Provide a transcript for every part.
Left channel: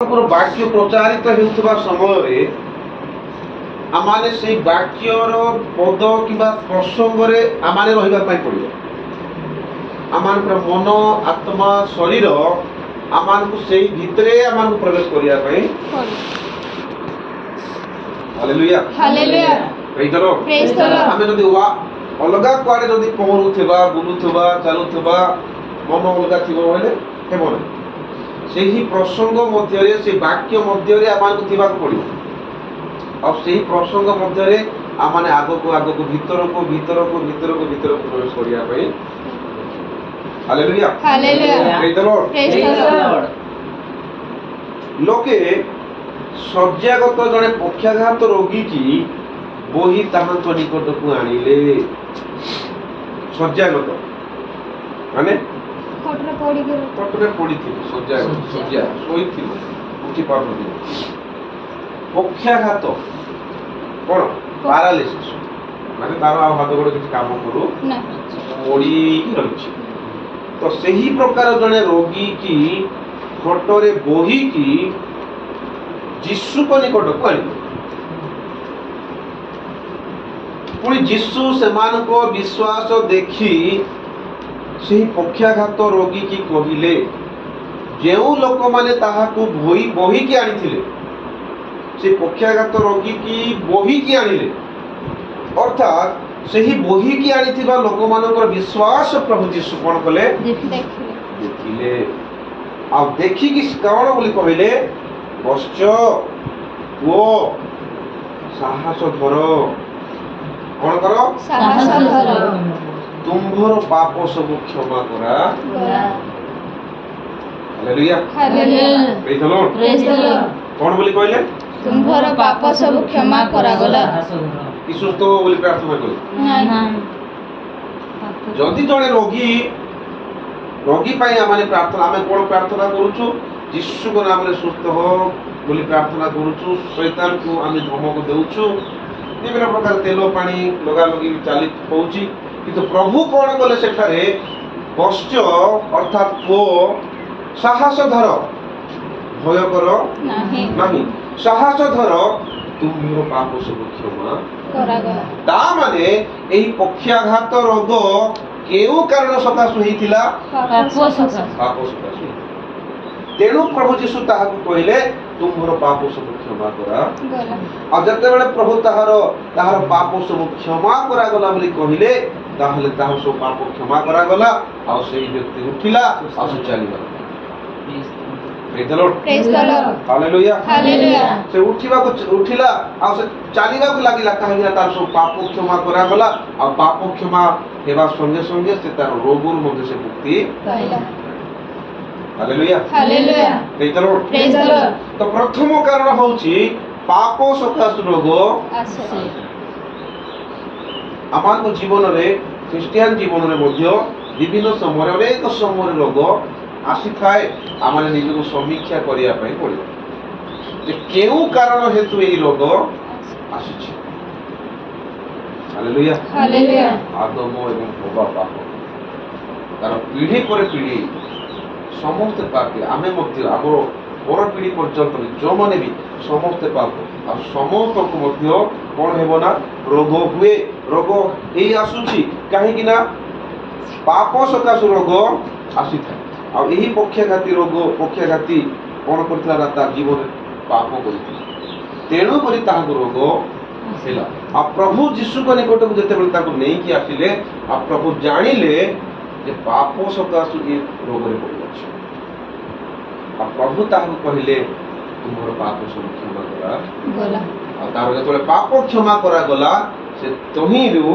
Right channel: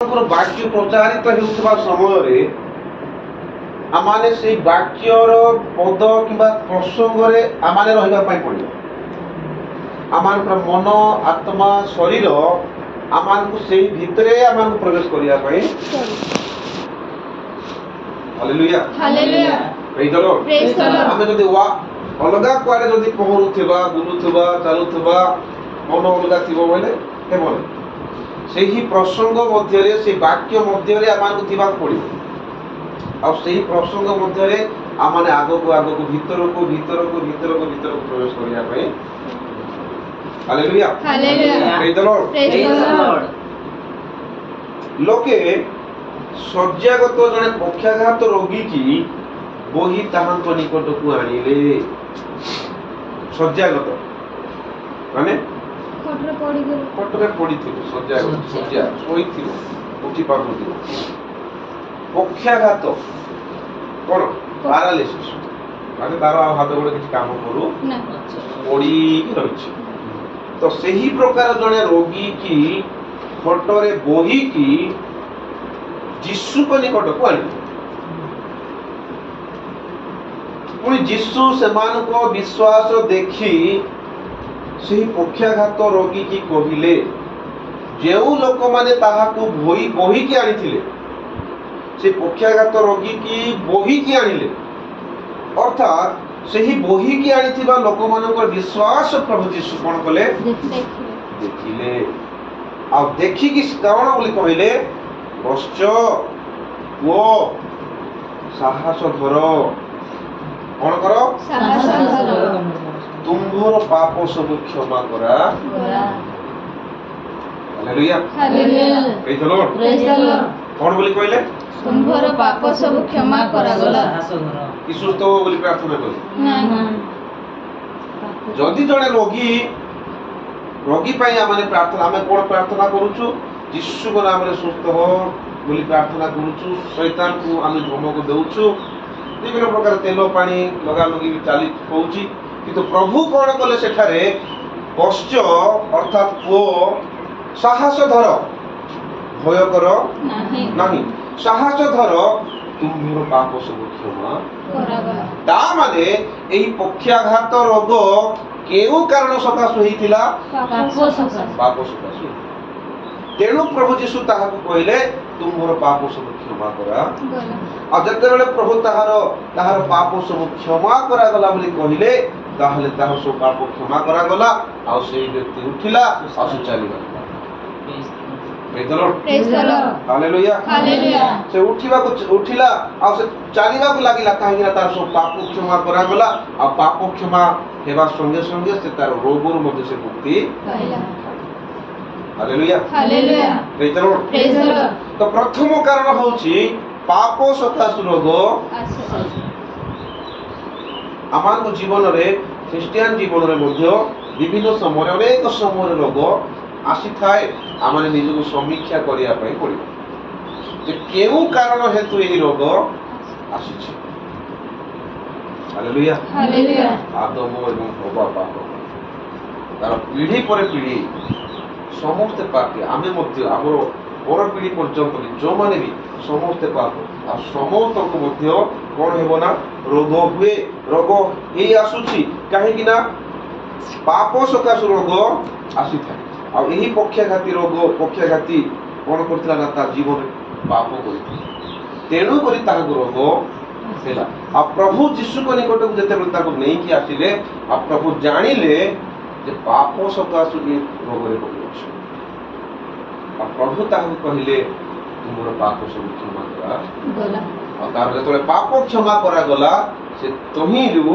वाक्य प्रचारित होउथबा समय आमाने से वाक्यर पद किबा प्रसंग रे आमाने रहिबा पई पड़ियो। आमान मन आत्मा शरीर आमान को सेही भितरे आमान को प्रवेश करिया पई। Hallelujah hallelujah praise the Lord. Praise the Lord. आमे जदी अलगा कुआडे जदी पहुरुथबा बुलुथबा चालुथबा मन अलगा थिबो बोले हेबो सेही प्रसंग मध्य रे से वाक्य मध्य रे आमान को थिबा पड़ियो। और सेही प्रसंग मध्य रे आमाने आगो को भीतर को प्रवेश करिया पई। Hallelujah hallelujah praise the Lord. Praise the Lord. लोके शଯ୍ୟାଗତ जने पक्षाघात रोगी की बोही ताहांतो निकट को आनिले। शଯ୍ୟାଗତ माने पटरे पड़ी थी शଯ୍या सोई थी उठी पारु थी। पक्षाघात कोन पैरालिसिस माने तार हाथ गोड़ किछ काम करू पड़ी रहिछि। तो सही प्रकार जने रोगी की खटरे बोही की जीसु को निकट को आनी। पुणी जीसु सेमान को विश्वास देखी सही पक्षाघात रोगी की कहिले जेउ लोक माने ताहाकू बोही की आनिथिले से पक्षाघात रोगी की बोही की आनिले। अर्थात सही बोही की आनिथिबा लोक मानकर विश्वास प्रभु जीसु कोन कले देखिले। आ देखि कि कौन बोली कहिले बश्च वो साहस धर कौन करो साहस धर तुम्भर पाप सब क्षमा करा। Hallelujah hallelujah praise the Lord. Praise the Lord. कौन बोली कहले तुम्भर पाप सब क्षमा करा गला। यीशु तो बोली प्रार्थना कले नहीं जदि जने रोगी पाई आमाने प्रार्थना आमे कोन प्रार्थना करूछु यीशु को नाम रे सुस्थ हो बोली प्रार्थना करूछु। शैतान को आमे धमक देउछु विभिन्न प्रकार तेल पानी लगा लगी चाली पहुंची किंतु प्रभु कौन कले सेठारे बश्च अर्थात पो साहस धर भय कर नहीं साहस धर तुम्भर पाप सब क्षमा करागला। ता माने एही पक्षाघात रोग केउ कारण सकाश होइतिला पाप सकाश। तेणु प्रभु जीसु ताहाकू कहले तुम्भर पाप सब क्षमा करा। आ जते बेले प्रभु ताहार पाप सब क्षमा करा गला बोली कहिले ताहले ताहार सब पाप क्षमा करा गला आ सेही व्यक्ति उठिला आ से चली गला। Praise the Lord praise the Lord. Hallelujah hallelujah से उठिला आ से चलीबा को लागिला काहे तार सब पाप क्षमा करा गला आ पाप क्षमा हेबा संगे संगे से तार रोगोर मध्ये से मुक्ति पाइला। Hallelujah hallelujah praise the Lord. Praise the Lord. तो प्रथम कारण होची पाप सकाश रोग। आमान जीवन रे ख्रिस्टियन जीवन रे मध्य विभिन्न समय अनेक समय रोग आसी थाए आमाने निज को समीक्षा करिया पई पड़िबो जे केउ कारण हेतु एही रोग आसीछि। हालेलुया हालेलुया आदम एवं हव्वा पाप तार पीढ़ी पर पीढ़ी समस्त पापी आमे मध्य आमर पर पीढ़ी पर्यंत जो माने भी समस्त पाप आ समस्त को मध्य कोन हेबो ना रोग हुए। रोग एही आसुछि काहे कि ना पाप सकाश रोग आसी था। आ एही पक्षाघाती रोग पक्षाघाती कोन करथला ना ता जीवन पाप करिथि तेणु करी ताहाको रोग हेला। आ प्रभु जीसु को निकट को जते बेले ताको नै कि आसीले आ प्रभु जानिले जे पाप सकाश ए रोग रे पड़िछ। आ प्रभु ताहाको कहिले तुमर पाप सब क्षमा करा गला। आ तार जते पाप क्षमा करा गला से तोहिरु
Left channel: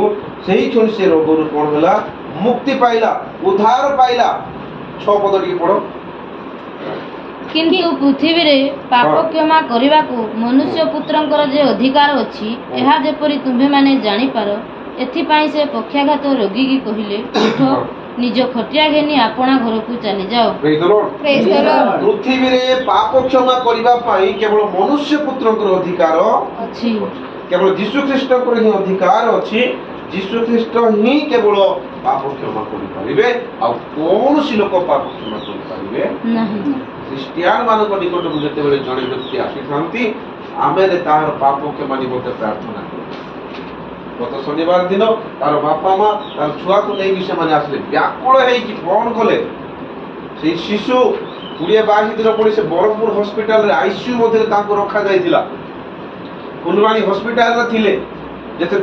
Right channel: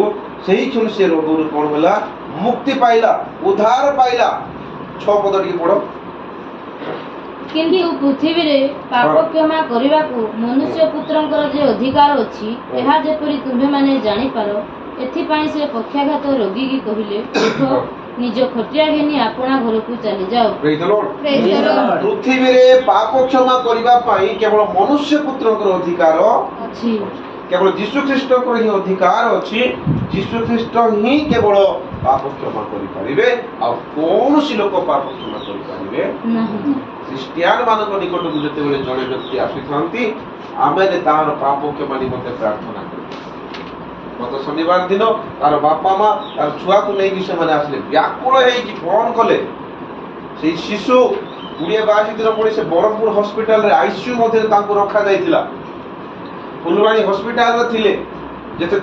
सेही क्षण से रोग रो कोन होला मुक्ति पाइला उद्धार पाइला। 6 पद टी पढो। किंतु पृथ्वी रे पाप क्षमा करबा को मनुष्य पुत्रंकर जे अधिकार अछि एहा जेपरि तुम्हे माने जानि पारो एथि पई से पक्षाघात रोगी की कहिले उठो निज खटिया घेनी आपना घर को चली जाओ। Praise the Lord. Praise the Lord. पृथ्वी रे पाप क्षमा करबा पई केवल मनुष्य पुत्रंकर अधिकार अछि। केवल यीशु ख्रीष्टंकर ही अधिकार अछि। यीशु ख्रीष्ट ही केवल पाप क्षमा करि परिबे आ कोन सी लोक पाप क्षमा करि परिबे नहीं। ଖ୍ରୀଷ୍ଟିଆନ ମାନଙ୍କ ନିକଟକୁ ଯେତେବେଳେ ଜଣେ ବ୍ୟକ୍ତି ଆସିଥାନ୍ତି ଆମେ ତାହାର ପାପ କ୍ଷମା ନିମନ୍ତେ ପ୍ରାର୍ଥନା କରୁ। ଗତ ଶନିବାର ଦିନ ତାର ବାପା ମା ତାର ଛୁଆକୁ ନେଇକି ସେମାନେ ଆସିଲେ, ବ୍ୟାକୁଳ ହେଇକି ଫୋନ କଲେ। ସେଇ ଶିଶୁ 20-22 ଦିନ ପୁଣି ସେ ବ୍ରହ୍ମପୁର ହସ୍ପିଟାଲରେ ଆଇସିୟୁ ମଧ୍ୟରେ ତାଙ୍କୁ ରଖାଯାଇଥିଲା। ଫୁଲବାଣୀ ହସ୍ପିଟାଲରେ ଥିଲେ।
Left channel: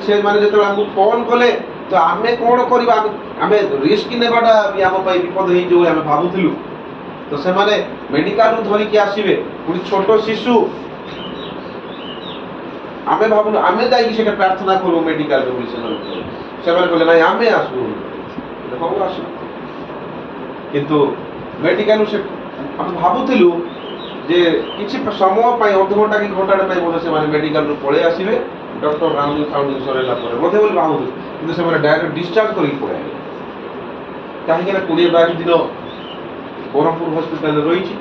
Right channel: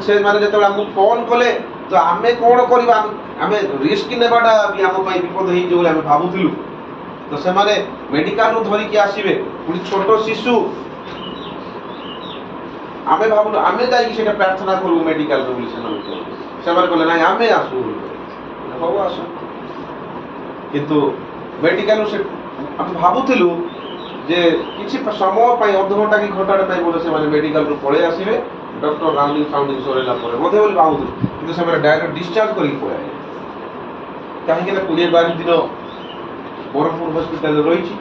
ସେମାନେ ଯେତେବେଳେ ଆମକୁ ଫୋନ କଲେ ତ ଆମେ କଣ କରିବା, ଆମେ ରିସ୍କ ନେବାଟା ବି ଆମ ପାଇଁ ବିପଦ ହେଇଯିବ ବୋଲି ଆମେ ଭାବୁଥିଲୁ। ତ ସେମାନେ ମେଡିକାଲରୁ ଧରିକି ଆସିବେ, ପୁଣି ଛୋଟ ଶିଶୁ। ଆମେ ଭାବୁଲୁ ଆମେ ଯାଇକି ସେଟା ପ୍ରାର୍ଥନା କରୁ ମେଡିକାଲରୁ ବୋଲି ସେମାନେ କହିଲେ ନାଇଁ ଆମେ ଆସୁ। ହଉ ଆସୁ। କିନ୍ତୁ ମେଡିକାଲରୁ ସେ ଆମେ ଭାବୁଥିଲୁ ଯେ କିଛି ସମୟ ପାଇଁ ଅଧଘଣ୍ଟା କି ଘଣ୍ଟାଟେ ପାଇଁ ବୋଧେ ସେମାନେ ମେଡିକାଲରୁ ପଳେଇ ଆସିବେ, ଡକ୍ଟର ରାଉଣ୍ଡିଂ ଫାଉଣ୍ଡିଂ ସରେଇଲା ପରେ ବୋଧେ ବୋଲି ଭାବୁଥିଲୁ। କିନ୍ତୁ ସେମାନେ ଡାଇରେକ୍ଟ ଡିସଚାର୍ଜ କରିକି ପଳେଇ ଆସିଲେ। କାହିଁକି ନା 20-22 ଦିନ ବ୍ରହ୍ମପୁର ହସ୍ପିଟାଲରେ ରହିଛି।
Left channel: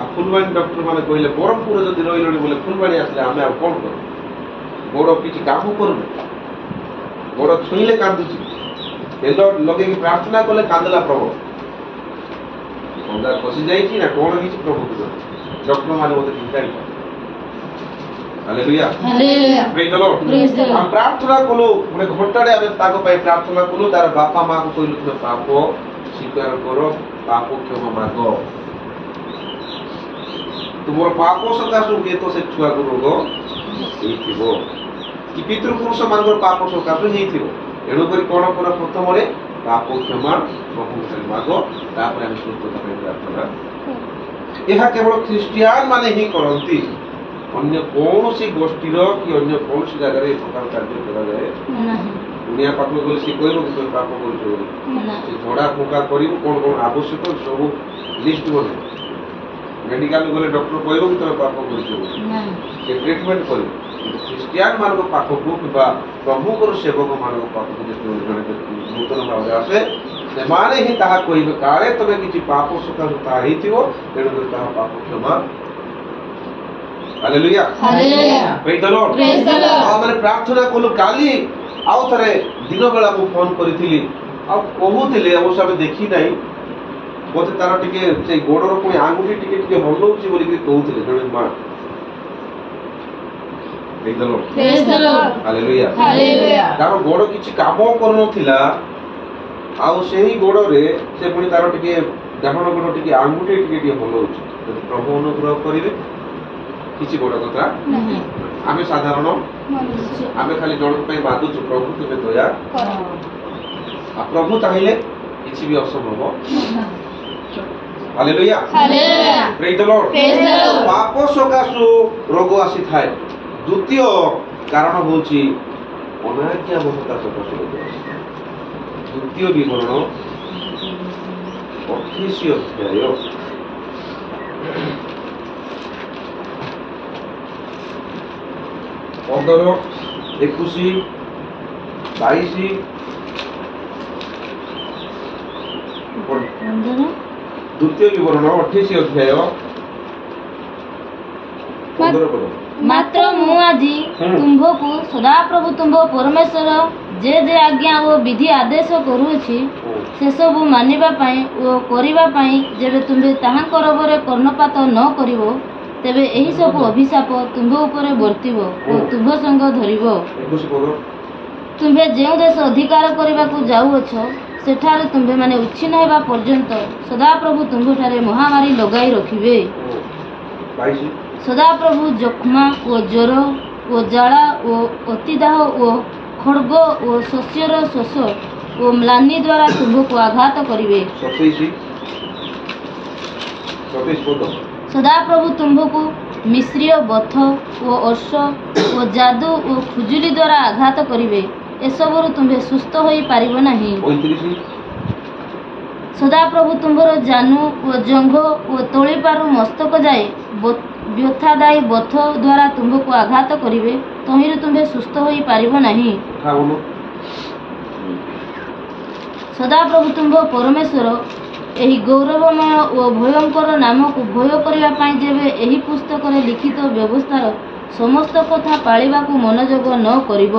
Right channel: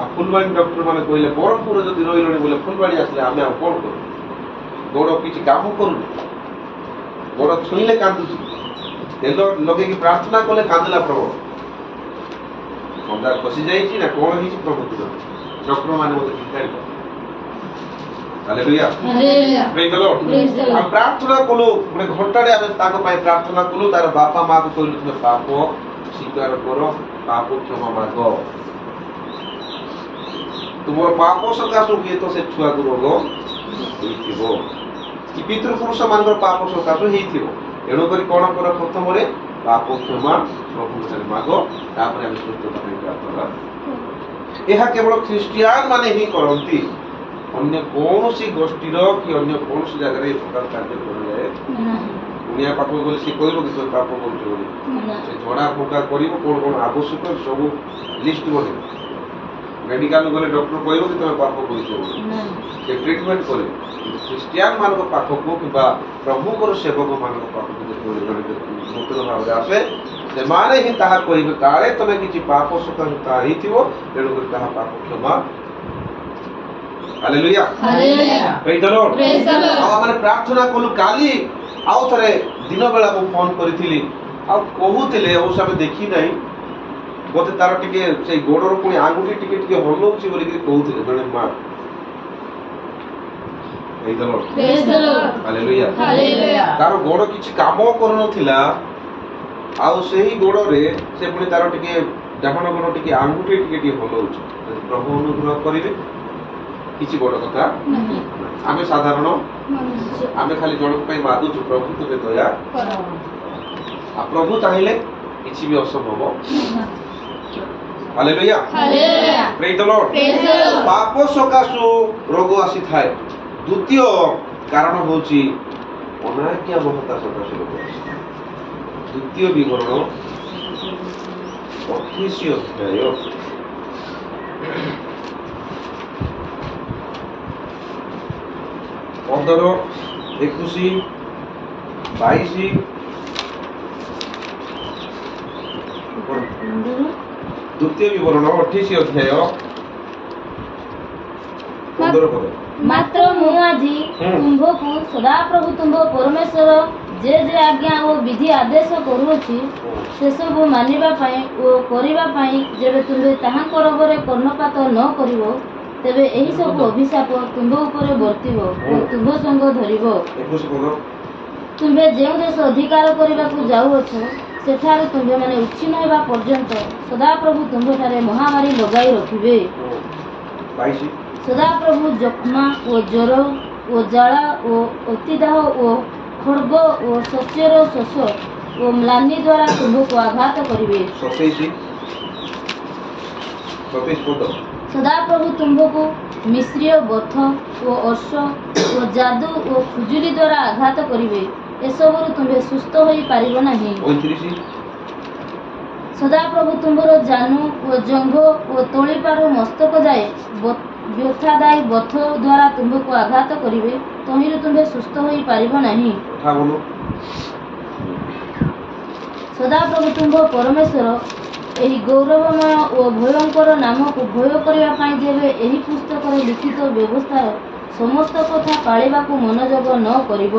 ଆଉ ଫୁଲବାଣୀ ଡକ୍ଟର ମାନେ କହିଲେ ବ୍ରହ୍ମପୁରରେ ଯଦି ରହିଲଣି ବୋଲେ ଫୁଲବାଣୀ ଆସିଲେ ଆମେ ଆଉ କଣ କରୁ? ଗୋଡ଼ କିଛି କାମ କରୁନି, ଗୋଡ଼ ଛୁଇଁଲେ କାନ୍ଦୁଛି, ତେଲ ଲଗେଇକି ପ୍ରାର୍ଥନା କଲେ କାନ୍ଦିଲା ପ୍ରବଳ। ଥଣ୍ଡା ଖସି ଯାଇଛି ନା କଣ ହେଇଛି ପ୍ରଭୁ ଡକ୍ଟର ମାନେ ମୋତେ ଚିନ୍ତା। ହାଲେଲୁୟା, ପ୍ରେଜ୍ ଦ ଲର୍ଡ। ଆମେ ପ୍ରାର୍ଥନା କଲୁ, ଗୋଟେ ଘଣ୍ଟାରେ ଆମେ ତାଙ୍କ ପାଇଁ ପ୍ରାର୍ଥନା କଲୁ। ତାର ବାପା ମାଆକୁ କହିଲୁ ତୁମେ ପାପ ସ୍ୱୀକାର କର, ପାପ କ୍ଷମା ମାଗ। ତୁମର ପାପ ସକାଶୁ ହୁଏତ ସେ ଛୁଆକୁ ରୋଗ ହେଇଥିବ କି ପିତୃପୁରୁଷ ମାନଙ୍କର ପାପ ସକାଶୁ ହେଇଥିବ। ଏଣୁକରି କଣ କର, ପ୍ରଥମରେ ପାପ କ୍ଷମା ପ୍ରଭୁଙ୍କଠାରେ ମାଗ, ତାପରେ ଆମେ ସୁସ୍ଥତା ପାଇଁ ପ୍ରାର୍ଥନା। ଏହା କେବଳ ଖ୍ରୀଷ୍ଟିଆନ ମାନେ ହିଁ କରନ୍ତି। ଅନ୍ୟ କୌଣସି ଗୋଷ୍ଠୀର କି ଅନ୍ୟ କୌଣସି ଜାଗାରେ ଏ ପ୍ରକାର କାର୍ଯ୍ୟ କରାଯାଏ। ଦୁନିଆ ପାଖକୁ ଗଲେ ସେ କହିବ କି ତୁମେ ପାପ କରୁଛ ବୋଲି। ସେ ଝଡ଼ା ଫୁଙ୍କା କରିବ, କଣ କଣ ଆବଶ୍ୟକ ସବୁ ଲିଷ୍ଟ ବନେଇବ। ମେଡିକାଲ ଗଲେ ଡକ୍ଟର କହିବ କି ତୁମେ ପାପ କରିଛ ବୋଲି, ସେ ଟ୍ରିଟମେଣ୍ଟ କରିବ। କିନ୍ତୁ ଖ୍ରୀଷ୍ଟିଆନ ମାନଙ୍କ ପାଖକୁ କିମ୍ବା ପ୍ରଭୁଙ୍କର ସେବକ ମାନଙ୍କ ପାଖକୁ ଯେତେବେଳେ ଜଣେ ନୂତନ ଭାବରେ ଆସେ, ସେମାନେ ହିଁ ତାହା କହିବେ କାଳେ ତମେ କିଛି ପାପ ସକାଶେ ତାହା ହେଇଥିବ, ତେଣୁକରି ତାହା ପାପ କ୍ଷମା। ହାଲେଲୁୟା, ପ୍ରେଜ୍ ଦ ଲର୍ଡ। ଆମେ ପ୍ରାର୍ଥନା କଲୁ। କାଲି ଆଉ ଥରେ ଦିନ ବେଳା ମୁଁ ଫୋନ କରିଥିଲି, ଆଉ କହୁଥିଲେ ଅବଶ୍ୟ ଆମେ ଦେଖି ନାହିଁ, ବୋଧେ ତାର ଟିକେ ସେଇ ଗୋଡର ପୁଣି ଆଙ୍ଗୁଠି ଟିକେ ଟିକେ ହଲଉଛି ବୋଲିକି କହୁଥିଲେ ଜଣେ ମା। ପ୍ରେଜ୍ ଦ ଲର୍ଡ, ହାଲେଲୁୟା। ତାର ଗୋଡ କିଛି କାମ କରୁନଥିଲା, ଆଉ ସେହି ଗୋଡରେ ସେ ପୁଣି ତାର ଟିକେ ଡାହାଣ ଗୋଡ ଟିକେ ଆଙ୍ଗୁଠି ଟିକେ ଟିକେ ହଲଉଛି। ଯଦି ପ୍ରଭୁ ଅନୁଗ୍ରହ କରିବେ କିଛି ବଡ କଥା। ଆମେ ସାଧାରଣ, ଆମେ ଖାଲି ଜଣଙ୍କ ପାଇଁ ମାଗୁଛୁ ପ୍ରଭୁ ତୁମେ ଦୟା, ଆଉ ପ୍ରଭୁ ଚାହିଁଲେ କିଛି ବି ଅସମ୍ଭବ। ହାଲେଲୁୟା, ପ୍ରେଜ୍ ଦ ଲର୍ଡ। ପାପ ସକାଶୁ ରୋଗ ଆସିଥାଏ। ଦ୍ୱିତୀୟ କାରଣ ହେଉଛି ଅନାଜ୍ଞାବହତା ସକାଶୁ ରୋଗ ଆସିଥାଏ। ଦ୍ୱିତୀୟ ବିବରଣ 28 ଅଧ୍ୟାୟ 15, 21, 22 ଦ୍ୱିତୀୟ ବିବରଣ 28 ଅଧ୍ୟାୟ 15 ପଦ। ମାତ୍ର ମୁଁ ଆଜି ତୁମ୍ଭକୁ ସଦାପ୍ରଭୁ ତୁମ୍ଭ ପରମେଶ୍ୱର ଯେ ଯେ ଆଜ୍ଞା ଓ ବିଧି ଆଦେଶ କରୁଅଛି ସେସବୁ ମାନିବା ପାଇଁ ଓ କରିବା ପାଇଁ ଯେବେ ତୁମ୍ଭେ ତାହାଙ୍କ ରୋଗରେ କର୍ଣ୍ଣପାତ ନ କରିବ, ତେବେ ଏହି ସବୁ ଅଭିଶାପ ତୁମ୍ଭ ଉପରେ ବର୍ତ୍ତିବ ଓ ତୁମ୍ଭ ସଙ୍ଗ ଧରିବ। ତୁମ୍ଭେ ଯେଉଁ ଦେଶ ଅଧିକାର କରିବାକୁ ଯାଉଅଛ, ସେଠାରୁ ତୁମ୍ଭେମାନେ ଉଚ୍ଛିନ୍ନ ହେବା ପର୍ଯ୍ୟନ୍ତ ସଦାପ୍ରଭୁ ତୁମ୍ଭଠାରେ ମହାମାରୀ ଲଗାଇ ରଖିବେ। ସଦାପ୍ରଭୁ ଯକ୍ଷ୍ମା ଓ ଜ୍ୱର ଓ ଜ୍ୱାଳା ଓ ଅତିଦାହ ଓ ଖଡ଼୍ଗ ଓ ଶସ୍ୟର ଶୋଷ ଓ ମ୍ଳାନି ଦ୍ୱାରା ତୁମ୍ଭକୁ ଆଘାତ କରିବେ। ସଦାପ୍ରଭୁ ତୁମ୍ଭକୁ ମିଶ୍ରୀୟ ବଥ ଓ ଅର୍ଶ ଓ ଯାଦୁ ଓ ଖୁଜୁଲି ଦ୍ୱାରା ଆଘାତ କରିବେ। ଏସବୁରୁ ତୁମ୍ଭେ ସୁସ୍ଥ ହୋଇପାରିବ ନାହିଁ। ସଦାପ୍ରଭୁ ତୁମ୍ଭର ଜାନୁ ଓ ଜଙ୍ଘ ଓ ତଳିପାରୁ ମସ୍ତକ ଯାଏ ବ୍ୟଥାଦାୟୀ ବଥ ଦ୍ୱାରା ତୁମ୍ଭକୁ ଆଘାତ କରିବେ, ତହିଁରୁ ତୁମ୍ଭେ ସୁସ୍ଥ ହୋଇପାରିବ ନାହିଁ। ସଦାପ୍ରଭୁ ତୁମ୍ଭ ପରମେଶ୍ୱର ଏହି ଗୌରବମୟ ଓ ଭୟଙ୍କର ନାମକୁ ଭୟ କରିବା ପାଇଁ ଯେବେ ଏହି ପୁସ୍ତକରେ ଲିଖିତ ବ୍ୟବସ୍ଥାର ସମସ୍ତ କଥା ପାଳିବାକୁ ମନୋଯୋଗ ନ କରିବ,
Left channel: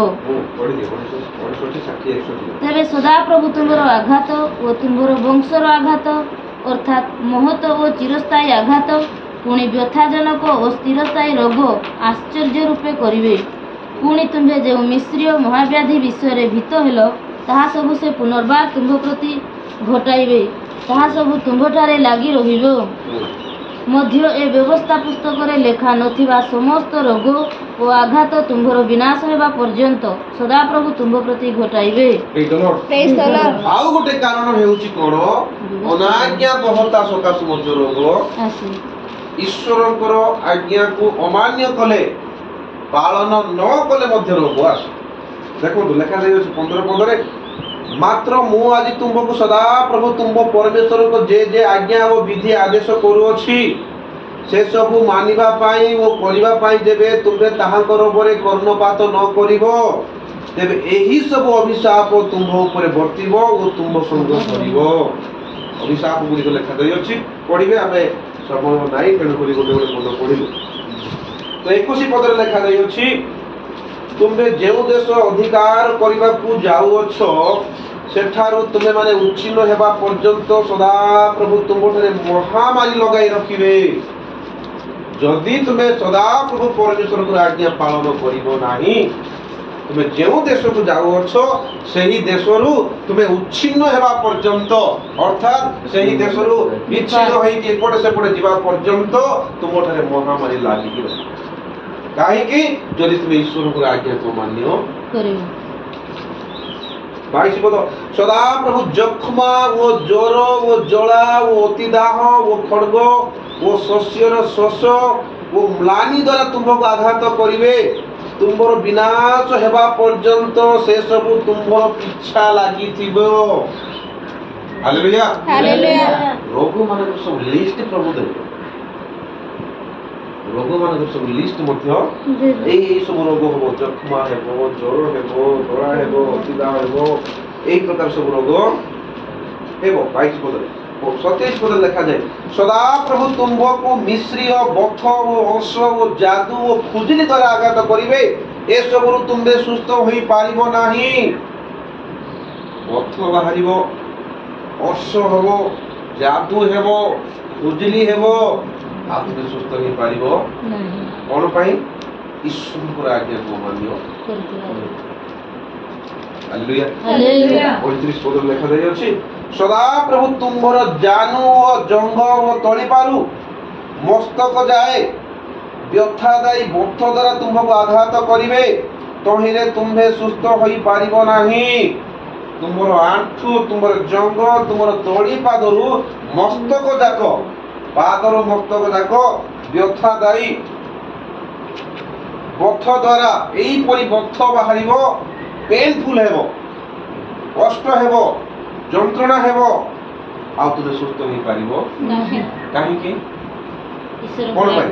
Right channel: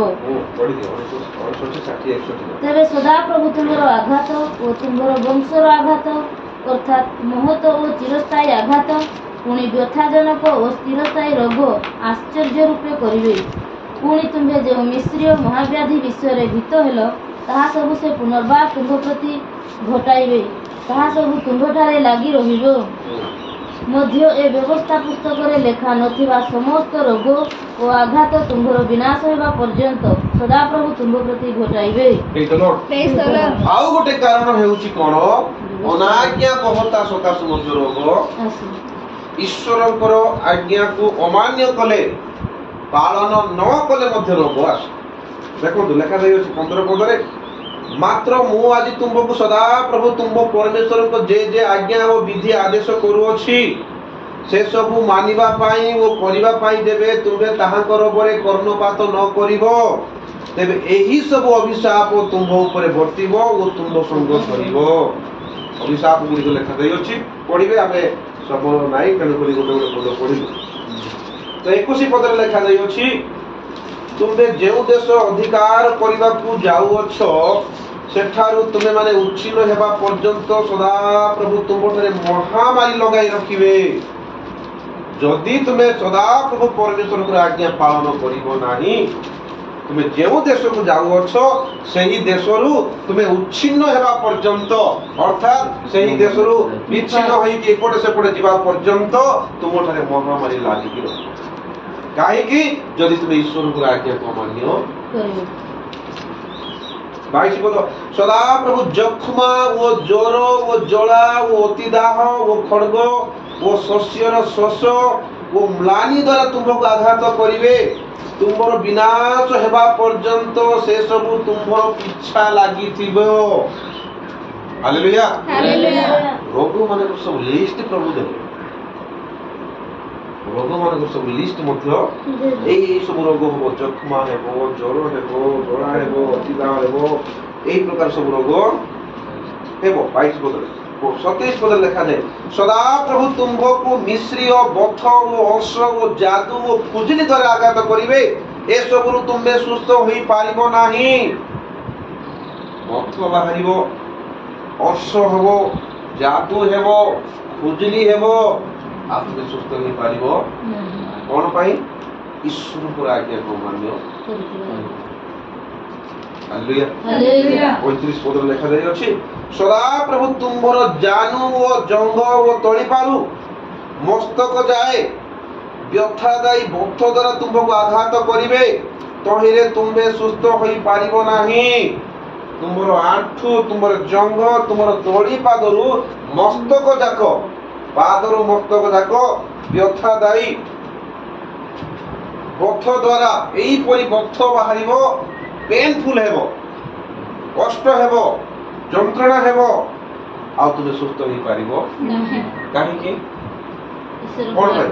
ତେବେ ସଦାପ୍ରଭୁ ତୁମ୍ଭର ଆଘାତ ଓ ତୁମ୍ଭର ବଂଶର ଆଘାତ ଅର୍ଥାତ୍ ମହତ ଓ ଚିରସ୍ଥାୟୀ ଆଘାତ, ପୁଣି ବ୍ୟଥାଜନକ ଓ ସ୍ଥିରସ୍ଥାୟୀ ରୋଗ ଆଶ୍ଚର୍ଯ୍ୟ ରୂପେ କରିବେ। ପୁଣି ତୁମ୍ଭେ ଯେଉଁ ମିଶ୍ରୀୟ ମହାବ୍ୟାଧି ବିଷୟରେ ଭୀତ ହେଲ, ତାହା ସବୁ ସେ ପୁନର୍ବାର ତୁମ୍ଭ ପ୍ରତି ଘଟାଇବେ। ତାହା ସବୁ ତୁମ୍ଭଠାରେ ଲାଗି ରହିବ। ମଧ୍ୟ ଏ ବ୍ୟବସ୍ଥା ପୁସ୍ତକରେ ଲେଖା ନଥିବା ସମସ୍ତ ରୋଗ ଓ ଆଘାତ ତୁମ୍ଭର ବିନାଶ ହେବା ପର୍ଯ୍ୟନ୍ତ ସଦାପ୍ରଭୁ ତୁମ୍ଭ ପ୍ରତି ଘଟାଇବେ। Praise the Lord. ଆଉ ଗୋଟେ କାରଣ ହେଉଛି କଣ? ଅନାଜ୍ଞାବହତା ସକାଶୁ ମଧ୍ୟ ରୋଗ, ଆସୁ। ଈଶ୍ୱରଙ୍କର ଆଜ୍ଞାକୁ ଅମାନ୍ୟ କଲେ, ପାଳନ ନ କଲେ ମଧ୍ୟ ରୋଗ ଆସେ। ଦେଖନ୍ତୁ ଲେଖାଯାଇଛି 15 ମାତ୍ର ମୁଁ ଆଜି ତୁମକୁ ସଦାପ୍ରଭୁ ତୁମ ପରମେଶ୍ୱରଙ୍କ ଯେ ଆଜ୍ଞା ଓ ବିଧି ଆଦେଶ କରୁଅଛି, ସେସବୁ ମାନିବା ପାଇଁ ଓ କରିବା ପାଇଁ ଯେବେ ତୁମେ ତାହାଙ୍କର ଉପରେ କର୍ଣ୍ଣପାତ ନ କରିବ, ତେବେ ଏହି ସବୁ ଅଭିଶାପ ତୁମ୍ଭ ଉପରେ ବର୍ତ୍ତିବ ଓ ତୁମ୍ଭ ସଙ୍ଗ କରିବ। ଅଭିଶାପ ଗୁଡ଼ିକ ଲେଖାଯାଇଅଛି, ପଢିବେ। ଆମେ ସମୟ ନାହିଁ, ତେଣୁକରି ଗୋଟେ ଗୋଟେ ପଦ ପଢିବୁ। ତ 21 ପଦରେ ଲେଖାଯାଇଅଛି, ତୁମେ ଯେଉଁ ଦେଶ ଅଧିକାର କରିବାକୁ ଯାଉଅଛ, ସେଠାରୁ ତୁମେମାନେ ଉଚ୍ଛିନ୍ନ ହେବା ପର୍ଯ୍ୟନ୍ତ ସଦାପ୍ରଭୁ ତୁମଠାରେ ମହାମାରୀ ଲଗାଇ ରଖିବେ। ଯଦି ତୁମେ ସଦାପ୍ରଭୁ ପରମେଶ୍ୱରଙ୍କର ଆଜ୍ଞା ପାଳନ କରିବ ନାହିଁ, ତୁମେ ଯେଉଁ ଦେଶକୁ ଯାଉଅଛ ସେହି ଦେଶରୁ ତୁମେ ଉଚ୍ଛିନ୍ନ ହେବା ପର୍ଯ୍ୟନ୍ତ, ଅର୍ଥାତ୍ ସେହି ଦେଶରୁ ବିଚ୍ଛିନ୍ନ ହୋଇକି ଏପଟେ ସେପଟେ ଯିବା ପର୍ଯ୍ୟନ୍ତ ତୁମଠାରେ ମହାମାରୀ ଲାଗିକି ରହିବ। କାହିଁକି? ଯଦି ତୁମେ ଈଶ୍ୱରଙ୍କର ଆଜ୍ଞାକୁ ମାନ୍ୟ କରିବ। 22 ପଦ, ସଦାପ୍ରଭୁ ଯକ୍ଷ୍ମା ଓ ଜ୍ୱର ଓ ଜଳା ଓ ଅତିଦାହ ଓ ଖଡ୍ଗ ଓ ଶସ୍ୟର ଶୋଷ ଓ ମ୍ଳାନି ଦ୍ୱାରା ତୁମ୍ଭକୁ ଆଘାତ କରିବେ। ତୁମ୍ଭର ବିନାଶ ହେବା ପର୍ଯ୍ୟନ୍ତ ସେ ସବୁ ତୁମ୍ଭର ପିଛା ଲାଗିଥିବ। ହାଲେଲୁୟା। Hallelujah. ରୋଗ ମାନଙ୍କର ସବୁ ଲିଷ୍ଟ ପ୍ରଭୁ ଦେବେ। ରୋଗ ମାନଙ୍କର ସବୁ ଲିଷ୍ଟ ମଧ୍ୟ ଏଇ ସବୁ ରୋଗ ହେବ, ଯକ୍ଷ୍ମା ହେବ, ଜ୍ୱର ହେବ, ଜଳା ହେବ, ଅତିଦାହ ହେବ, এই ପ୍ରକାର ସବୁ ରୋଗ ହେବ। 22 ପଦରେ 27 ପଦରେ ଲେଖାଯାଏ, ସଦାପ୍ରଭୁ ତୁମ୍ଭକୁ ମିଶ୍ରୀୟ ବଥ ଓ ଅର୍ଶ ଓ ଯାଦୁ ଓ ଖୁଜିଲି ଦ୍ୱାରା ଆଘାତ କରିବେ। ଏସବୁରୁ ତୁମେ ସୁସ୍ଥ ହୋଇପାରିବ ନାହିଁ। ବଥ ବାହାରିବ, ଅର୍ଶ ହେବ, ଯାଦୁ ହେବ, ଖୁଜିଲି ହେବ, ଆଉ ତୁମେ ସୁସ୍ଥ ହୋଇପାରିବ କଣ ପାଇଁ? ଈଶ୍ୱରଙ୍କର ଆଜ୍ଞାକୁ ମାନ୍ୟ। ହାଲେଲୁୟା। Hallelujah. 35 ପଦରେ ଲେଖାଯାଇଅଛି, ସଦାପ୍ରଭୁ ତୁମ୍ଭର ଜାନୁ ଓ ଜଙ୍ଘ ଓ ତଳିପାରୁ ମସ୍ତକ ଯାଏ ବ୍ୟଥାଦାୟୀ ବଥ ଦ୍ୱାରା ତୁମ୍ଭକୁ ଆଘାତ କରିବେ। ତହିଁରେ ତୁମ୍ଭେ ସୁସ୍ଥ ହୋଇପାରିବ ନାହିଁ। ତୁମ୍ଭର ଆଣ୍ଠୁ, ତୁମ୍ଭର ଜଙ୍ଘ, ତୁମ୍ଭର ତଳିପାଦରୁ ମସ୍ତକ ଯାକ, ପାଦରୁ ମସ୍ତକ ଯାକ ବ୍ୟଥାଦାୟୀ ବଥ ଦ୍ୱାରା ଏଇପରି ବଥ ବାହାରିବ, ପେନଫୁଲ ହେବ, କଷ୍ଟ ହେବ, ଯନ୍ତ୍ରଣା ହେବ, ଆଉ ତୁମେ ସୁସ୍ଥ ହୋଇପାରିବ କାହିଁକି? କଣ ପାଇଁ?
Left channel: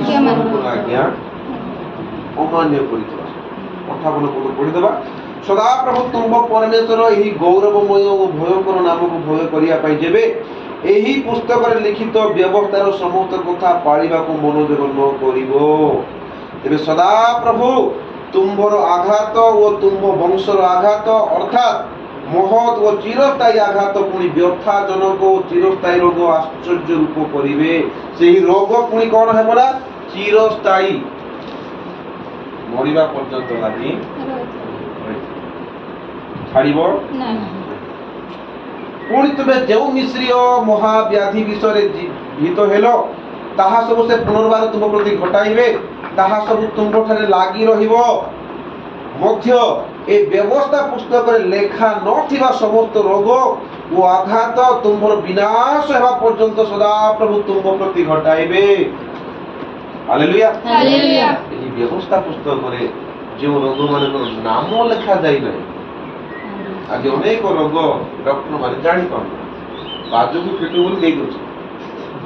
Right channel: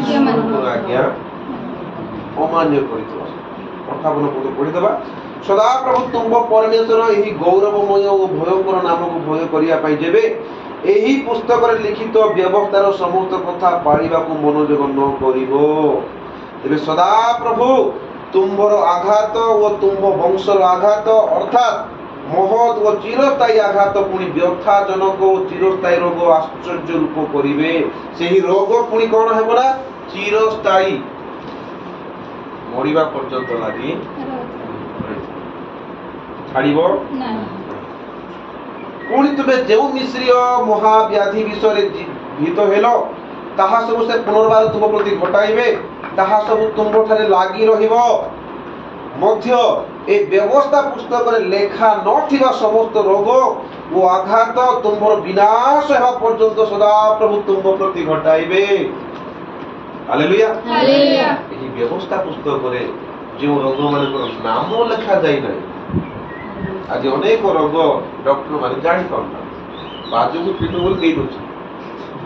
ଈଶ୍ୱରଙ୍କର ଆଜ୍ଞା ଅମାନ୍ୟ କରିଥିବା। 58 ପଦ ପଢିଦେବା। ସଦାପ୍ରଭୁ ତୁମ୍ଭ ପରମେଶ୍ୱର ଏହି ଗୌରବମୟ ଓ ଭୟଙ୍କର ନାମକୁ ଭୟ କରିବା ପାଇଁ ଯେବେ ଏହି ପୁସ୍ତକରେ ଲିଖିତ ବ୍ୟବସ୍ଥାର ସମସ୍ତ କଥା ପାଳିବାକୁ ମନୋଯୋଗ ନ କରିବ, ତେବେ ସଦାପ୍ରଭୁ ତୁମ୍ଭର ଆଘାତ ଓ ତୁମ୍ଭ ବଂଶର ଆଘାତ, ଅର୍ଥାତ୍ ମହତ୍ ଓ ଚିରସ୍ଥାୟୀ ଆଘାତ, ପୁଣି ବ୍ୟଥାଜନକ ଓ ଚିରସ୍ଥାୟୀ ରୋଗ ଆଶ୍ଚର୍ଯ୍ୟ ରୂପ କରିବେ। ସେହି ରୋଗ ପୁଣି କଣ ହେବ ନା? ଚିରସ୍ଥାୟୀ, ମରିବା ପର୍ଯ୍ୟନ୍ତ ଲାଗି ଛାଡ଼ିବ। ପୁଣି ତୁମେ ଯେଉଁ ମିଶ୍ରୀୟ ମହାବ୍ୟାଧି ବିଷୟରେ ଭୀତ ହେଲ, ତାହା ସବୁ ସେ ପୁନର୍ବାର ତୁମ ପ୍ରତି ଘଟାଇବେ। ତାହା ସବୁ ତୁମ୍ଭଠାରେ ଲାଗି ରହିବ। ମଧ୍ୟ ଏ ବ୍ୟବସ୍ଥା ପୁସ୍ତକରେ ଲେଖା ନଥିବା ସମସ୍ତ ରୋଗ ଓ ଆଘାତ ତୁମ୍ଭର ବିନାଶ ହେବା ପର୍ଯ୍ୟନ୍ତ ସଦାପ୍ରଭୁ ତୁମ୍ଭ ପ୍ରତି ଘଟାଇବେ। ହାଲେଲୁୟା। Hallelujah. ଏହି ବ୍ୟବସ୍ଥା ପୁସ୍ତକରେ ଯେଉଁ ରୋଗ ମାନଙ୍କର ନାମ ଲେଖା ଯାଇନାହିଁ, ଆଜି ଅନେକ ରୋଗ ଡକ୍ଟର ମାନେ ଜାଣିପାରୁନାହାନ୍ତି। ବାଜୁକୁ ପିଟୁ ବୋଲି ଦେଇ ଦଉଛି,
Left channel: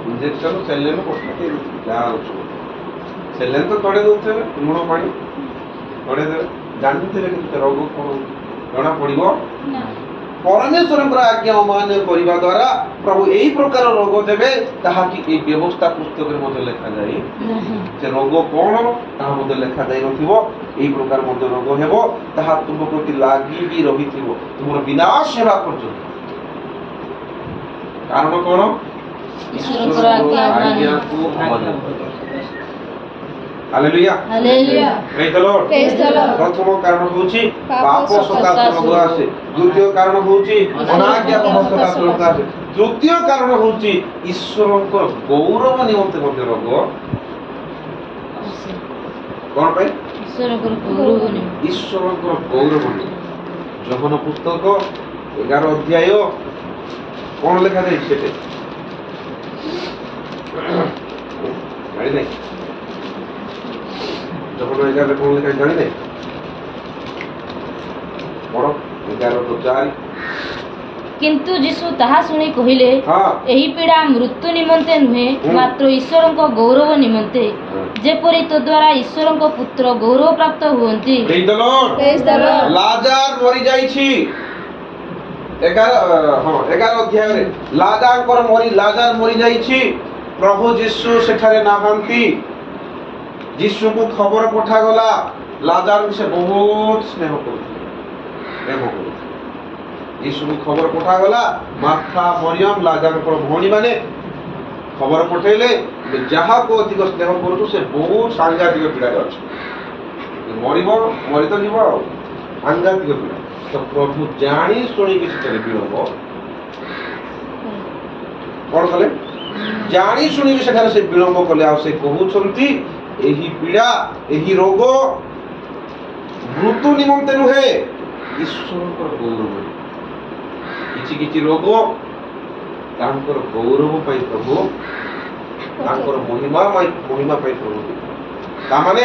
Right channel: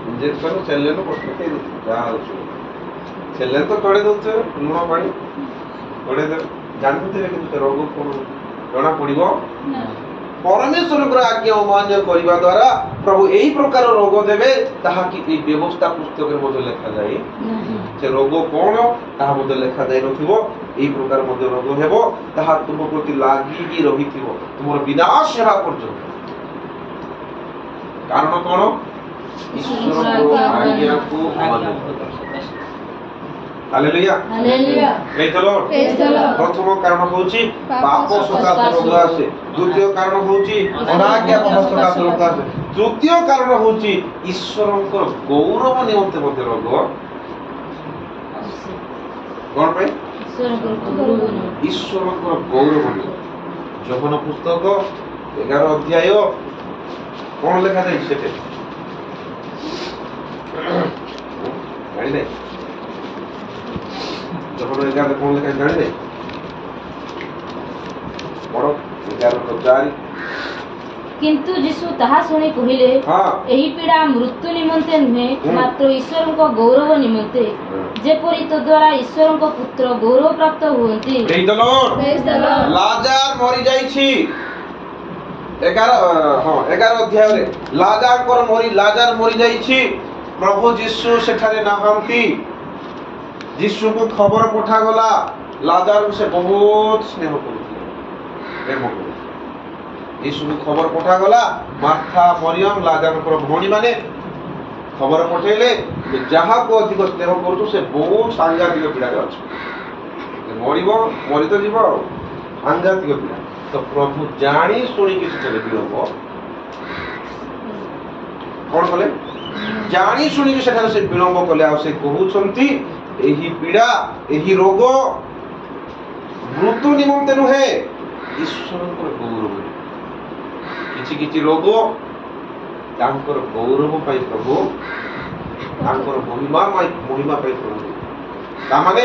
ଇଞ୍ଜେକ୍ସନ ସେଲେନ ପକେଇ ଦଉଛି, ଯାହା ଅଛି ସେଲେନ ତ ତଳେ ଦଉଥିବେ, ଲୁଣ ପାଣି ତଳେ ଦେବେ, ଜାଣିନଥିବେ କିନ୍ତୁ ରୋଗ କଣ ଜଣା ପଡିବ। ପରମେଶ୍ୱରଙ୍କର ଆଜ୍ଞା ଅମାନ୍ୟ କରିବା ଦ୍ୱାରା ପ୍ରଭୁ ଏହି ପ୍ରକାର ରୋଗ ଦେବେ, ତାହାକି ଏହି ବ୍ୟବସ୍ଥା ପୁସ୍ତକରେ ମଧ୍ୟ ଲେଖାଯାଇ, ସେ ରୋଗ କଣ ତାହା ମଧ୍ୟ ଲେଖାଯାଇ ନଥିବ। ଏହି ପ୍ରକାର ମଧ୍ୟ ରୋଗ ହେବ, ତାହା ତୁମ ପ୍ରତି ଲାଗିକି ରହିଥିବ ତୁମର ବିନାଶ ହେବା ପର୍ଯ୍ୟନ୍ତ। କାରଣ କ'ଣ? ଈଶ୍ୱରଙ୍କ ଆଜ୍ଞାକୁ ଅମାନ୍ୟ। ହାଲେଲୁୟା। ହାଲେଲୁୟା। ପ୍ରେଜ୍ the Lord. Praise the Lord. ପ୍ରଥମ କାରଣ ହେଉଛି ପାପ ପାପ ସକାଶେ ରୋଗ ଆସେ। ଦ୍ୱିତୀୟ କାରଣ ହେଉଛି ଅନାଜ୍ଞା ସକାଶେ ରୋଗ ଆସେ। ତୃତୀୟ କାରଣ ହେଉଛି ଈଶ୍ୱରଙ୍କର ଗୌରବ ନିମନ୍ତେ ମଧ୍ୟ ରୋଗ। କ'ଣ ପାଇଁ? ଈଶ୍ୱରଙ୍କର ଗୌରବ ନିମନ୍ତେ। ଯୋହନ ପୁସ୍ତକ 11 ଅଧ୍ୟାୟ କ'ଣ ଲେଖାଯାଇଛି ସେଠି? ଜାଣି ନାହିଁ। ଯୋହନ 11 କ'ଣ ଲେଖା ଜାଣି ନାହିଁ? ପଢ଼ 11:4। କିନ୍ତୁ ଯୀଶୁ ତାହା ଶୁଣି କହିଲେ, ହଁ। ଏହି ପୀଡ଼ା ମୃତ୍ୟୁ ନିମନ୍ତେ ନୁହେଁ, ମାତ୍ର ଈଶ୍ୱରଙ୍କ ଗୌରବ ନିମନ୍ତେ, ଯେପରି ତଦ୍ୱାରା ଈଶ୍ୱରଙ୍କ ପୁତ୍ର ଗୌରବ ପ୍ରାପ୍ତ ହୁଅନ୍ତି। Praise the Lord. Praise the Lord. ଲାଜାର ମରିଯାଇଛି। 11 ଅଧ୍ୟାୟରେ ଲାଜାର ମରିଯାଇଛି। ପ୍ରଭୁ ଯୀଶୁ ସେଠାରେ ନାହାନ୍ତି। ଯୀଶୁଙ୍କୁ ଖବର ପଠାଗଲା ଲାଜାରକୁ ସେ ବହୁତ ସ୍ନେହ କରୁଥିଲେ, ପ୍ରେମ କରୁଥିଲେ। ଯୀଶୁଙ୍କୁ ଖବର ପଠାଗଲା, ମାର୍ଥା ମରିୟମ ଲାଜାରଙ୍କର ଭଉଣୀମାନେ ଖବର ପଠେଇଲେ ଯାହାକୁ ଅଧିକ ସ୍ନେହ କରୁଛୁ ସେ ବହୁତ ସାଂଘାତିକ ପୀଡ଼ାରେ ଅଛି, ମରି ତ ଯିବ ଆଉ ସାଂଘାତିକ ପୀଡ଼ା। ତ ପ୍ରଭୁ ଜାଣି ଶୁଣିକି ସେଠାରେ ବିଳମ୍ବ କ'ଣ କଲେ? ଜାଣି ଶୁଣିକି ସେଠାରେ ସେ ବିଳମ୍ବ କଲେ। ଆଉ ସେ କହୁଛନ୍ତି ଏହି ପୀଡ଼ା, ଏହି ରୋଗ ମୃତ୍ୟୁ ନିମନ୍ତେ ନୁହେଁ, ଈଶ୍ୱରଙ୍କର ଗୌରବ। କିଛି କିଛି ରୋଗ ତାଙ୍କର ଗୌରବ ପାଇଁ ପ୍ରଭୁ, ତାଙ୍କର ମହିମା ପାଇଁ ପ୍ରଭୁ। ତାମାନେ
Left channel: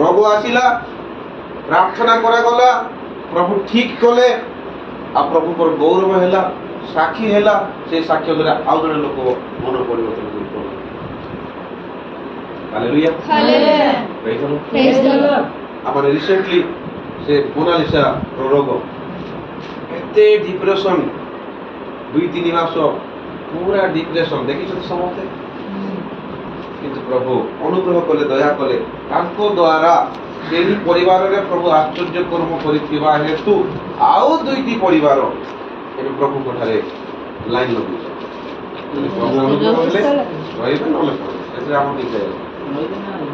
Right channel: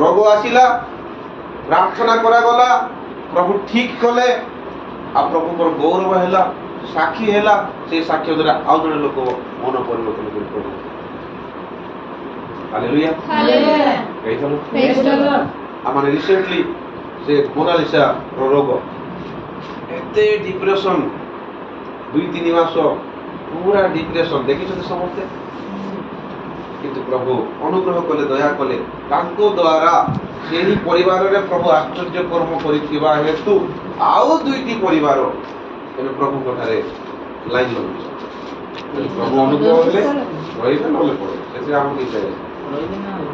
ରୋଗ ଆସିଲା, ପ୍ରାର୍ଥନା କରାଗଲା, ପ୍ରଭୁ ଠିକ କଲେ, ଆଉ ପ୍ରଭୁଙ୍କର ଗୌରବ ହେଲା, ସାକ୍ଷୀ ହେଲା। ସେ ସାକ୍ଷ୍ୟ ଦ୍ୱାରା ଆଉ ଜଣେ ଲୋକ ମନ ପରିବର୍ତ୍ତନ କରି ପ୍ରଭୁ। Hallelujah. Hallelujah. Praise the Lord. ଆମର ରିସେଣ୍ଟଲି ସେ ମୋନାଲିସା ରୋଗ, ଏତେ ଡିପ୍ରେସନ, 2-3 ମାସ ପୁରା ଡିପ୍ରେସନ ଦେଖିଛନ୍ତି ସମସ୍ତେ। କିନ୍ତୁ ପ୍ରଭୁ ଅନୁଗ୍ରହ କଲେ, ଦୟା କଲେ, ତାଙ୍କ ଦ୍ୱାରା ସେହି ପରିବାରରେ ପ୍ରଭୁ ଆଶ୍ଚର୍ଯ୍ୟ କର୍ମ କରିଥିବା ହେତୁ ଆଉ 2ଟି ପରିବାର ଏବେ ପ୍ରଭୁଙ୍କ ଠାରେ ଲାଇନ୍ ଲଗେଇଛନ୍ତି। ପ୍ରଭୁ ଅନୁଗ୍ରହ ହେଲେ ରହିବେ, ନହେଲେ ପଡ଼ିବେ। ସେଥିରେ ଆମର କିଛି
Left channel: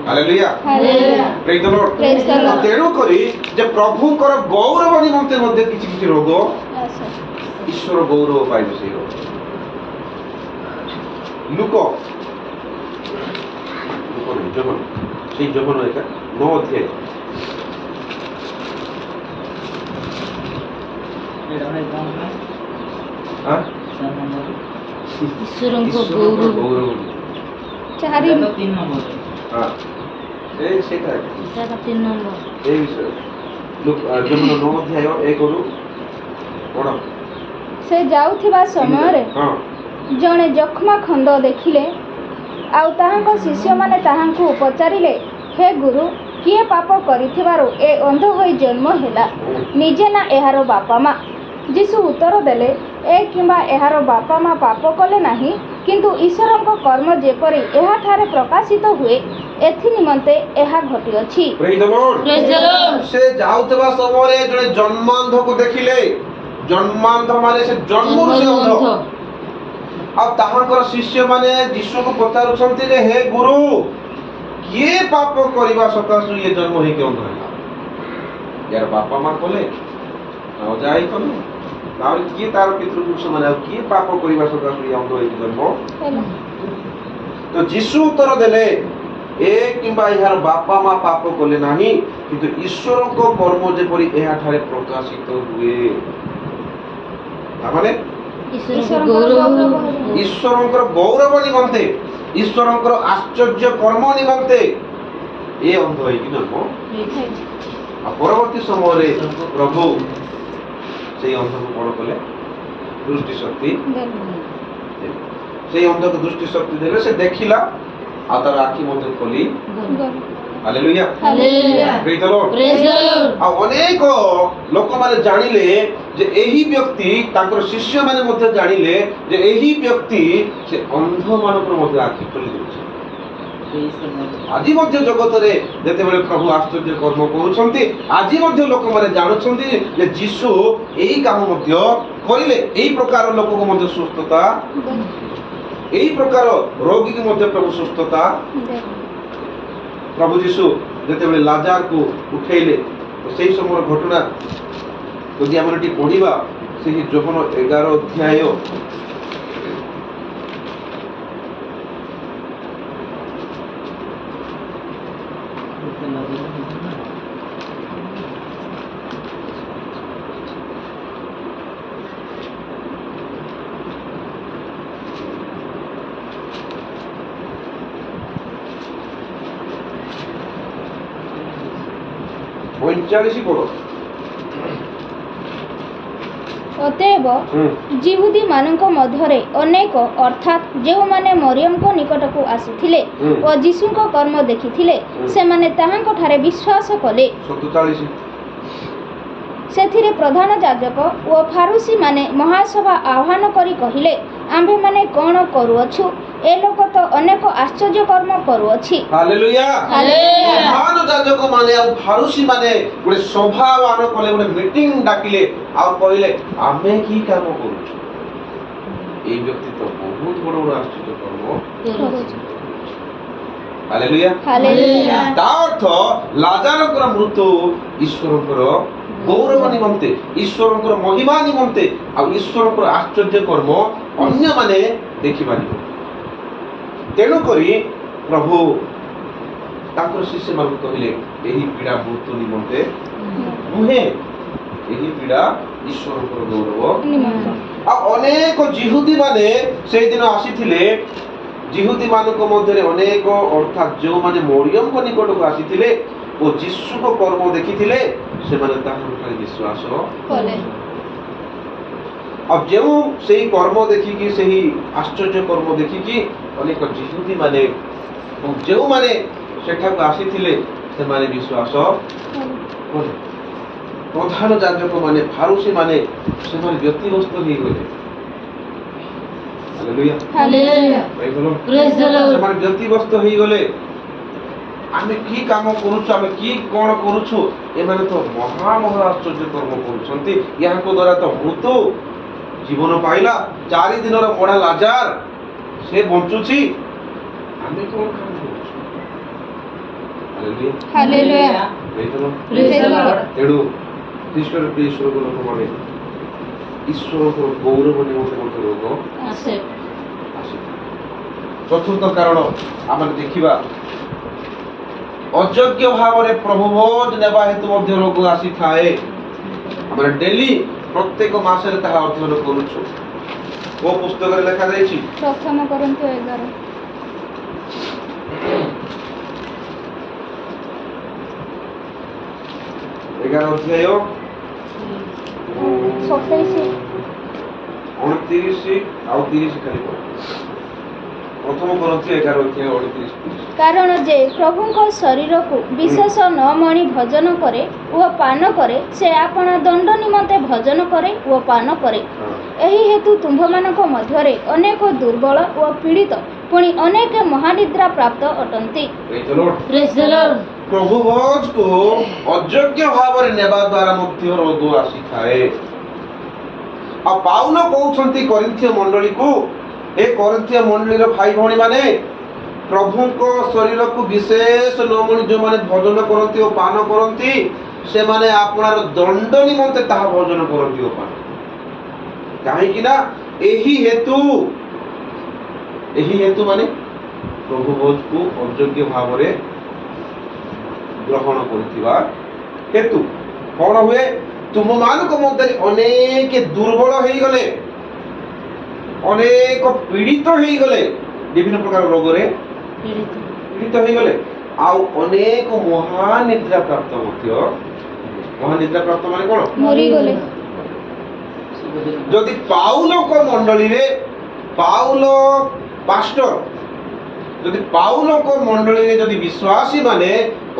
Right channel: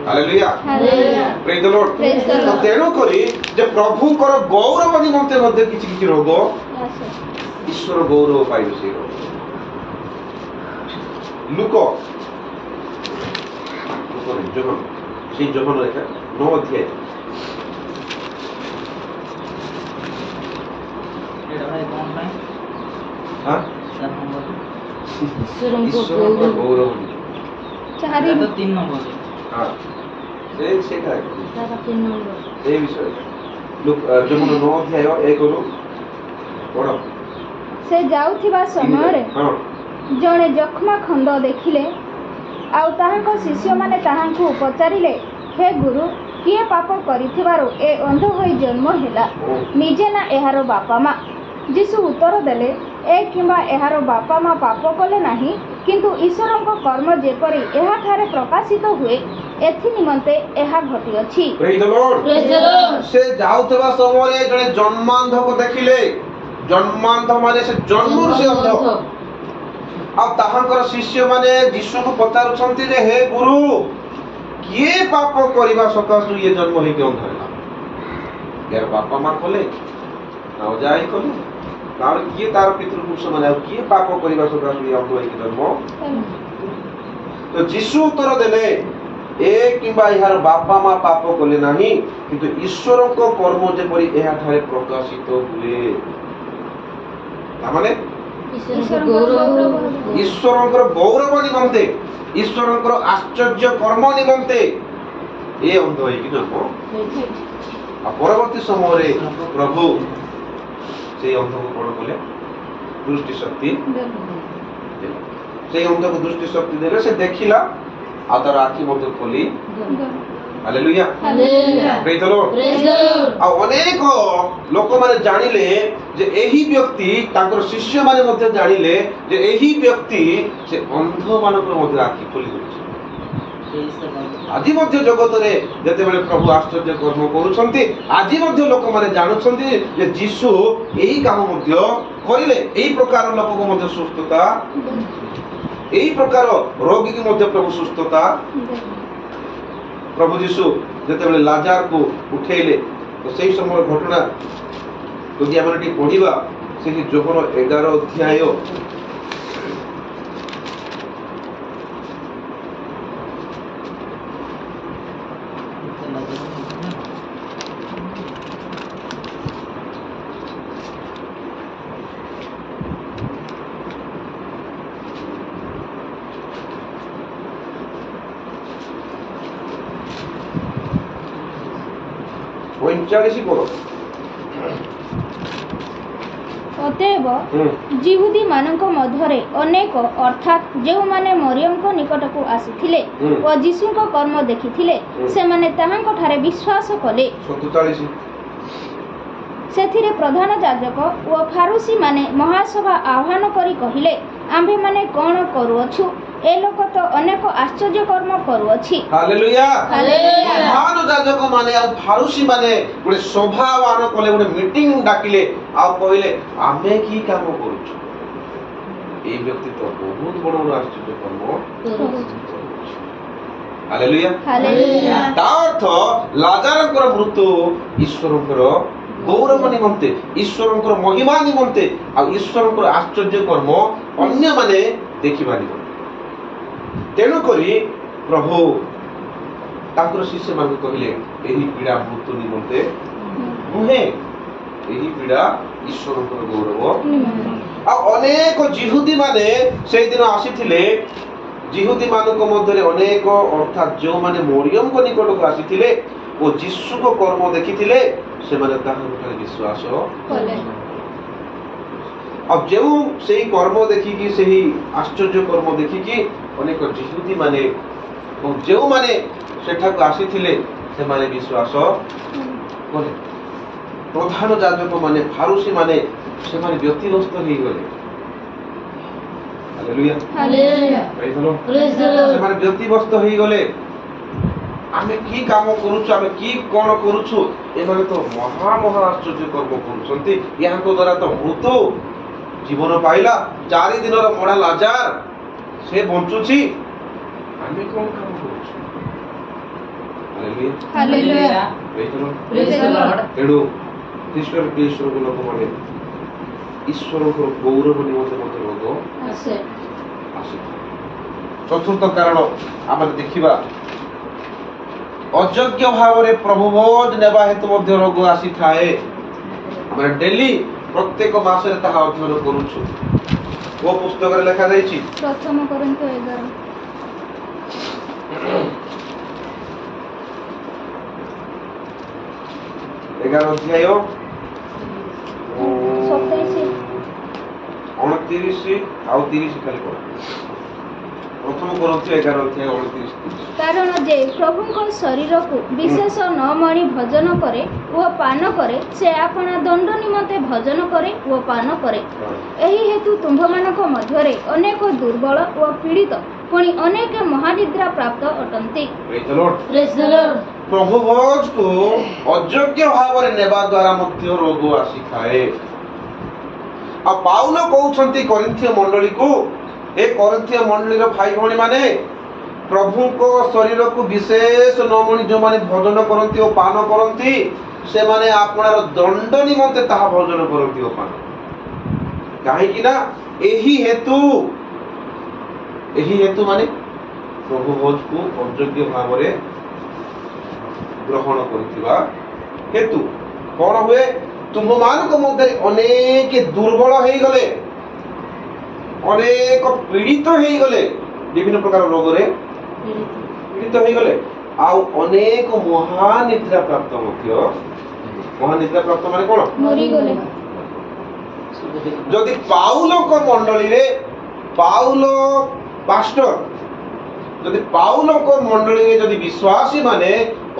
ହାଲେଲୁୟା। Hallelujah. ପ୍ରେଜ୍ the Lord. Praise the Lord. ତେଣୁ କରି ଯେ ପ୍ରଭୁଙ୍କର ଗୌରବ ନିମନ୍ତେ ମଧ୍ୟ କିଛି କିଛି ରୋଗ, Yes, sir. ଈଶ୍ୱର ଗୌରବ ପାଇବେ ସେଇ ରୋଗ। ଲୁକ ନାହିଁ, ଯୋହନ, ସେଇ ଯୋହନ 9 ଅଧ୍ୟାୟ। ଈଶ୍ୱରଙ୍କ ଈଶ୍ୱରଙ୍କର ଗୌରବ। ଗୌରବ। ଚାରି। ହଁ, ସେଇଟା 3 ନମ୍ବର। এই বিষয়ে ଯୋହନ 9 ଅଧ୍ୟାୟ 1ରୁ ପଢ଼। ସେ ଯାଉଥିବା ସମୟରେ ହଁ। ଜଣେ ଯକ୍ଷ୍ମା ଖଣ୍ଡ ଦେଖିଲେ, ଆଉ ତାହାଙ୍କ ଶିଷ୍ୟମାନେ ତାହାଙ୍କୁ ପଚାରିଲେ, ହେ ଗୁରୁ, କିଏ ପାପ କରିଥିବାରୁ ଏ ଅନ୍ଧ ହୋଇ ଜନ୍ମ ହେଲା, ନିଜେ ନା ଏହାର ବାପା ମା? ଯୀଶୁ ଉତ୍ତର ଦେଲେ, ଏ କିମ୍ବା ଏହାର ବାପା ମା ପାପ କଲେ ନାହିଁ, କିନ୍ତୁ ଈଶ୍ୱରଙ୍କ କର୍ମ ଯେପରି ଏହାଠାରେ ପ୍ରକାଶିତ ହୁଏ, ଏଥି ନିମନ୍ତେ ଏହା ଘଟିଅଛି। Praise the Lord. Praise the Lord. ସେ ଯାଉଥିବା ସମୟରେ ଜଣେ ଜନ୍ମାନ୍ଧକୁ ଦେଖିଲେ। ଜନ୍ମାନ୍ଧ ମାନେ ସେ ଜନ୍ମରୁ ସେ ଅନ୍ଧ। ଆଉ ତାହାଙ୍କର ଶିଷ୍ୟମାନେ ଯୀଶୁକୁ ପଚାରୁଛନ୍ତି ଯେ, ହେ ଗୁରୁ, କିଏ ପାପ କରିବା ସକାଶୁ ଇଏ ଜନ୍ମ ହେଇକି ଅନ୍ଧ ହେଲା? यार बापा माँ कले नजाई कले तार किए तार पितृपुरुष माने किए पाप करबा सकाशु या अंध होई जन्म तो जीशु उत्तर देले ए किंबा यार बापा माँ पाप कले नाही किंतु ईश्वर को कर्म जेपरि एहा ठारे प्रकाशित हुए माने ईश्वरंकर गौरव निमंते ईश्वरंकर आश्चर्य कर्म निमंते ए अंध होई कि जन्म परवर्ती समय प्रभु से अंध को बड़ कले दृष्टि शक्ति से अंध को दृष्टि शक्ति देले से देखिला आ तार आखि मध्य खोली hallelujah hallelujah praise the Lord praise the Lord आ अनेक लोक माने जानिले जे एही व्यक्ति तांकर शिष्य माने मध्य जानिले जे एही व्यक्ति से अंध मानकर मध्य आखि खोली देछि ଆଜି ମଧ୍ୟ ଜଗତରେ ଯେତେବେଳେ ପ୍ରଭୁ ଆଶ୍ଚର୍ଯ୍ୟ କର୍ମ କରୁଛନ୍ତି, ଆଜି ମଧ୍ୟ ଲୋକମାନେ ଜାଣୁଛନ୍ତି ଯେ ଯୀଶୁ ଏଇ କାମ ମଧ୍ୟ କରିଲେ। ଏଇ ପ୍ରକାର ଲୋକକୁ ମଧ୍ୟ ସୁସ୍ଥତା, ଏଇ ପ୍ରକାର ରୋଗୀକୁ ମଧ୍ୟ ପ୍ରଭୁ ସୁସ୍ଥତା। ପ୍ରଭୁ ଯୀଶୁ ଯେତେବେଳେ ଲାଜାରକୁ ଉଠେଇଲେ, ତ ସେଇ ସମୟର ଘଟଣା ଯଦି ଆମେ ଟିକେ ପଢିବା, ସେହି ଯୋହନ 11 ଅଧ୍ୟାୟ ପଇଁଚାଳିଶ ପଡ଼। ଅତଏବ ଯିହୁଦୀ ମାନଙ୍କ ମଧ୍ୟରେ ଅନେକ, ଅର୍ଥାତ୍ ଯେଉଁମାନେ ମରିୟମଙ୍କ ନିକଟକୁ ଆସିଥିଲେ ଓ ଯୀଶୁଙ୍କ କର୍ମ ଦେଖିଥିଲେ, ସେମାନେ ତାହାଙ୍କଠାରେ ବିଶ୍ୱାସ କଲେ। 47 ସେଥିରେ ପ୍ରଧାନ ଯାଜକ ଓ ଫାରୁସୀମାନେ ମହାସଭା ଆହ୍ୱାନ କରି କହିଲେ, ଆମ୍ଭେମାନେ କ'ଣ କରୁଅଛୁ? ଏ ଲୋକ ତ ଅନେକ ଆଶ୍ଚର୍ଯ୍ୟ କର୍ମ କରୁଅଛି। ହାଲେଲୁୟା। ହାଲେଲୁୟା। ପ୍ରଧାନ ଯାଜକ ମାନେ ଆଉ ଫାରୁସୀ ମାନେ ଗୋଟେ ସଭା ଆହ୍ୱାନ କଲେ, ଗୋଟେ ମିଟିଂ ଡାକିଲେ, ଆଉ କହିଲେ ଆମେ କି କାମ କରୁଛୁ? এই ବ୍ୟକ୍ତି ତ ବହୁତ ବଡ଼ ବଡ଼ ଆଶ୍ଚର୍ଯ୍ୟ କର୍ମ। ହାଲେଲୁୟା। ହାଲେଲୁୟା। ତା ଅର୍ଥ ଲାଜାରଙ୍କର ମୃତ୍ୟୁ ଈଶ୍ୱରଙ୍କର ଗୌରବ ନିମନ୍ତେ, ଈଶ୍ୱରଙ୍କର ମହିମା ନିମନ୍ତେ, ଆଉ ଈଶ୍ୱରଙ୍କର ଆଶ୍ଚର୍ଯ୍ୟ କର୍ମ ଅନ୍ୟମାନେ ଦେଖିପାରିବେ। ତେଣୁକରି ପ୍ରଭୁ ତାଙ୍କର ଶିଷ୍ୟମାନଙ୍କୁ କହିଲେ, ଏହି ପୀଡ଼ା ମୃତ୍ୟୁ ନିମନ୍ତେ ନୁହେଁ, ଏହି ପୀଡ଼ା ଈଶ୍ୱରଙ୍କର ଗୌରବ। ଆଉ ଅନେକ ଯିହୁଦୀ ମାନେ ସେଇଦିନ ଆସିଥିଲେ। ଯିହୁଦୀ ମାନଙ୍କ ମଧ୍ୟରେ ଅନେକ, ଅର୍ଥାତ୍ ଯେଉଁମାନେ ମରିୟମଙ୍କ ନିକଟକୁ ଆସିଥିଲେ ଓ ଯୀଶୁଙ୍କ କର୍ମ ଦେଖିଥିଲେ, ସେମାନେ ତାହାଙ୍କଠାରେ ବିଶ୍ୱାସ କଲେ। ଆଉ ଯେଉଁ ସେହି କର୍ମ ଦେଖିକି, ସେହି ଆଶ୍ଚର୍ଯ୍ୟ କର୍ମ ଦେଖିକି ଅନେକ ଯିହୁଦୀ ମାନେ ଏବଂ ଯେଉଁମାନେ ସେଠାକୁ ଆସିଥିଲେ ସେମାନେ ବିଶ୍ୱାସ କଲେ। ପ୍ରଧାନ ଯାଜକ ମାନେ, ଫାରୁସୀ ମାନେ, ସେମାନେ ବ୍ୟତିବ୍ୟସ୍ତ ହେଇଗଲେ। ହାଲେଲୁୟା। ହାଲେଲୁୟା। ପ୍ରେଜ୍ ଦ ଲର୍ଡ। ସେମାନେ ବ୍ୟତିବ୍ୟସ୍ତ ହେଇଗଲେ। ଆମେ କି କାମ କରୁଛୁ, ଆମେ କି କ'ଣ କରୁଛୁ? ଏମାନେ ତ ମହା ଆଶ୍ଚର୍ଯ୍ୟ କର୍ମ କରୁଛନ୍ତି। ଏହାଙ୍କ ଦ୍ୱାରା ତ ମୃତ୍ୟୁ ଜୀବନ ପାଇଲା। 4 ଦିନର ମଡ଼ା ଲାଜାର ସେ ବଞ୍ଚୁଛି। ଆମେ କ'ଣ କାମ କରୁଛୁ? ହାଲେଲୁୟା। ହାଲେଲୁୟା। ପ୍ରେଜ୍ ଦ ଲର୍ଡ। ତେଣୁ ଖ୍ରୀଷ୍ଟର ଈଶ୍ୱରଙ୍କ ଲୋକମାନେ ଈଶ୍ୱରଙ୍କର ଗୌରବ ନିମନ୍ତେ ମଧ୍ୟ ରୋଗ ଆସେ। ଆସିଥାଏ। ଚତୁର୍ଥ କାରଣ ଆମେ ଦେଖିବା, ଅଯୋଗ୍ୟ ଭାବରେ ପ୍ରଭୁ ଭୋଜ ନେବା ହେତୁ ମଧ୍ୟ ରୋଗ ଆସିଥାଏ। ଆମେ ଡେଲି ପ୍ରତ୍ୟେକ ମାସରେ ତାହା ଅଧ୍ୟୟନ କରୁଛୁ। ଓ ପୁସ୍ତକରେ ଲେଖାଯାଇଛି, ପ୍ରଥମ କରନ୍ତୁ 11 ଅଧ୍ୟାୟ 27 29 ଆଉ 30 ଖାଲି ପଢ। ପ୍ରଥମ କରନ୍ତୁ 11 ଅଧ୍ୟାୟ 29 30। କାରଣ ଯେ ପ୍ରଭୁଙ୍କ ଶରୀରକୁ ବିଶେଷ ନ ମଣି ଭଜନ କରେ ଓ ପାନ କରେ, ସେ ଆପଣ ଦଣ୍ଡ ନିମନ୍ତେ ଭଜନ କରେ ଓ ପାନ କରେ। ଏହି ହେତୁ ତୁମ୍ଭମାନଙ୍କ ମଧ୍ୟରେ ଅନେକ ଦୁର୍ବଳ ଓ ପୀଡ଼ିତ, ପୁଣି ଅନେକ ମହାନିଦ୍ରା ପ୍ରାପ୍ତ ଅଟନ୍ତି। ପ୍ରେଜ୍ ଦ ଲର୍ଡ। ପ୍ରଭୁ ଭୋଜକୁ ଅଯୋଗ୍ୟ ଭାବରେ ନେବା ଦ୍ୱାରା ମଧ୍ୟ ରୋଗ ଆସିଥାଏ। ଆଉ ପାଉଲ କହୁଛନ୍ତି କରିନ୍ଥୀୟ ମଣ୍ଡଳୀକୁ, ଏ କରିନ୍ଥୀୟ ମଣ୍ଡଳୀର ଭାଇ ଭଉଣୀ ମାନେ, ପ୍ରଭୁଙ୍କ ଶରୀରକୁ ବିଶେଷ ନମଣି ଯେଉଁମାନେ ଭୋଜନ କରନ୍ତି ଓ ପାନ କରନ୍ତି, ସେମାନେ ଆପଣାର ଦଣ୍ଡ ନିମନ୍ତେ ତାହା ଭୋଜନ କରନ୍ତି ଓ ପାନ। କାହିଁକି ନା ଏହି ହେତୁ ମାନେ ପ୍ରଭୁ ଭୋଜକୁ ଅଯୋଗ୍ୟ ଭାବରେ ଗ୍ରହଣ କରୁଥିବା ହେତୁ କ'ଣ ହୁଏ? ତୁମମାନଙ୍କ ମଧ୍ୟରେ ଅନେକ ଦୁର୍ବଳ ହେଇଗଲେ, ଅନେକ ପୀଡ଼ିତ ହେଇଗଲେ, ବିଭିନ୍ନ ପ୍ରକାର ରୋଗରେ ପୀଡ଼ିତ ହେଇଗଲେ, ଆଉ ଅନେକ ମହାନିଦ୍ରା ପ୍ରାପ୍ତ ମଧ୍ୟ। ମହାନିଦ୍ରା ପ୍ରାପ୍ତ ମାନେ କ'ଣ? ମରିଗଲେ। ଯଦି ପାଉଲଙ୍କ ମଣ୍ଡଳୀରେ, ପାଉଲ ପାଷ୍ଟର, ଯଦି ପାଉଲଙ୍କ ମଣ୍ଡଳୀରେ ଯଦି ବିଶ୍ୱାସୀ ମାନେ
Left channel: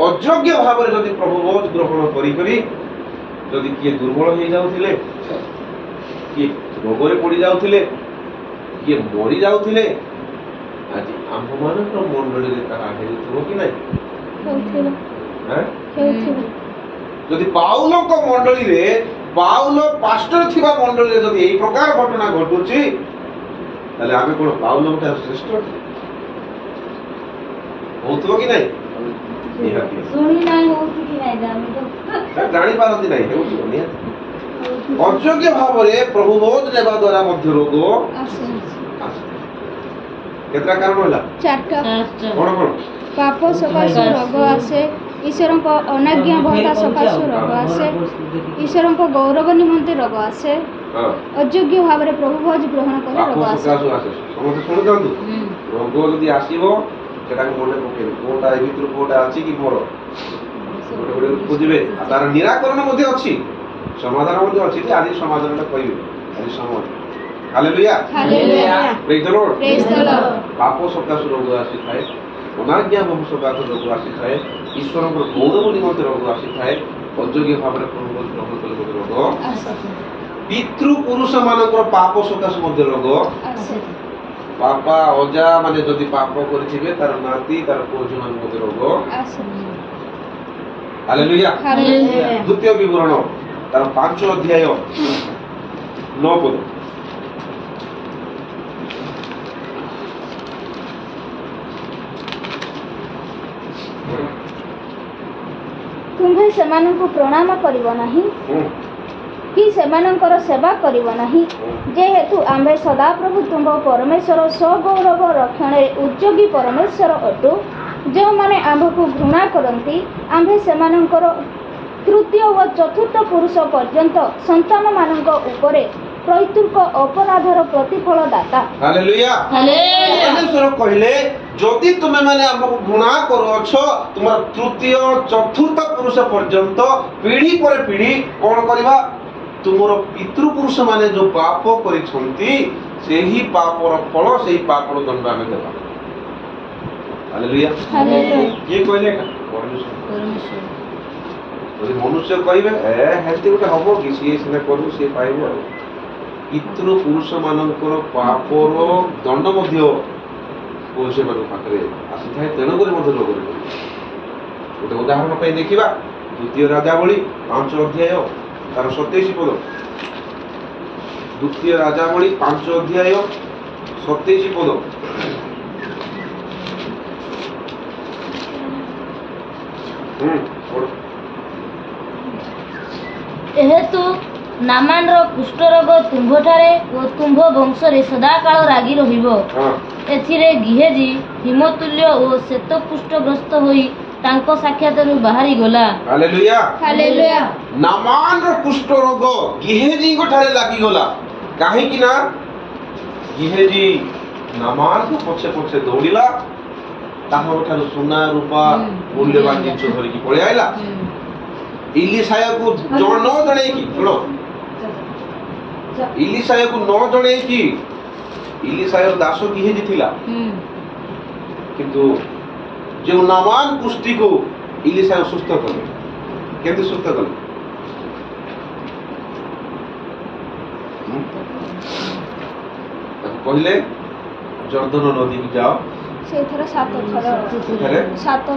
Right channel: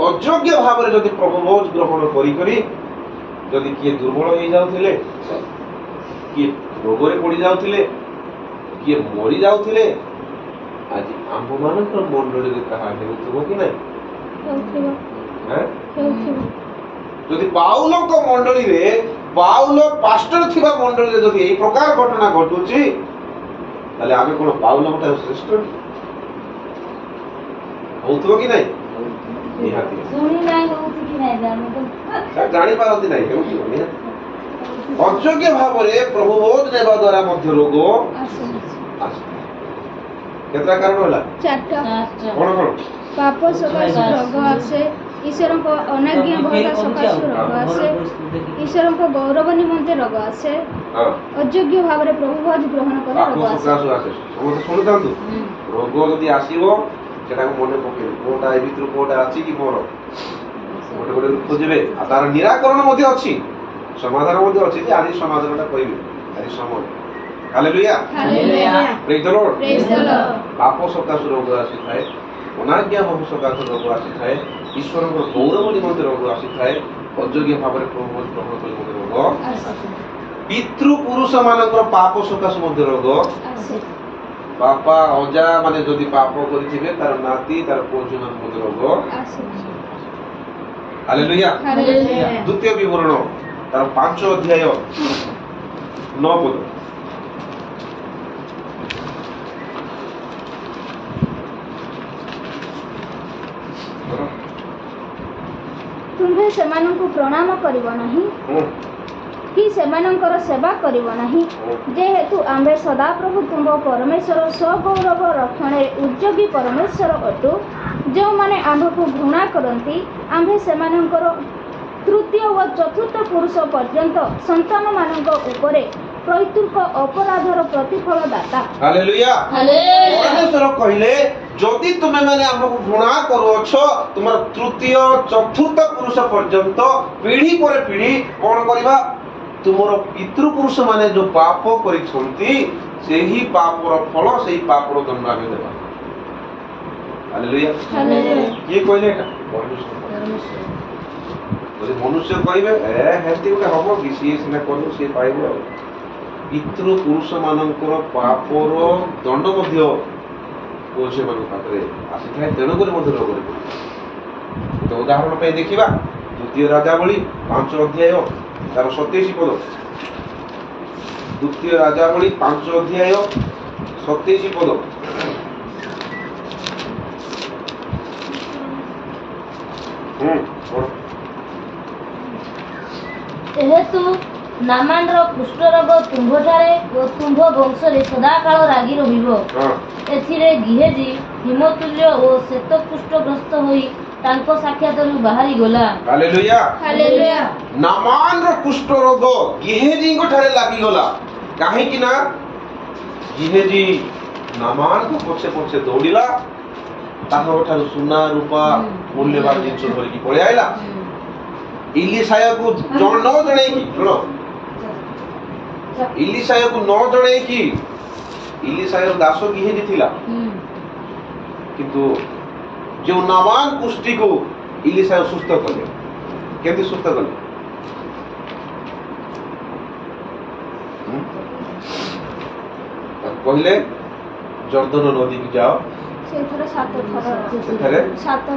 ଅଯୋଗ୍ୟ ଭାବରେ ଯଦି ପ୍ରଭୁ ଭୋଜ ଗ୍ରହଣ କରି ଯଦି କିଏ ଦୁର୍ବଳ ହେଇଯାଉଥିଲେ, କିଏ ରୋଗରେ ପଡ଼ି ଯାଉଥିଲେ, କିଏ ମରି ଯାଉଥିଲେ, ଆଜି ଆମ୍ଭମାନଙ୍କର ମଣ୍ଡଳୀରେ ତାହା ହେଉଥିବ କି ନାହିଁ? ଆଁ? ଯଦି ପାଉଲଙ୍କ ମଣ୍ଡଳୀରେ ପାଉଲ ପାଷ୍ଟର ଥିବା ମଣ୍ଡଳୀରେ ଯଦି ଏଇ ପ୍ରକାର ଘଟଣା ଘଟୁଛି ତାହେଲେ ଆମେ କଣ ପାଉଲଙ୍କ ଠାରୁ ଶ୍ରେଷ୍ଠ ହଉଥିବ କି ନାହିଁ? ନିହାତି ଜାଣିପାରନ୍ତି ନାହିଁ, ହେଉଥିବ ନିହାତି। ଅଯୋଗ୍ୟ ଭାବରେ ପ୍ରଭୁ ବୋଧ ନେବା ଦ୍ୱାରା ମଧ୍ୟ ରୋଗ ଆସେ। କେତେଟା କାରଣ ହେଲା? ଚାରିଟା। କଣ କଣ? ପାପ ସକାଶୁ ରୋଗ ଆସେ, ଈଶ୍ୱରଙ୍କ ଅନାଜ୍ଞାବହତା ସକାଶୁ ରୋଗ ଆସେ, ଈଶ୍ୱରଙ୍କ ଗୌରବ ନିମନ୍ତେ ରୋଗ ଆସେ, ଅଯୋଗ୍ୟ ଭାବରେ ପ୍ରଭୁ ଭୋଜ ଗ୍ରହଣ କରି ରୋଗ ଆସେ। ସମସ୍ତେ ଶୁଣିଥାନ୍ତୁ, ରୋଗ ଯଦି ଆସିବ ସେଟାକୁ ମନେ ପକେଇବେ, କୋଉଟା ଏ ଭିତରୁ କୋଉଟା ଅଛି କି ମୋର ଗୋଟେ ଗୋଟେ ଖୋଜିବେ। ଆଉ ତାର ନିରାକରଣ ମଧ୍ୟ ଅଛି, ସମାଧାନ ମଧ୍ୟ ଅଛି। ଯେ ଆଜି ସମାଧାନଟା କହିବେ, ଆଜି ସମୟ। ହାଲେଲୁୟା, ପ୍ରେଜ୍ ଦ ଲର୍ଡ। ପାପ ସକାଶୁ ରୋଗ ଆସିଥାଏ, ଅନାଜ୍ଞା ବହୁ ସକାଶୁ ରୋଗ ଆସିଥାଏ, ଈଶ୍ୱରଙ୍କର ଗୌରବ ନିମନ୍ତେ ରୋଗ ଆସିଥାଏ, ଅଯୋଗ୍ୟ ଭାବରେ ପ୍ରଭୁ ଗ୍ରହଣ କଲେ ମଧ୍ୟ ରୋଗ, ପିତୃ ପୁରୁଷ ମାନଙ୍କର ପାପ ସକାଶୁ ମଧ୍ୟ ରୋଗ, ବାପା ଅଜା ମାନେ ଯଦି ପାପ କରିଥିବେ ତାର ନାତି ତାର ପୁଅ ଝିଅ ମଧ୍ୟ ରୋଗ। ହାଲେଲୁୟା। ଦ୍ୱିତୀୟ ବିବରଣ ତାର 5 ଅଧ୍ୟାୟ 9 ପଦ। ତୁମ୍ଭେ ସେମାନଙ୍କୁ ପ୍ରଣାମ କରିବ ନାହିଁ କି ସେମାନଙ୍କର ସେବା କରିବ ନାହିଁ, ଯେହେତୁ ଆମ୍ଭେ ସଦାପ୍ରଭୁ ତୁମ୍ଭ ପରମେଶ୍ୱର ସ୍ୱଗୌରବ ରକ୍ଷଣରେ ଉଦ୍ଯୋଗୀ ପରମେଶ୍ୱର ଅଟୁ। ଯେଉଁମାନେ ଆମ୍ଭକୁ ଘୃଣା କରନ୍ତି, ଆମ୍ଭେ ସେମାନଙ୍କର ତୃତୀୟ ଓ ଚତୁର୍ଥ ପୁରୁଷ ପର୍ଯ୍ୟନ୍ତ ସନ୍ତାନମାନଙ୍କ ଉପରେ ପ୍ରତ୍ୟୁର୍କ ଅପରାଧର ପ୍ରତିଫଳ ଦାତା। ହାଲେଲୁୟା। ପରମେଶ୍ୱର କହିଲେ ଯଦି ତୁମେମାନେ ଆମକୁ ଘୃଣା କରୁଅଛ, ତୁମର ତୃତୀୟ ଚତୁର୍ଥ ପୁରୁଷ ପର୍ଯ୍ୟନ୍ତ ପିଢ଼ି ପରେ ପିଢ଼ି କଣ କରିବା? ତୁମର ପିତୃପୁରୁଷ ମାନେ ଯୋଉ ପାପ କରିଛନ୍ତି ସେହି ପାପର ଫଳ, ସେହି ପାପର ଦଣ୍ଡ ଆମେ ଦେବା। ହାଲେଲୁୟା। କିଏ କହିଲେ ଏଟା? ଯଦି ମନୁଷ୍ୟ କହିବେ ହେମିତି ଗୋଟେ ହବ କି, ସିଏ ସିନା କରୁ ସିଏ ପାଇବ। ଆଉ ପିତୃପୁରୁଷ ମାନଙ୍କର ପାପର ଦଣ୍ଡ ମଧ୍ୟ ପୁରୁଷମାନଙ୍କ ପାଖରେ ଆସିଥାଏ, ତେଣୁକରି ମଧ୍ୟ ରୋଗରେ ପଡ଼ିବ। ଗୋଟେ ଉଦାହରଣ ପାଇଁ ଦେଖିବା, ଦ୍ୱିତୀୟ ରାଜାବଳୀ 5 ଅଧ୍ୟାୟ ତାର 27 ପଦ। ଦ୍ୱିତୀୟ ରାଜାବଳୀ 5 ଅଧ୍ୟାୟ 27 ପଦ। ଯେହେତୁ ନାମାନର କୁଷ୍ଠରୋଗ ତୁମ୍ଭଠାରେ ଓ ତୁମ୍ଭ ବଂଶରେ ସଦାକାଳ ଲାଗି ରହିବ, ଏଥିରେ ଗିହେଜି ହିମତୁଲ୍ୟ ଓ ଶ୍ଵେତକୁଷ୍ଠଗ୍ରସ୍ତ ହୋଇ ତାଙ୍କ ସାକ୍ଷାତରୁ ବାହାରି ଗଲା। ହାଲେଲୁୟା। ନାମାନର କୁଷ୍ଠ ରୋଗ ଗିହେଜିଙ୍କ ଠାରେ ଲାଗିଗଲା। କାହିଁକି ନା ଗିହେଜି ନାମାନଙ୍କ ପଛେ ପଛେ ଦୌଡ଼ିଲା, ତାଙ୍କ ଠାରୁ ସୁନା ରୂପା ମୂଲ୍ୟବାନ ଜିନିଷ ଧରିକି ପଳେଇ ଆଇଲା। ଇଲିଶାୟକୁ ନ ଜଣେଇକି, ଶୁଣ, ଇଲିଶାୟକୁ ନ ଜଣେଇକି, ଇଲିଶାୟର ଦାସ ଗିହେଜି ଥିଲା, କିନ୍ତୁ ଯେଉଁ ନାମାନ କୁଷ୍ଠିକୁ ଇଲିଶାୟ ସୁସ୍ଥ କଲେ। କେମିତି ସୁସ୍ଥ କଲେ? କହିଲେ ଜର୍ଦ୍ଦନ ନଦୀକୁ ଯାଅ, ସେଇଥିରେ 7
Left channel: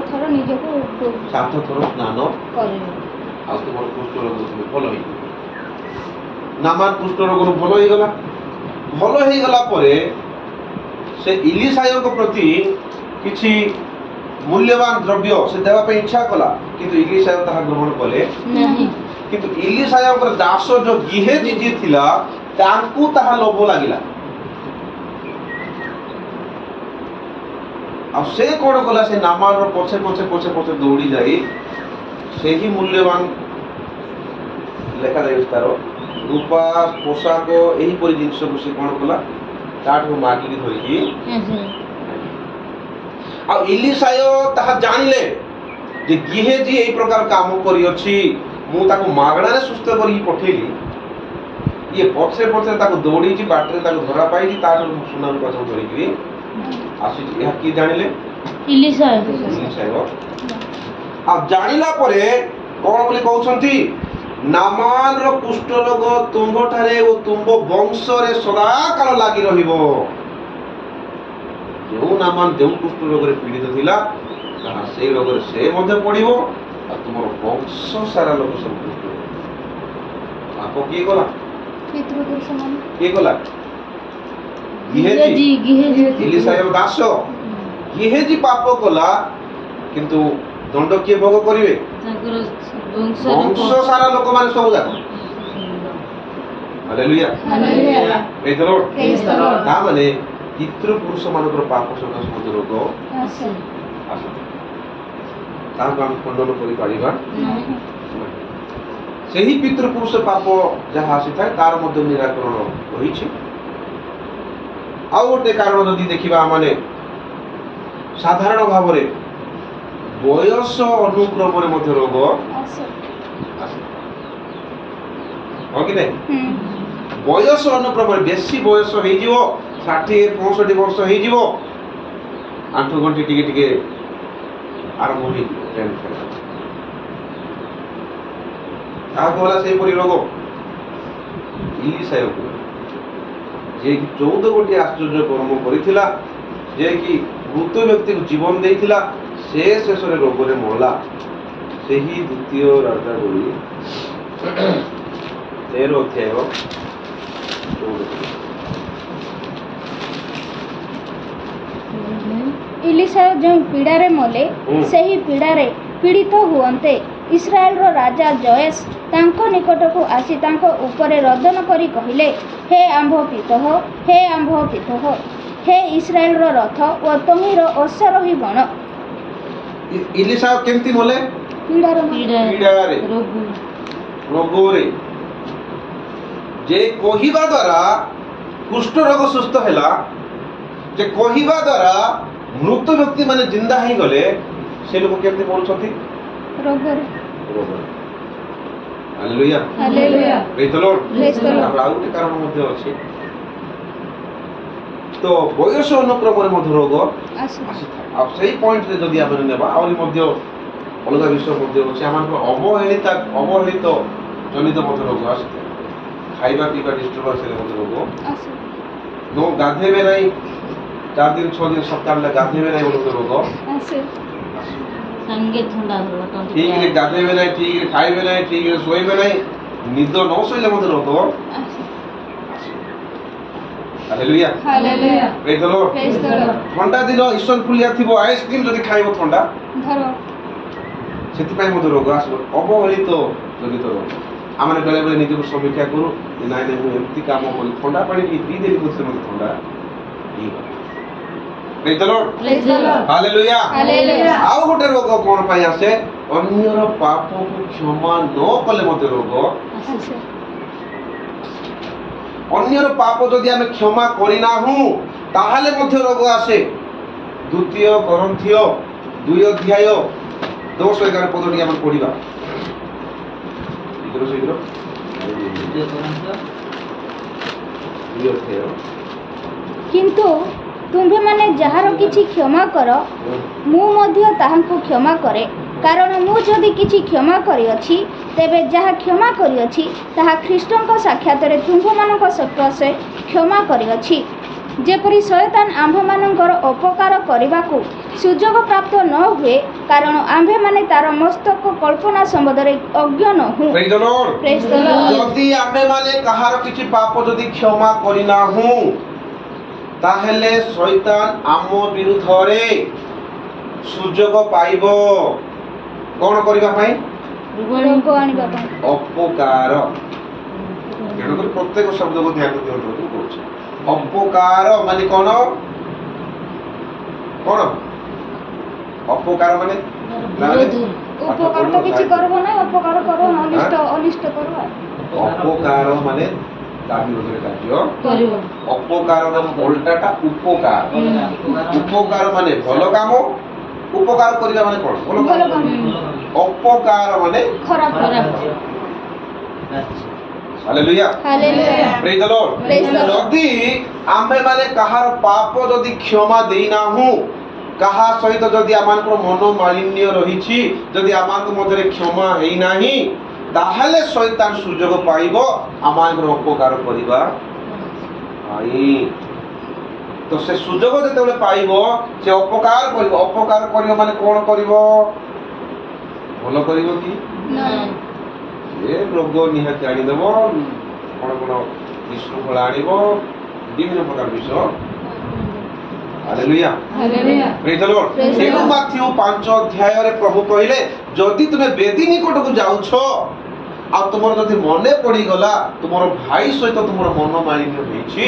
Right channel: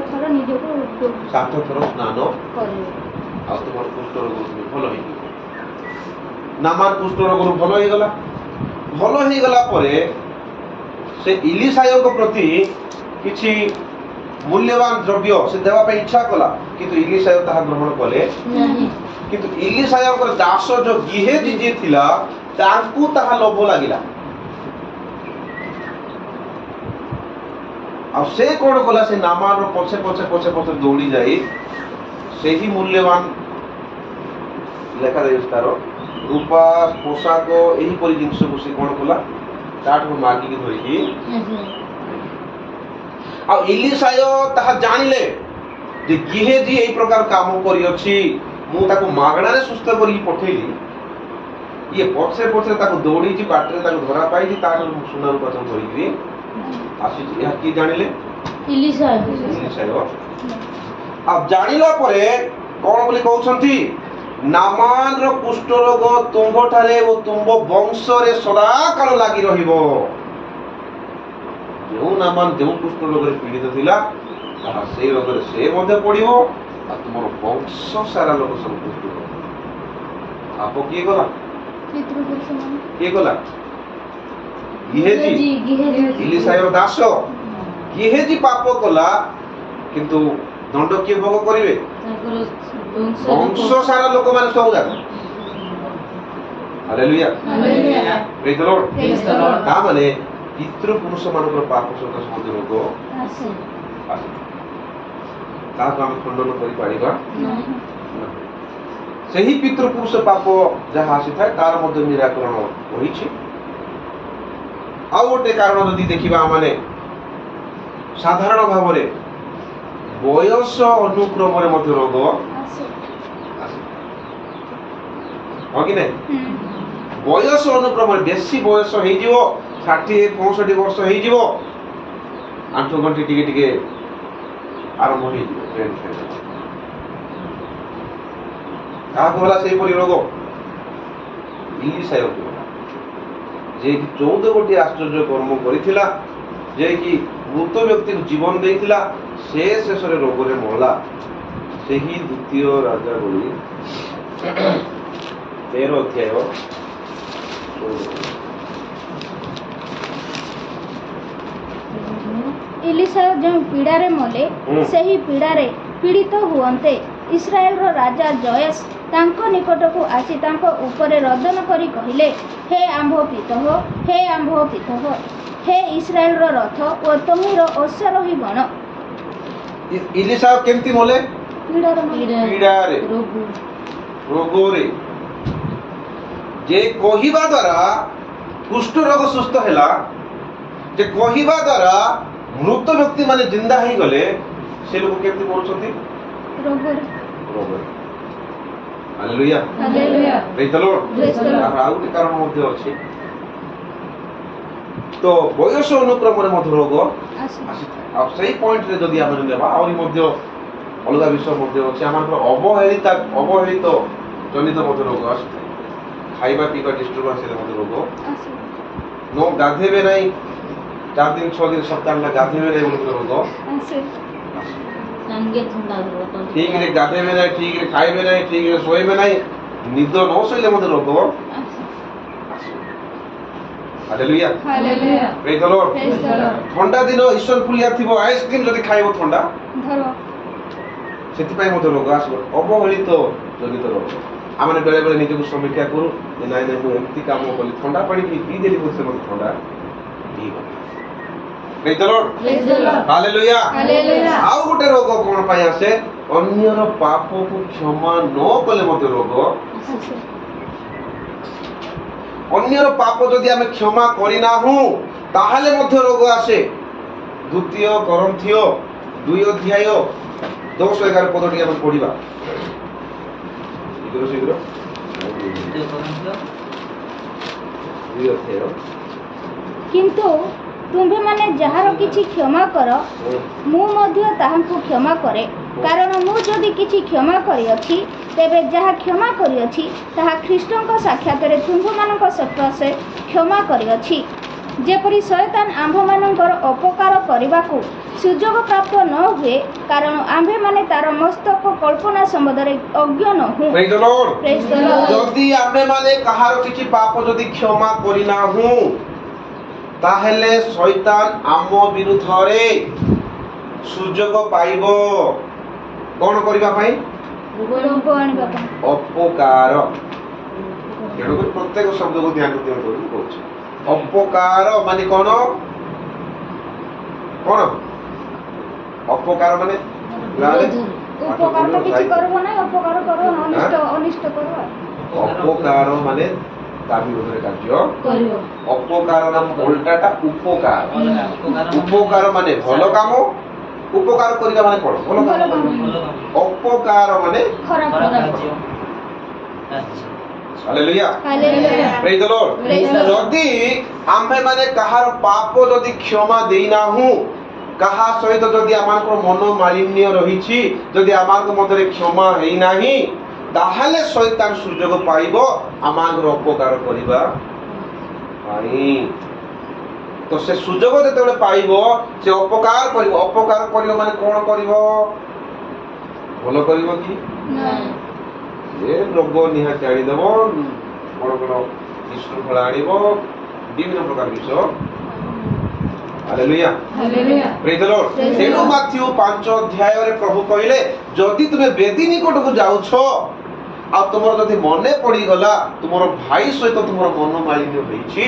ଥର ନିଜକୁ 7 ଥର ସ୍ନାନ କରିବ, ଆଉ ତୁମର କୁଷ୍ଠ ରୋଗ ଭଲ ହେଇଯିବ। ନାମାନ କୁଷ୍ଠ ରୋଗରୁ ଭଲ ହେଇଗଲା। ଭଲ ହେଇଗଲା ପରେ ସେ ଇଲିଶାୟଙ୍କ ପ୍ରତି କିଛି ମୂଲ୍ୟବାନ ଦ୍ରବ୍ୟ ସେ ଦେବା ପାଇଁ ଇଚ୍ଛା କଲା, କିନ୍ତୁ ଇଲିଶାୟ ତାହା ଗ୍ରହଣ କଲେ ନାହିଁ। କିନ୍ତୁ ଇଲିଶାୟଙ୍କର ଦାସ ଯୋଉ ଗିହେଜି ଯିଏ ଥିଲା, ତାଙ୍କୁ ତାହା ଲୋଭ ଲାଗିଲା। ଆଉ ସେ କଣ କଲା? ସେ ନାମାନର ପଛେ ପଛେ ପଛେ ପଛେ ଦୌଡ଼ି ଯାଇ ସେହି ମୂଲ୍ୟବାନ ଲେଖାଯାଇଛି ତାର ରୂପା ପୋଷାକ ଏହିପରି ଜିନିଷକୁ ସେ କଣ କଲା? ତାଠୁ ମାଗିକି ଧରିକି, ଆଉ ଇଲିଶାୟ ତାହା ଜାଣିଲେ ଯେ ଗିହେଜି ଏଇ ପ୍ରକାର କାମ କରିଅଛି, ମୁଁ ତାକୁ ମାଗଣାରେ ସୁସ୍ଥ କରିକି ପଠେଇଲି, ଇଏ ପଛରେ ପଛରେ ତାକୁ ଦୌଡ଼ିଛି, ବାଟରେ ତାକୁ ଧରା ପାଇଛି, ତାଠୁ ସୁନା ରୂପା ସବୁ ଧରିକିରି ଆସିଛି। ଏହା କିଏ ଜାଣିଲେ? ଇଲିଶାୟ। ଆଉ ଜାଣିଲା ପରେ କଣ ବୋଲି କହୁଛନ୍ତି? ନାମାନର କୁଷ୍ଠ ରୋଗ ତୁମ୍ଭଠାରେ ଓ ତୁମ୍ଭ ବଂଶରେ ସଦାକାଳ ଲାଗି ରହିବ। जो नामान जो कुष्ठ रोग पीड़ित थिला ताहा से रोग से मध्य पड़िबो आ तुमर वंश सारा लोक सब कुष्ठ रोग आप किए गला पितृपुरुष माने किए गला गिहेजी इलिसायर दास गिहेजी पाप कला किंतु दंड किए भोग करिवे ତାଙ୍କର वंश सारा लोक माने सब जाक hallelujah hallelujah praise the Lord Praise the Lord. ता माने पितृपुरुष मानकर पाप सकाश मध्य रोग आसे आसे ताको हम खंडन करि पारिबा ସେହି ପିତୃପୁରୁଷ ପାପ ଯାହା ଆସିଥାଏ ତାର ମଧ୍ୟ ନିରାକରଣ ରହିଛି। ଆଉ ଗୋଟେ କାରଣ ଯଦି ଦେଖିବା ମାନେ ସାଧାରଣ ଭାବରେ ବୟସ ଅନୁକ୍ରମରେ ମଧ୍ୟ ରୋଗ आसे ଆସେ ହଁ କି ନାହିଁ ବୟସ ଅନୁକ୍ରମରେ ବେଶୀ ବୟସ ହେଇଯିବ 60-65 ବର୍ଷ ହେଇଯିବ ଆଣ୍ଠୁ ଗଣ୍ଠି ଟିକେ ଟିକେ ଆରମ୍ଭ ହେଇଯିବ ଟ୍ରେଣ୍ଡ ଫେଣ୍ଡ କାହାକୁ ହେଲା ସେହିପରି ରୋଗ ଇଲିସାୟ ଯିଏକି 14 ଗୋଟି ଆଶ୍ଚର୍ଯ୍ୟ କର୍ମ କରିଥିଲା ଯିଏକି ମୃତ ବ୍ୟକ୍ତିକୁ ଜୀବନ ଦେଇଥିଲା ସେ ଶେଷରେ ରୋଗରେ ମଲା ସେହି ଦ୍ୱିତୀୟ ରାଜାବଳୀ 13 ଅଧ୍ୟାୟ 14। ଇଲିସାୟ ଯେଉଁ ପୀଡ଼ାରେ ମଲେ ସେହି ପୀଡ଼ାରେ ପୀଡ଼ିତ ହୁଅନ୍ତେ ଇସ୍ରାଏଲର ରାଜା ଜୟେଶ ତାଙ୍କ ନିକଟକୁ ଆସି ତାଙ୍କ ଉପରେ ରୋଦନ କରି କହିଲେ, ହେ ଆମ୍ଭ ପିତଃ, ହେ ଆମ୍ଭ ପିତଃ, ହେ ଇସ୍ରାଏଲର ରଥ ଓ ତହିଁର ଅଶ୍ୱାରୋହୀ ଗଣ। ଇଲିସାୟ କେମିତି ମଲେ ପୀଡ଼ାରେ ପୀଡ଼ାରେ ରୋଗରେ ଯେ କହିବା ଦ୍ୱାରା କୁଷ୍ଠ ରୋଗ ସୁସ୍ଥ ହେଲା ଯେ କହିବା ଦ୍ୱାରା ମୃତ ବ୍ୟକ୍ତି ମାନେ ଜିନ୍ଦା ହେଇଗଲେ ସେ ଲୋକ କେମିତି ମରୁଛନ୍ତି ରୋଗରେ ରୋଗରେ ହାଲେଲୁୟା ହାଲେଲୁୟା ପ୍ରେଜ୍ the Lord Praise the Lord. ଆଉ ଗୋଟେ କାରଣ ମଧ୍ୟ ଅଛି ତ ବୟସ ଅନୁକ୍ରମରେ ମଧ୍ୟ ରୋଗ ଆସେ ଆସିଥାଏ ଆଉ ସେଇ ପଏଣ୍ଟରେ ଯଦି ଆମେ ନେବା ଆହୁରି ମଧ୍ୟ ଅଲଗା ବିଷୟ ମଧ୍ୟ ଅଛି ଆମର ଅବହେଳିତ ଜନିତ ମଧ୍ୟ ରୋଗ ଆସିଥାଏ ଖାଇବା ପିଇବା ଡିଷ୍ଟର୍ବାନ୍ସରେ ମଧ୍ୟ ରୋଗ ଆସେ ନ ଗାଧେଇବେ ନାହିଁ 4 ଦିନ 6 ଦିନ ସପ୍ତାହ ଗାଧେଇବେ ନାହିଁ ବୋଲି ରୋଗ ଆସେ ସାଙ୍ଗେ ଥଣ୍ଡା ଧରିବ ଠିକରେ ଗାଧେଇବେ ନାହିଁ ଠିକରେ ଖାଇବେ ନାହିଁ ଠିକରେ ଶୋଇବେ ନାହିଁ ନିଦ ନ ଶୋଇଲେ ମଧ୍ୟ ରୋଗ ଆସେ ହାଲେଲୁୟା ହାଲେଲୁୟା ପ୍ରେଜ୍ the Lord Praise the Lord. ଥଣ୍ଡା ଦିନ ଇସନଫୁଲିଆ ଥିବ ଆଇସ୍କ୍ରିମ ଯଦି ଖାଇବ ଥଣ୍ଡା ଧର ସେଥିପାଇଁ ମଧ୍ୟ ରୋଗ ଆସିବ ଅବହେଳିତ ଜନିତ ରୋଗ ଆମେ ବେଳେ ବେଳେ ନିଜକୁ ସମୀକ୍ଷା କରୁ ଯେ ନାଇଁ ନାଇଁ ମୁଁ ଏମିତି କାମ କଲି ଥଣ୍ଡା ପାଣି ପିଇଦେଲି ବୋଲି ସେ ମୋତେ ଥଣ୍ଡା ହେଇଗଲା praise the Lord Praise the Lord. Hallelujah hallelujah ଆଉ ଗୋଟେ ରୋଗ କଣ ପାଇଁ ଆସେ ଅନ୍ୟର ପାପକୁ କ୍ଷମା ନ କଲେ ମଧ୍ୟ ରୋଗ ଆସେ ଅନ୍ୟର ପାପ ଯଦି ଆମେ କ୍ଷମା କରିନାହୁଁ ତାହେଲେ ମଧ୍ୟ ରୋଗ ଆସେ 2 କରନ୍ଥୀୟ 2 ଅଧ୍ୟାୟ 10-11 ପଦଟି ଆମେ ପଢିବା ଶୀଘ୍ର ଶୀଘ୍ର 2 ଅଧ୍ୟାୟ କିନ୍ତୁ ତୁମ୍ଭେମାନେ ଯାହାର କିଛି କ୍ଷମା କର ମୁଁ ମଧ୍ୟ ତାହାଙ୍କୁ କ୍ଷମା କରେ କାରଣ ମୁଁ ଯଦି କିଛି କ୍ଷମା କରିଅଛି ତେବେ ଯାହା କ୍ଷମା କରିଅଛି ତାହା ଖ୍ରୀଷ୍ଟଙ୍କ ସାକ୍ଷାତରେ ତୁମ୍ଭମାନଙ୍କ ସକାଶେ କ୍ଷମା କରିଅଛି ଯେପରି ଶୟତାନ ଆମ୍ଭମାନଙ୍କର ଅପକାର କରିବାକୁ ସୁଯୋଗ ପ୍ରାପ୍ତ ନ ହୁଏ କାରଣ ଆମ୍ଭେମାନେ ତାର ମସ୍ତକ କଳ୍ପନା ସମ୍ବନ୍ଧରେ ଅଜ୍ଞ ନହୁଁ। Praise the Lord. Praise the Lord. ଯଦି ଆମେମାନେ କାହାର କିଛି ପାପ ଯଦି କ୍ଷମା କରିନାହୁଁ ତାହେଲେ ଶୈତାନ ଆମ ବିରୁଦ୍ଧରେ ସୁଯୋଗ ପାଇବ କଣ କରିବା ପାଇଁ ରୋଗ ଆଣିବା ପାଇଁ ଅପକାର ତେଣୁକରି ପ୍ରତ୍ୟେକ ଶବ୍ଦକୁ ଧ୍ୟାନ ଦିଅନ୍ତୁ ବୋଲି କହୁଛି ଅପକାର ମାନେ କଣ କଣ ଅପକାର ମାନେ ଉପକାର ତ କିଛି କରିବ ନାହିଁ ଅପକାର କରିବ ଅନିଷ୍ଟ କରିବ ଅପକାର ମାନେ ତା ବିରୋଧରେ କାର୍ଯ୍ୟ କରିବ ଅପକାରର ଓଲଟାଟା ଉପକାର ଉପକାର ମାନେ ଭଲ କାମ ଉପକାର କରିବା ମାନେ କଣ ଭଲ ଭଲ କାମ କାମ ଅପକାର ମାନେ ଖରାପ ହାଲେଲୁୟା ହାଲେଲୁୟା ପ୍ରେଜ୍ the Lord Praise the Lord. ଯଦି ଆମ୍ଭେମାନେ କାହାର ପାପ ଯଦି କ୍ଷମା ଦେଇନାହୁଁ କାହା ସହିତ ଯଦି ଆମମାନଙ୍କର ମନ ମାଳିନ୍ୟ ରହିଛି ଯଦି ଆମମାନଙ୍କ ମଧ୍ୟରେ କ୍ଷମା ହେଇନାହିଁ ତାହେଲେ ଶୈତାନ ସୁଯୋଗ ପାଇବ ଆମମାନଙ୍କର ଅପକାର କରିବା ପାଇଁ ତ तो से सुजोग जेतेबेले पाइबो से अपकार करिवो अपकार करिवो माने कोन करिवो भलो करिवो कि ए रोग निहाती आनी देबो कोन कोन विशृंखला आनिबो विभिन्न प्रकार विषय हालेलुया प्रेज द लॉर्ड सेनु माथ्यू 5 अध्याय रे प्रभु कहिले जदि तुमे वेदी निकट को जाउछो आ तुमर जदि मने पड़ी गला तुमर भाई सहित तुमर मन मालिन्य होईछि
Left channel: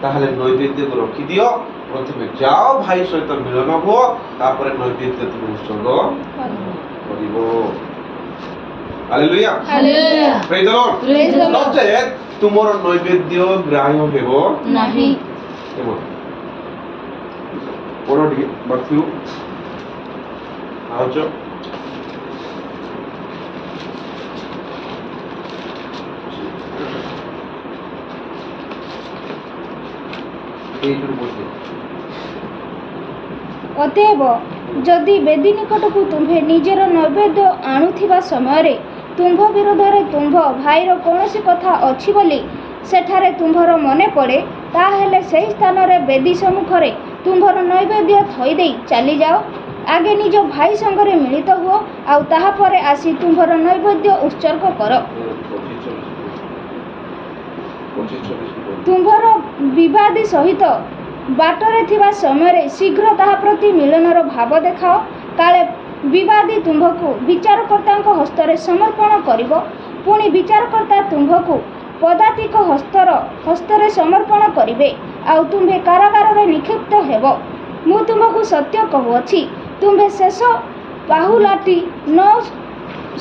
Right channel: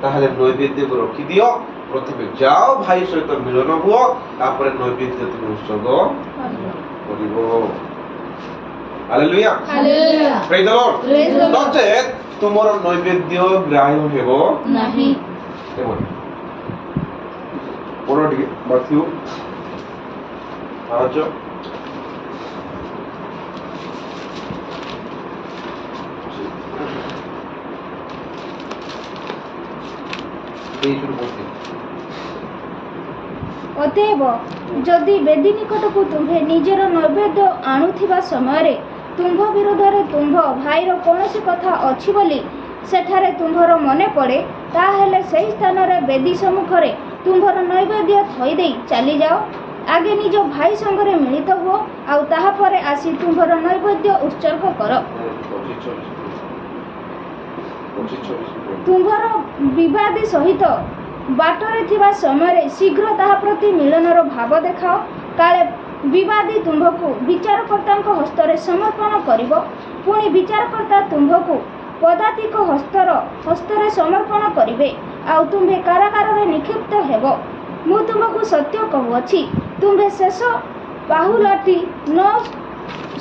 ताहले नैवेद्य को रखि दियो प्रथमे जाओ भाई सहित मिलन हुओ तापर नैवेद्य तुम उत्सर्ग करिवो हालेलुया प्रेज द लॉर्ड नचेत तुमर नैवेद्य ग्राह्य हेबो नहीं पढ़ो टिके मथ्यू 5 ଅତଏବ ଯଦି ବେଦୀ ନିକଟକୁ ତୁମ୍ଭେ ନିଜର ନୈବେଦ୍ୟ ଆଣୁଥିବା ସମୟରେ ତୁମ୍ଭ ବିରୋଧରେ ତୁମ୍ଭ ଭାଇର କୌଣସି କଥା ଅଛି ବୋଲି ସେଠାରେ ତୁମ୍ଭର ମନେ ପଡ଼େ ତାହେଲେ ସେହି ସ୍ଥାନରେ ବେଦୀ ସମ୍ମୁଖରେ ତୁମ୍ଭର ନୈବେଦ୍ୟ ଥୋଇଦେଇ ଚାଲିଯାଅ ଆଗେ ନିଜ ଭାଇ ସଙ୍ଗରେ ମିଳିତ ହୁଅ ଆଉ ତାହାପରେ ଆସି ତୁମ୍ଭର ନୈବେଦ୍ୟ ଉତ୍ସର୍ଗ କର ତୁମ୍ଭର ବିବାଦୀ ସହିତ ବାଟରେ ଥିବା ସମୟରେ ଶୀଘ୍ର ତାହା ପ୍ରତି ମିଳନର ଭାବ ଦେଖାଅ କାଳେ ବିବାଦୀ ତୁମ୍ଭକୁ ବିଚାରକର୍ତ୍ତାଙ୍କ ହସ୍ତରେ ସମର୍ପଣ କରିବ ପୁଣି ବିଚାରକର୍ତ୍ତା ତୁମ୍ଭକୁ ପଦାତିକ ହସ୍ତରେ ସମର୍ପଣ କରିବେ ଆଉ ତୁମ୍ଭେ କାରାଗାରରେ ନିକ୍ଷିପ୍ତ ହେବ ମୁଁ ତୁମକୁ ସତ୍ୟ କହୁଅଛି ତୁମ୍ଭେ ଶେଷ ପାହୁଲାଟି ନ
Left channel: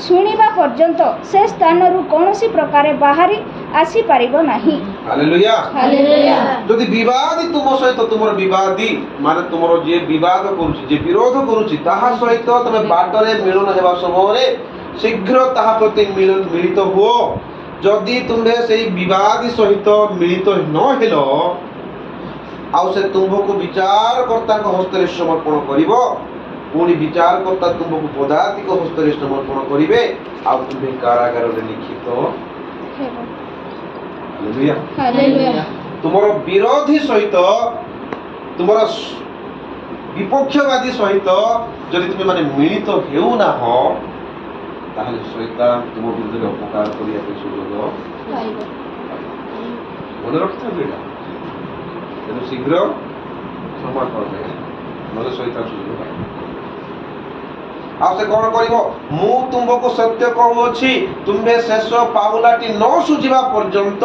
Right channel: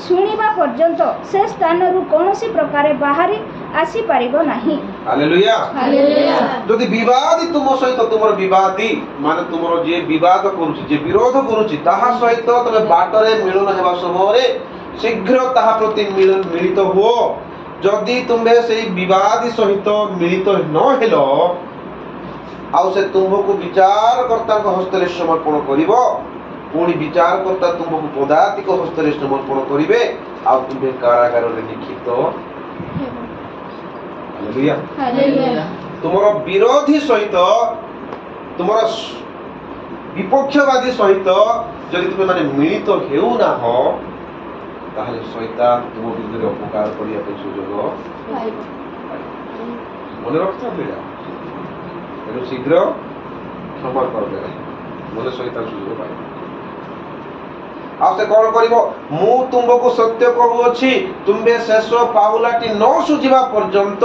ଶୁଣିବା ପର୍ଯ୍ୟନ୍ତ ସେ ସ୍ଥାନରୁ କୌଣସି ପ୍ରକାରେ ବାହାରି ଆସିପାରିବ ନାହିଁ हालेलुया हालेलुया যদি বিবাদী তুম সহিত তোমার বিবাদী মানে তোমার যে বিবাদ করুছি যে বিরোধ করুছি তাহা সহিত তুমি বাটরে মিলন হেবা সময়ে শীঘ্র তাহা প্রতি মিলিত হুও যদি তুমি সেই বিবাদী সহিত মিলিত ন হেল আউ সে তুমকু বিচারকর্তাଙ୍କ হস্ତରେ সমর্পণ করিব পুଣି বিচারকর্তা তুমকু পদাতিক হস্ତରେ সমর্পণ করিবে আউ তুমি কারাগাରରେ নিক্ষিপ্ত हालेलुया हालेलुया तुमर विरोधी सहित तुमर विपक्षवादी सहित जदि तुम माने मिलित हेउ ना हो ताहले शैतान तुम विरुद्ध अपकार करिया के सुयोग मन रखता बेटा तेनु शीघ्र क्षमा कर दे मन शैतान सुयोग पाइ आ से कोन करिवो मु तुमको सत्य कहूछि तुमे शेष पाहुलाटी न सुझिबा पर्यंत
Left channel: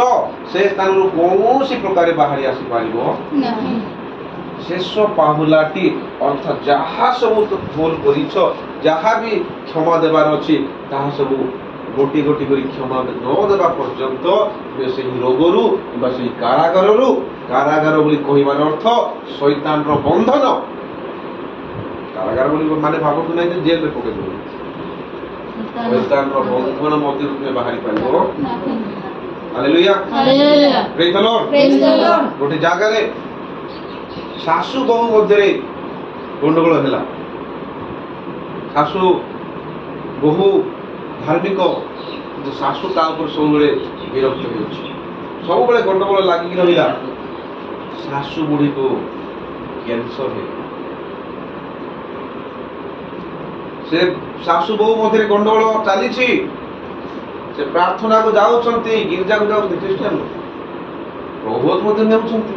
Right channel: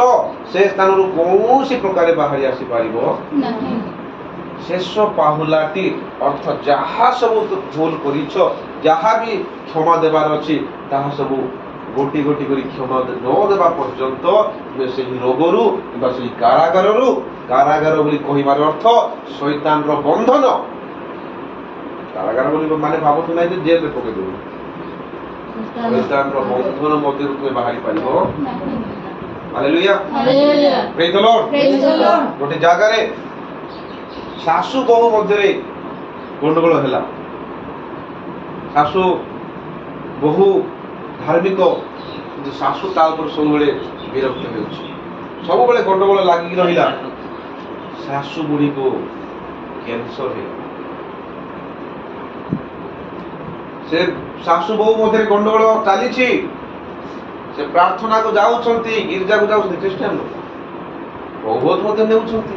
से स्थान रु कोनोसी प्रकार बाहरी आसी पारिबो नहीं शेष पाहुलाटी अर्थ जहा सब भूल करिछ जहा भी क्षमा देबार अछि ताहा सब गोटी गोटी करी क्षमा न देबा पर्यंत बे से रोगरु बा से कारागार बोली कहिबार अर्थ शैतान रो बंधन कारागार बोली माने भाबतु नै जे जेल में पके देबो शैतान रो बंधन मध्य में बाहरी पाइबो hallelujah hallelujah praise the Lord गोटे जागा रे सासु बहु मध्य रे गंडगोल हैला सासु बहु धार्मिक जो सासु ता ऊपर सब बेले विरक्त होउछि सब बेले गंडगोल लागि रहिला सासु बुढ़ी को कैंसर है से सासु बहु मध्य गंडगोल चली से प्रार्थना को जाउछंती गिरजा को जाउछंती क्रिश्चियन बहुत मध्य नेउछंती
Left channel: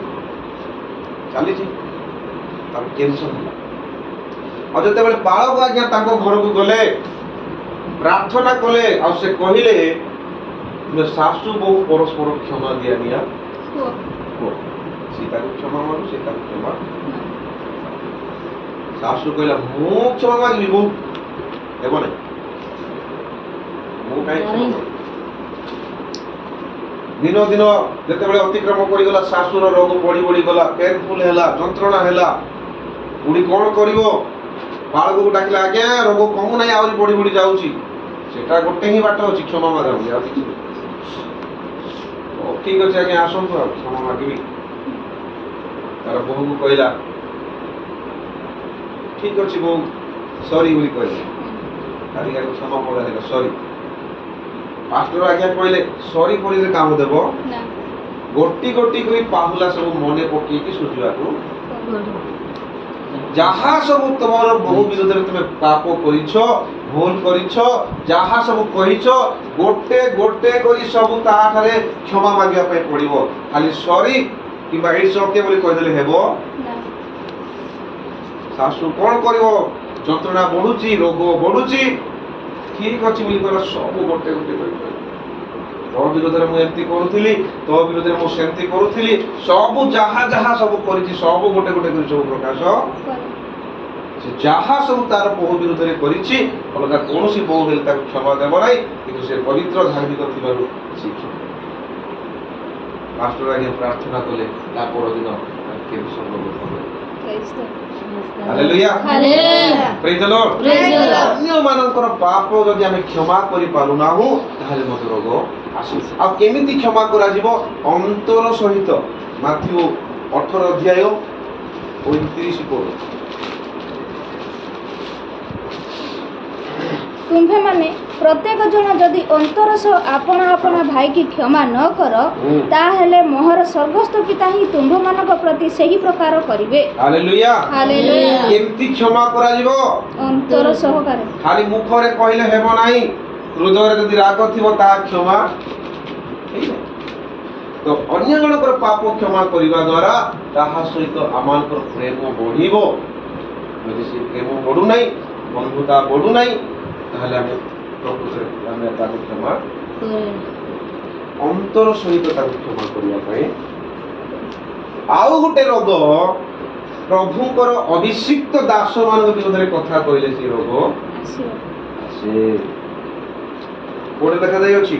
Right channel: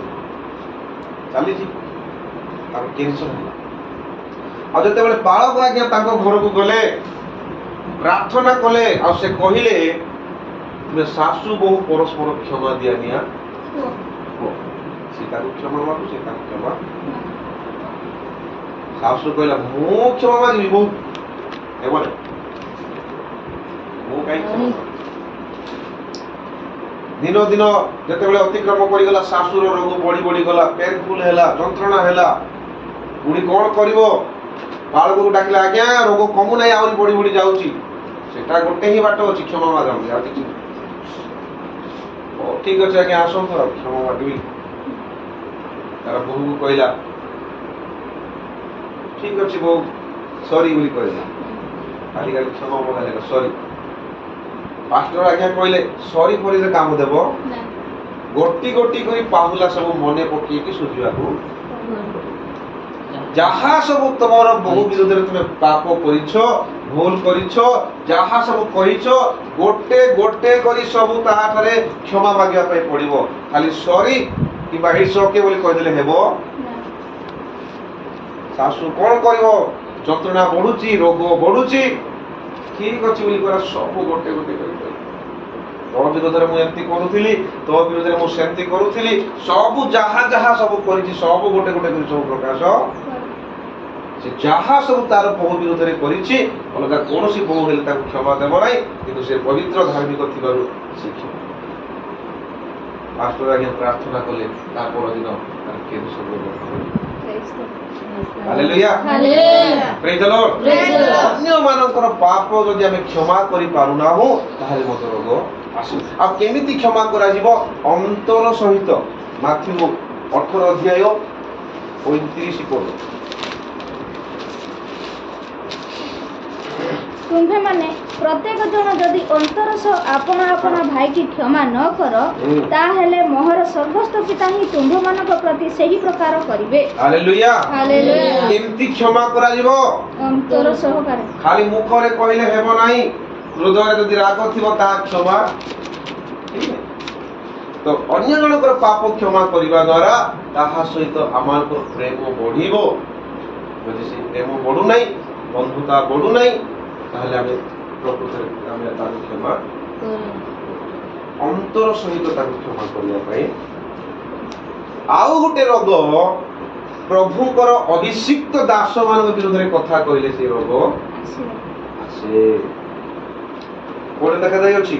चली तार कैंसर है और जते बेले बालक आज्ञा तांको घर को गले प्रार्थना कले और से कहिले जे सासु बहु परस्पर क्षमा दिया निया सीता को क्षमा मानु सीता को क्षमा सासु कहला मु क्षमा मांगी बहु हेबने मु काई क्षमा दिन दिन जते बेले अतिक्रम पड़ी गला सासुर रोग बढ़ी बढ़ी गला पेनफुल हैला जंत्रणा हैला पुणी कोन करिवो बालक को डाकिला आज्ञा रोग कमु नाही आउरी बढ़ी बढ़ी जाउची सेटा गोटे ही बाट अछि क्षमा मागम या किछि ओ ठीक अछि आज्ञा आसम तो क्षमा मागबी तार बहु को कहला ठीक अछि बहु सॉरी बोली कहला खाली खाली क्षमा मागला सॉरी पास्टर आज्ञा कहले सॉरी परि काम देबो गोटी गोटी कोई पाहुला सब मने पकी कि सुझिबा को ଯାହା ସବୁ ତମର ବହୁ ବିରୋଧରେ ତୁମେ ପାପ କରିଛ, ଭୁଲ କରିଛ, ଯାହା ସବୁ କହିଛ, ଗୋଟେ ଗୋଟେ କରି ସବୁ ତାଠାରେ କ୍ଷମା ମାଗିବା ପାଇଁ ପଡିବ। ଖାଲି ସରି କିମ୍ବା ଇଟ୍ସ ଓକେ ବୋଲି କହିଦେଲେ ହେବ? ଶାଶୁ କଣ କରିବ? ଯନ୍ତ୍ରଣା ବଢୁଛି, ରୋଗ ବଢୁଛି, ଠିକ ଅଛି ବୋଲି କହିବା ସବୁ ଗୋଟେ ଗୋଟେ କରି କହିବ। ତୋ ବିରୋଧରେ ମୁଁ ଏମିତି କରୁଥିଲି, ତୋ ବିରୋଧରେ ମୁଁ ସେମିତି କରୁଥିଲି, ସବୁ ଯାହା ଯାହା ସବୁ କରିଛି ସବୁ ଗୋଟେ ଗୋଟେ କରି ସବୁ ପ୍ରକାଶ। ସେ ଯାହା ସବୁ ତାର ବୋହୂ ବିରୋଧରେ କରିଛି, ଅଲଗା କୌଣସି ବୋହୂ ହେଲେ ତାକୁ କ୍ଷମା ଦେବ ନାହିଁ, କିନ୍ତୁ ସେ ପବିତ୍ର ଧାର୍ମିକ ଥିବାରୁ ସେ କ୍ଷମା। ପାଷ୍ଟର ଆଜ୍ଞା ପ୍ରାର୍ଥନା କଲେ, ତା ପରଦିନ କେମିତି ସମ୍ଭବ? ହାଲେଲୁୟା, ପ୍ରେଜ୍ ଦ ଲର୍ଡ। ଅନ୍ୟମାନଙ୍କର ପାପ ଯଦି ଆମେ କ୍ଷମା କରିପାରୁନାହୁଁ ତାହେଲେ ମଧ୍ୟ ରୋଗ ଆସୁ। ଆଉ କେମିତି କ୍ଷମା କରାଯିବ? ଅନ୍ତର ସହିତ। ମାଥ୍ୟୁ 18 ଅଧ୍ୟାୟ 29 ପଦ। ତୁମ୍ଭେମାନେ ପ୍ରତ୍ୟେକ ଜଣ ଯଦି ଅନ୍ତର ସହ ଆପଣା ଆପଣା ଭାଇକି କ୍ଷମା ନ କର, ତାହେଲେ ମୋହର ସ୍ୱର୍ଗସ୍ଥ ପିତା ହିଁ ତୁମ୍ଭମାନଙ୍କ ପ୍ରତି ସେହି ପ୍ରକାର କରିବେ। ହାଲେଲୁୟା। ହାଲେଲୁୟା। କେମିତି କ୍ଷମା କରାଯିବ? ଅନ୍ତର ସହକାରେ। ଖାଲି ମୁଖରେ କହିଲେ ହେବ ନାହିଁ, ହୃଦୟରେ ଯଦି ରାଗ ଥିବ ତାହା କ୍ଷମା ହେଇନାହିଁ। ତ ଅନ୍ୟ ଜଣଙ୍କର ପାପ କ୍ଷମା କରିବା ଦ୍ୱାରା ତାହା ସହିତ ଆମମାନଙ୍କର ପ୍ରେମ ବଢିବ। ଯଦି ସେ ପ୍ରେମ ବଢୁନାହିଁ, ବନ୍ଧୁତା ବଢୁନାହିଁ, ତାହେଲେ ଆମେ ପ୍ରକୃତରେ ଆମେ ତାକୁ କ୍ଷମା ଅନ୍ତର ସହିତ ତାକୁ କ୍ଷମା କରିବା ପାଇଁ। ଆଉ ଗୋଟେ ରୋଗ, ପ୍ରଭୁଙ୍କର ଅଭିଷିକ୍ତ ଦାସ ମାନଙ୍କ ବିରୋଧରେ କଥା କହିଲେ ସେ ରୋଗ ଆସେ। କୋଉଠି ଦେଖାଯାଇଅଛି?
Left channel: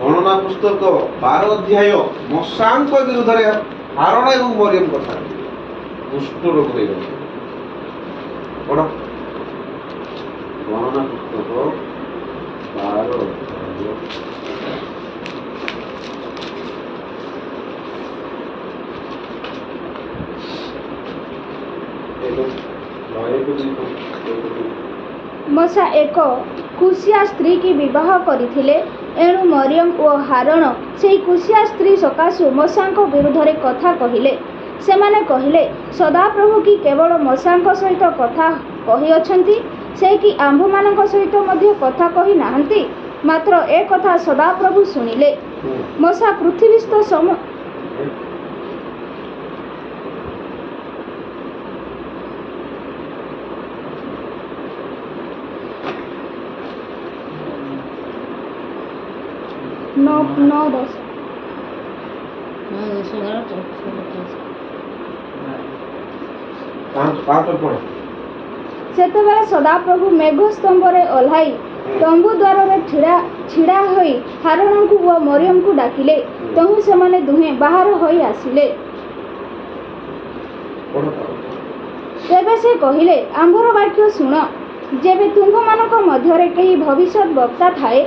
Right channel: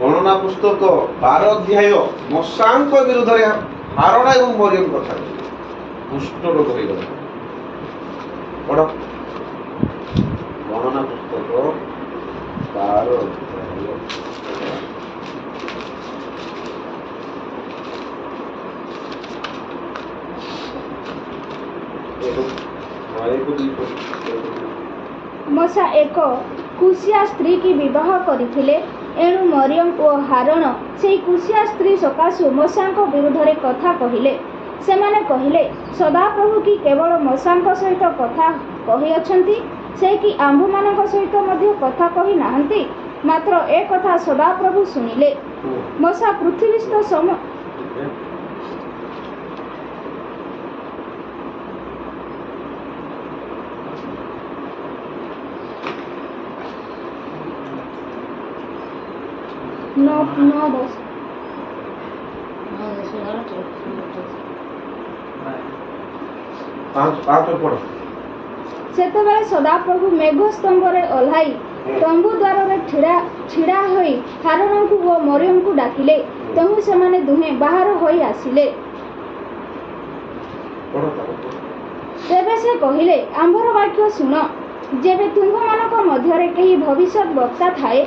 ଗଣନା ପୁସ୍ତକ 12 ଅଧ୍ୟାୟ ମଶାଙ୍କ ବିରୁଦ୍ଧରେ ହାରଣ ଏବଂ ମରିୟମ କଥା କୁଷ୍ଠ ରୋଗ ହେଇଗଲା। କଣ? ଗଣନା ପୁସ୍ତକ 12 ଅଧ୍ୟାୟ ମଶା ଏକ କୁଶିଆ ସ୍ତ୍ରୀ କି ବିବାହ କରିଥିଲେ, ଏଣୁ ମରିୟମ ଓ ହାରଣ ସେହି କୁଶିଆ ସ୍ତ୍ରୀ ସକାଶୁ ମଶାଙ୍କ ବିରୁଦ୍ଧରେ କଥା କହିଲେ। ସେମାନେ କହିଲେ, ସଦାପ୍ରଭୁ କି କେବଳ ମଶାଙ୍କ ସହିତ କଥା କହିଅଛନ୍ତି, ସେ କି ଆମ୍ଭମାନଙ୍କ ସହିତ ମଧ୍ୟ କଥା କହି ନାହାନ୍ତି? ମାତ୍ର ଏ କଥା ସଦାପ୍ରଭୁ ଶୁଣିଲେ। ମଶା ପୃଥିବୀସ୍ଥ ସେତେବେଳେ ସଦାପ୍ରଭୁ ମେଘ ସ୍ତମ୍ଭରେ ଓହ୍ଲାଇ ତମ୍ବୁ ଦ୍ୱାରରେ ଛିଡ଼ା ହୋଇ ହାରଣଙ୍କୁ ଓ ମରିୟମଙ୍କୁ ଡାକିଲେ। ତେଣୁ ସେମାନେ ଦୁହେଁ ବାହାର ହୋଇ ଆସିଲେ। ତେବେ ସେ କହିଲେ, ଆମ୍ଭର ବାକ୍ୟ ଶୁଣ। ଯେବେ ତୁମ୍ଭମାନଙ୍କ ମଧ୍ୟରେ କେହି ଭବିଷ୍ୟତ ବକ୍ତା ଥାଏ,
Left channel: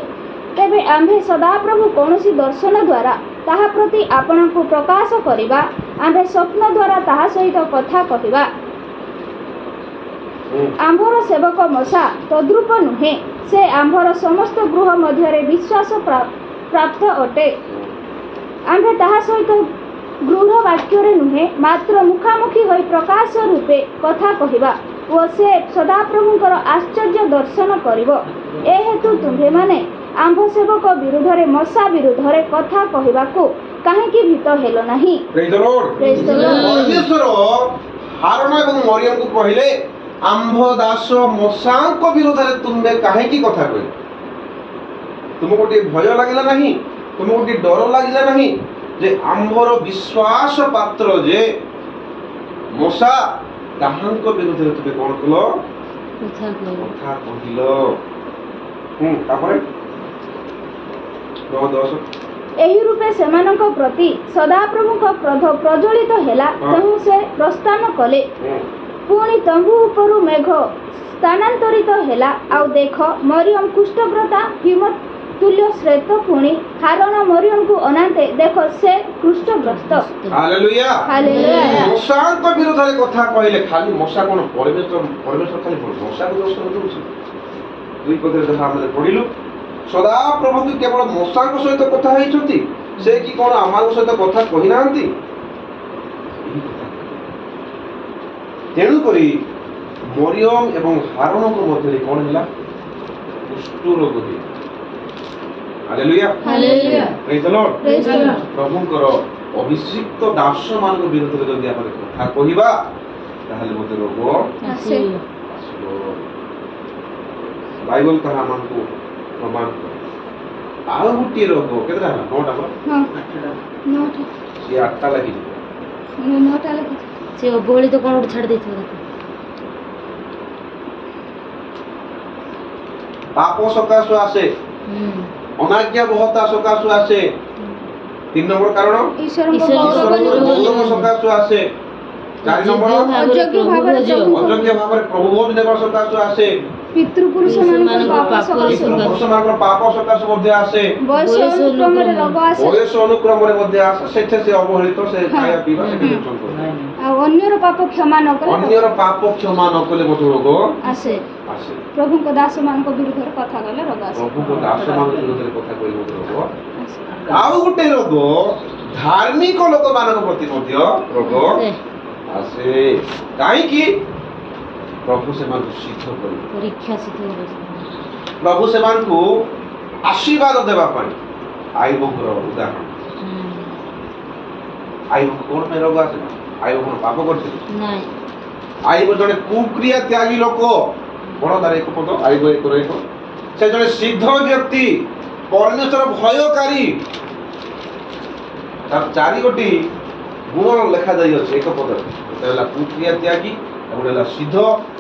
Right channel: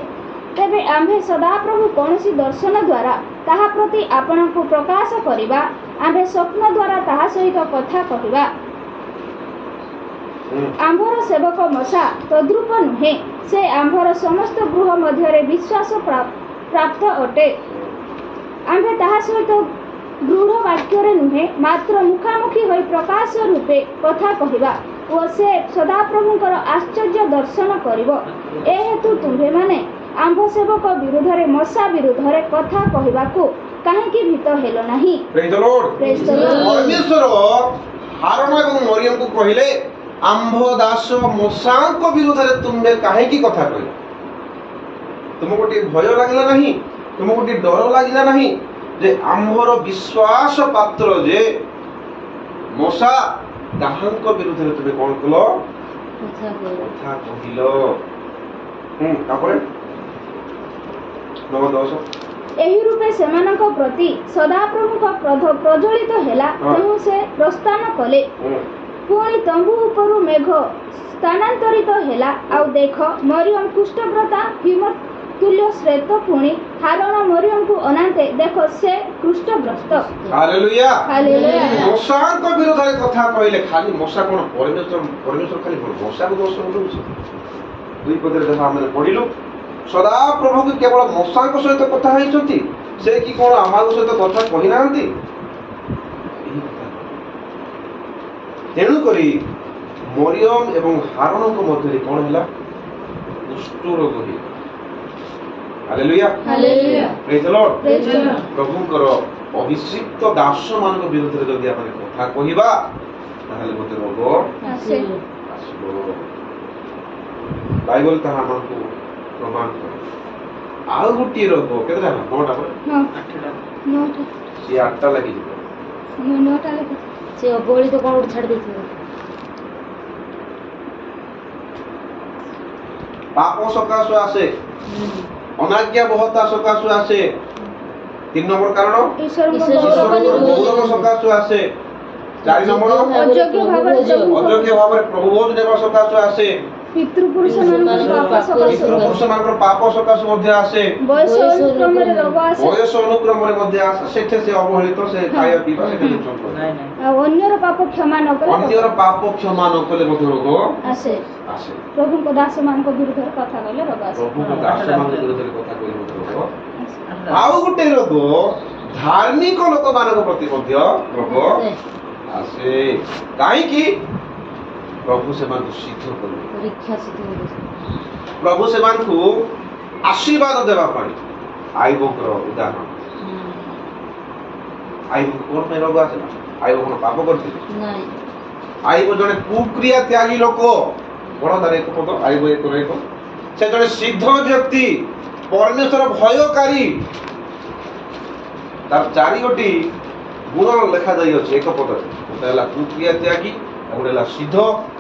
ତେବେ ଆମ୍ଭେ ସଦାପ୍ରଭୁ କୌଣସି ଦର୍ଶନ ଦ୍ୱାରା ତାହା ପ୍ରତି ଆପଣଙ୍କୁ ପ୍ରକାଶ କରିବା, ଆମ୍ଭେ ସ୍ୱପ୍ନ ଦ୍ୱାରା ତାହା ସହିତ କଥା କହିବା। ଆମ୍ଭର ସେବକ ମଶା ତଦ୍ରୂପ ନୁହେଁ, ସେ ଆମ୍ଭର ସମସ୍ତ ଗୃହ ମଧ୍ୟରେ ବିଶ୍ୱାସ ପ୍ରାପ୍ତ ଅଟେ। ଆମ୍ଭେ ତାହା ସହିତ ଦୃଢ଼ ବାକ୍ୟରେ ନୁହେଁ, ମାତ୍ର ମୁଖାମୁଖି ହୋଇ ପ୍ରକାଶ ରୂପେ କଥା କହିବା ଓ ସେ ସଦାପ୍ରଭୁଙ୍କର ଆଶ୍ଚର୍ଯ୍ୟ ଦର୍ଶନ କରିବ। ଏ ହେତୁ ତୁମ୍ଭେମାନେ ଆମ୍ଭ ସେବକ ବିରୁଦ୍ଧରେ ମଶା ବିରୁଦ୍ଧରେ କଥା କହିବାକୁ କାହିଁକି ଭୀତ ହେଲ ନାହିଁ? ପରମେଶ୍ୱର ହାରଣ ଏବଂ ମରିୟମକୁ କହିଲେ, ଆମ୍ଭ ଦାସ ମଶାଙ୍କ ବିରୋଧରେ ତୁମେ କାହିଁକି କଥା କହିଲ? ତୁମକୁ ଟିକେ ଭୟ ଲାଗିଲା ନାହିଁ? ତୁମକୁ ଟିକେ ଡର ଲାଗିଲା ନାହିଁ ଯେ ଆମ୍ଭର ବିଶ୍ୱାସ ପାତ୍ର ଯେ ମଶା, ତାହାଙ୍କ ବିରୁଦ୍ଧରେ ତୁମେ କଣ କଲ? କଥା କହିଲ। ତାପରେ ଏହି ରୂପେ ସେମାନଙ୍କ ପ୍ରତି ସଦାପ୍ରଭୁଙ୍କ କ୍ରୋଧ ପ୍ରଜ୍ୱଳିତ ହେଲା। ତେଣୁ ସେ ପ୍ରସ୍ଥାନ କଲେ। ପୁଣି ତମ୍ବୁ ଉପରୁ ମେଘ ସ୍ଥାନାନ୍ତରିତ ହେଲା। ଆଉ ଦେଖ, ମରିୟମ କୁଷ୍ଠବ୍ରତା ହିମତୁଲ୍ୟ ଶ୍ରେତ। ପୁଣି ହାରଣ ମରିୟମକୁ ଅନାନ୍ତେ, ଦେଖ ସେ କୁଷ୍ଠଗ୍ରସ୍ତ। ହାଲେଲୁୟା। ହାଲେଲୁୟା। ମଶାଙ୍କ ବିରୋଧରେ କଥା କହିଲେ। ଖାଲି ମଶା କଣ? ପରମେଶ୍ୱର ଖାଲି ମଶାକୁ ଦର୍ଶନ ଦଉଛି? ଦୁଇ ପଦରେ ଯାହା ଆମେ ପଢିଲୁ, ସଦାପ୍ରଭୁ କି କେବଳ ମଶାଙ୍କ ସହିତ କଥା ହେଇଛନ୍ତି, ସେ କି କଣ ଆମ ସହିତ କଥା କହିନାହାନ୍ତି? ତେଣୁକରି ମରିୟମ ଏବଂ ହାରଣଙ୍କ ମଧ୍ୟରେ କ'ଣ ହେଲା? କୁଷ୍ଠ ରୋଗ ହେଲା। ହାଲେଲୁୟା। ହାଲେଲୁୟା। ପ୍ରେଜ୍ the Lord. Praise the Lord. ପ୍ରଭୁଙ୍କର ଅଭିଷିକ୍ତ ଦାସମାନଙ୍କ ବିରୁଦ୍ଧରେ ଯଦି ଆମେ କଥା କହିବା ତାହେଲେ ମୋତେ ରୋଗ ଆସେ। ଆସିବ। ବାଇବଲ ତାହା ଆମକୁ ପ୍ରମାଣ କରେ। ଆଉ ଗୋଟିଏ ରୋଗ କେତେଟା ହେଲା? 9ଟା ପରା? ହଁ, 8ଟା। 9ଟା। ସିଏ 8ଟା ଲାଗିଯିବ। 9ଟା ଲେଖିଛି। ସେ ଅବହେଳିତ କ'ଣ ଗୋଟେ ଛାଡ଼ି ଦେଇଥିଲା। ପାପ ସକାଶୁ ଆସେ, ଅନାଜ୍ଞାବହତା ସକାଶୁ ଆସେ। 3 ନମ୍ବର କାରଣ ଈଶ୍ୱରଙ୍କ ଈଶ୍ୱର ଗୌରବ ଗୌରବ ଗୌରବ ସକାଶୁ ଆସେ। 4 ନମ୍ବର ଅଯୋଗ୍ୟ ଭାବରେ ପ୍ରଭୁଙ୍କ ଅଯୋଗ୍ୟ ଭାବରେ ପ୍ରଭୁ ଭୋଜ ନେବା ସକାଶୁ ଆସେ। ପିତୃପୁରୁଷମାନଙ୍କ ପାପ ସକାଶେ ପିତୃପୁରୁଷମାନଙ୍କର ପାପ ସକାଶୁ ମଧ୍ୟ ଆସେ। ବୟସ ଅନୁକ୍ରମରେ ରୋଗ ଆସେ। ବୟସ ଅନୁକ୍ରମରେ ମଧ୍ୟ ଆସେ। ସେଠି ସେ ଅବହେଳିତ, ସେ ଖାଇବା ପିଇବା ସେଠି ଦୂଷଣ କରେ। ନାଇଁ ନାଇଁ। ଆଉ ଅନ୍ୟର ପାପ କ୍ଷମା ନ କଲେ ଅନ୍ୟର ପାପ କ୍ଷମା ନ କଲେ ମଧ୍ୟ ରୋଗ ଆସେ। ଆସେ। ପ୍ରଭୁଙ୍କ ଦାସମାନଙ୍କ ବିରୁଦ୍ଧରେ କଥା କହିଲେ ରୋଗ ଆସେ। ପ୍ରଭୁଙ୍କ ଦାସମାନଙ୍କ ବିରୁଦ୍ଧରେ କଥା କହି ମଧ୍ୟ ରୋଗ। ଆସେ। ଆଉ ଗୋଟେ ରୋଗ ଧାର୍ମିକ ଲୋକମାନଙ୍କ ପ୍ରତି ମଧ୍ୟ ରୋଗ ଆସେ। କାହିଁକି? ପ୍ରଭୁ ସେମାନଙ୍କୁ ସିଦ୍ଧ କରିବେ। ପରୀକ୍ଷା ସିଦ୍ଧ ହେବ। ପ୍ରଭୁ ସେମାନଙ୍କୁ ଆଶୀର୍ବାଦ ଦେବା ପାଇଁ ଆୟୁବଙ୍କର ଉଦାହରଣ। ଆୟୁବଙ୍କୁ କ'ଣ ପାଇଁ ରୋଗ ଆସିଲା? ଆୟୁବ କ'ଣ ପାପ କରିଥିଲେ? ନାଇଁ। ଆୟୁବ ଜଣେ କୁକ୍ରିୟା ତ୍ୟାଗୀ ଲୋକ। ବଡ଼ ତାର 1 ପଦ, ଆୟୁବ 1:1। ସେ ଜଣେ ସିଦ୍ଧ ବ୍ୟକ୍ତି, ପରମେଶ୍ୱର ଭୟକାରୀ। ତାର 4ଗୋଟି ଗୁଣ ଲେଖାଯାଇଅଛି 1 ପଦରେ। ଗୋଟେ ହେଲା କୁକ୍ରିୟା ତ୍ୟାଗୀ, ଆଉ ଗୋଟେ ହେଲା ସିଦ୍ଧ,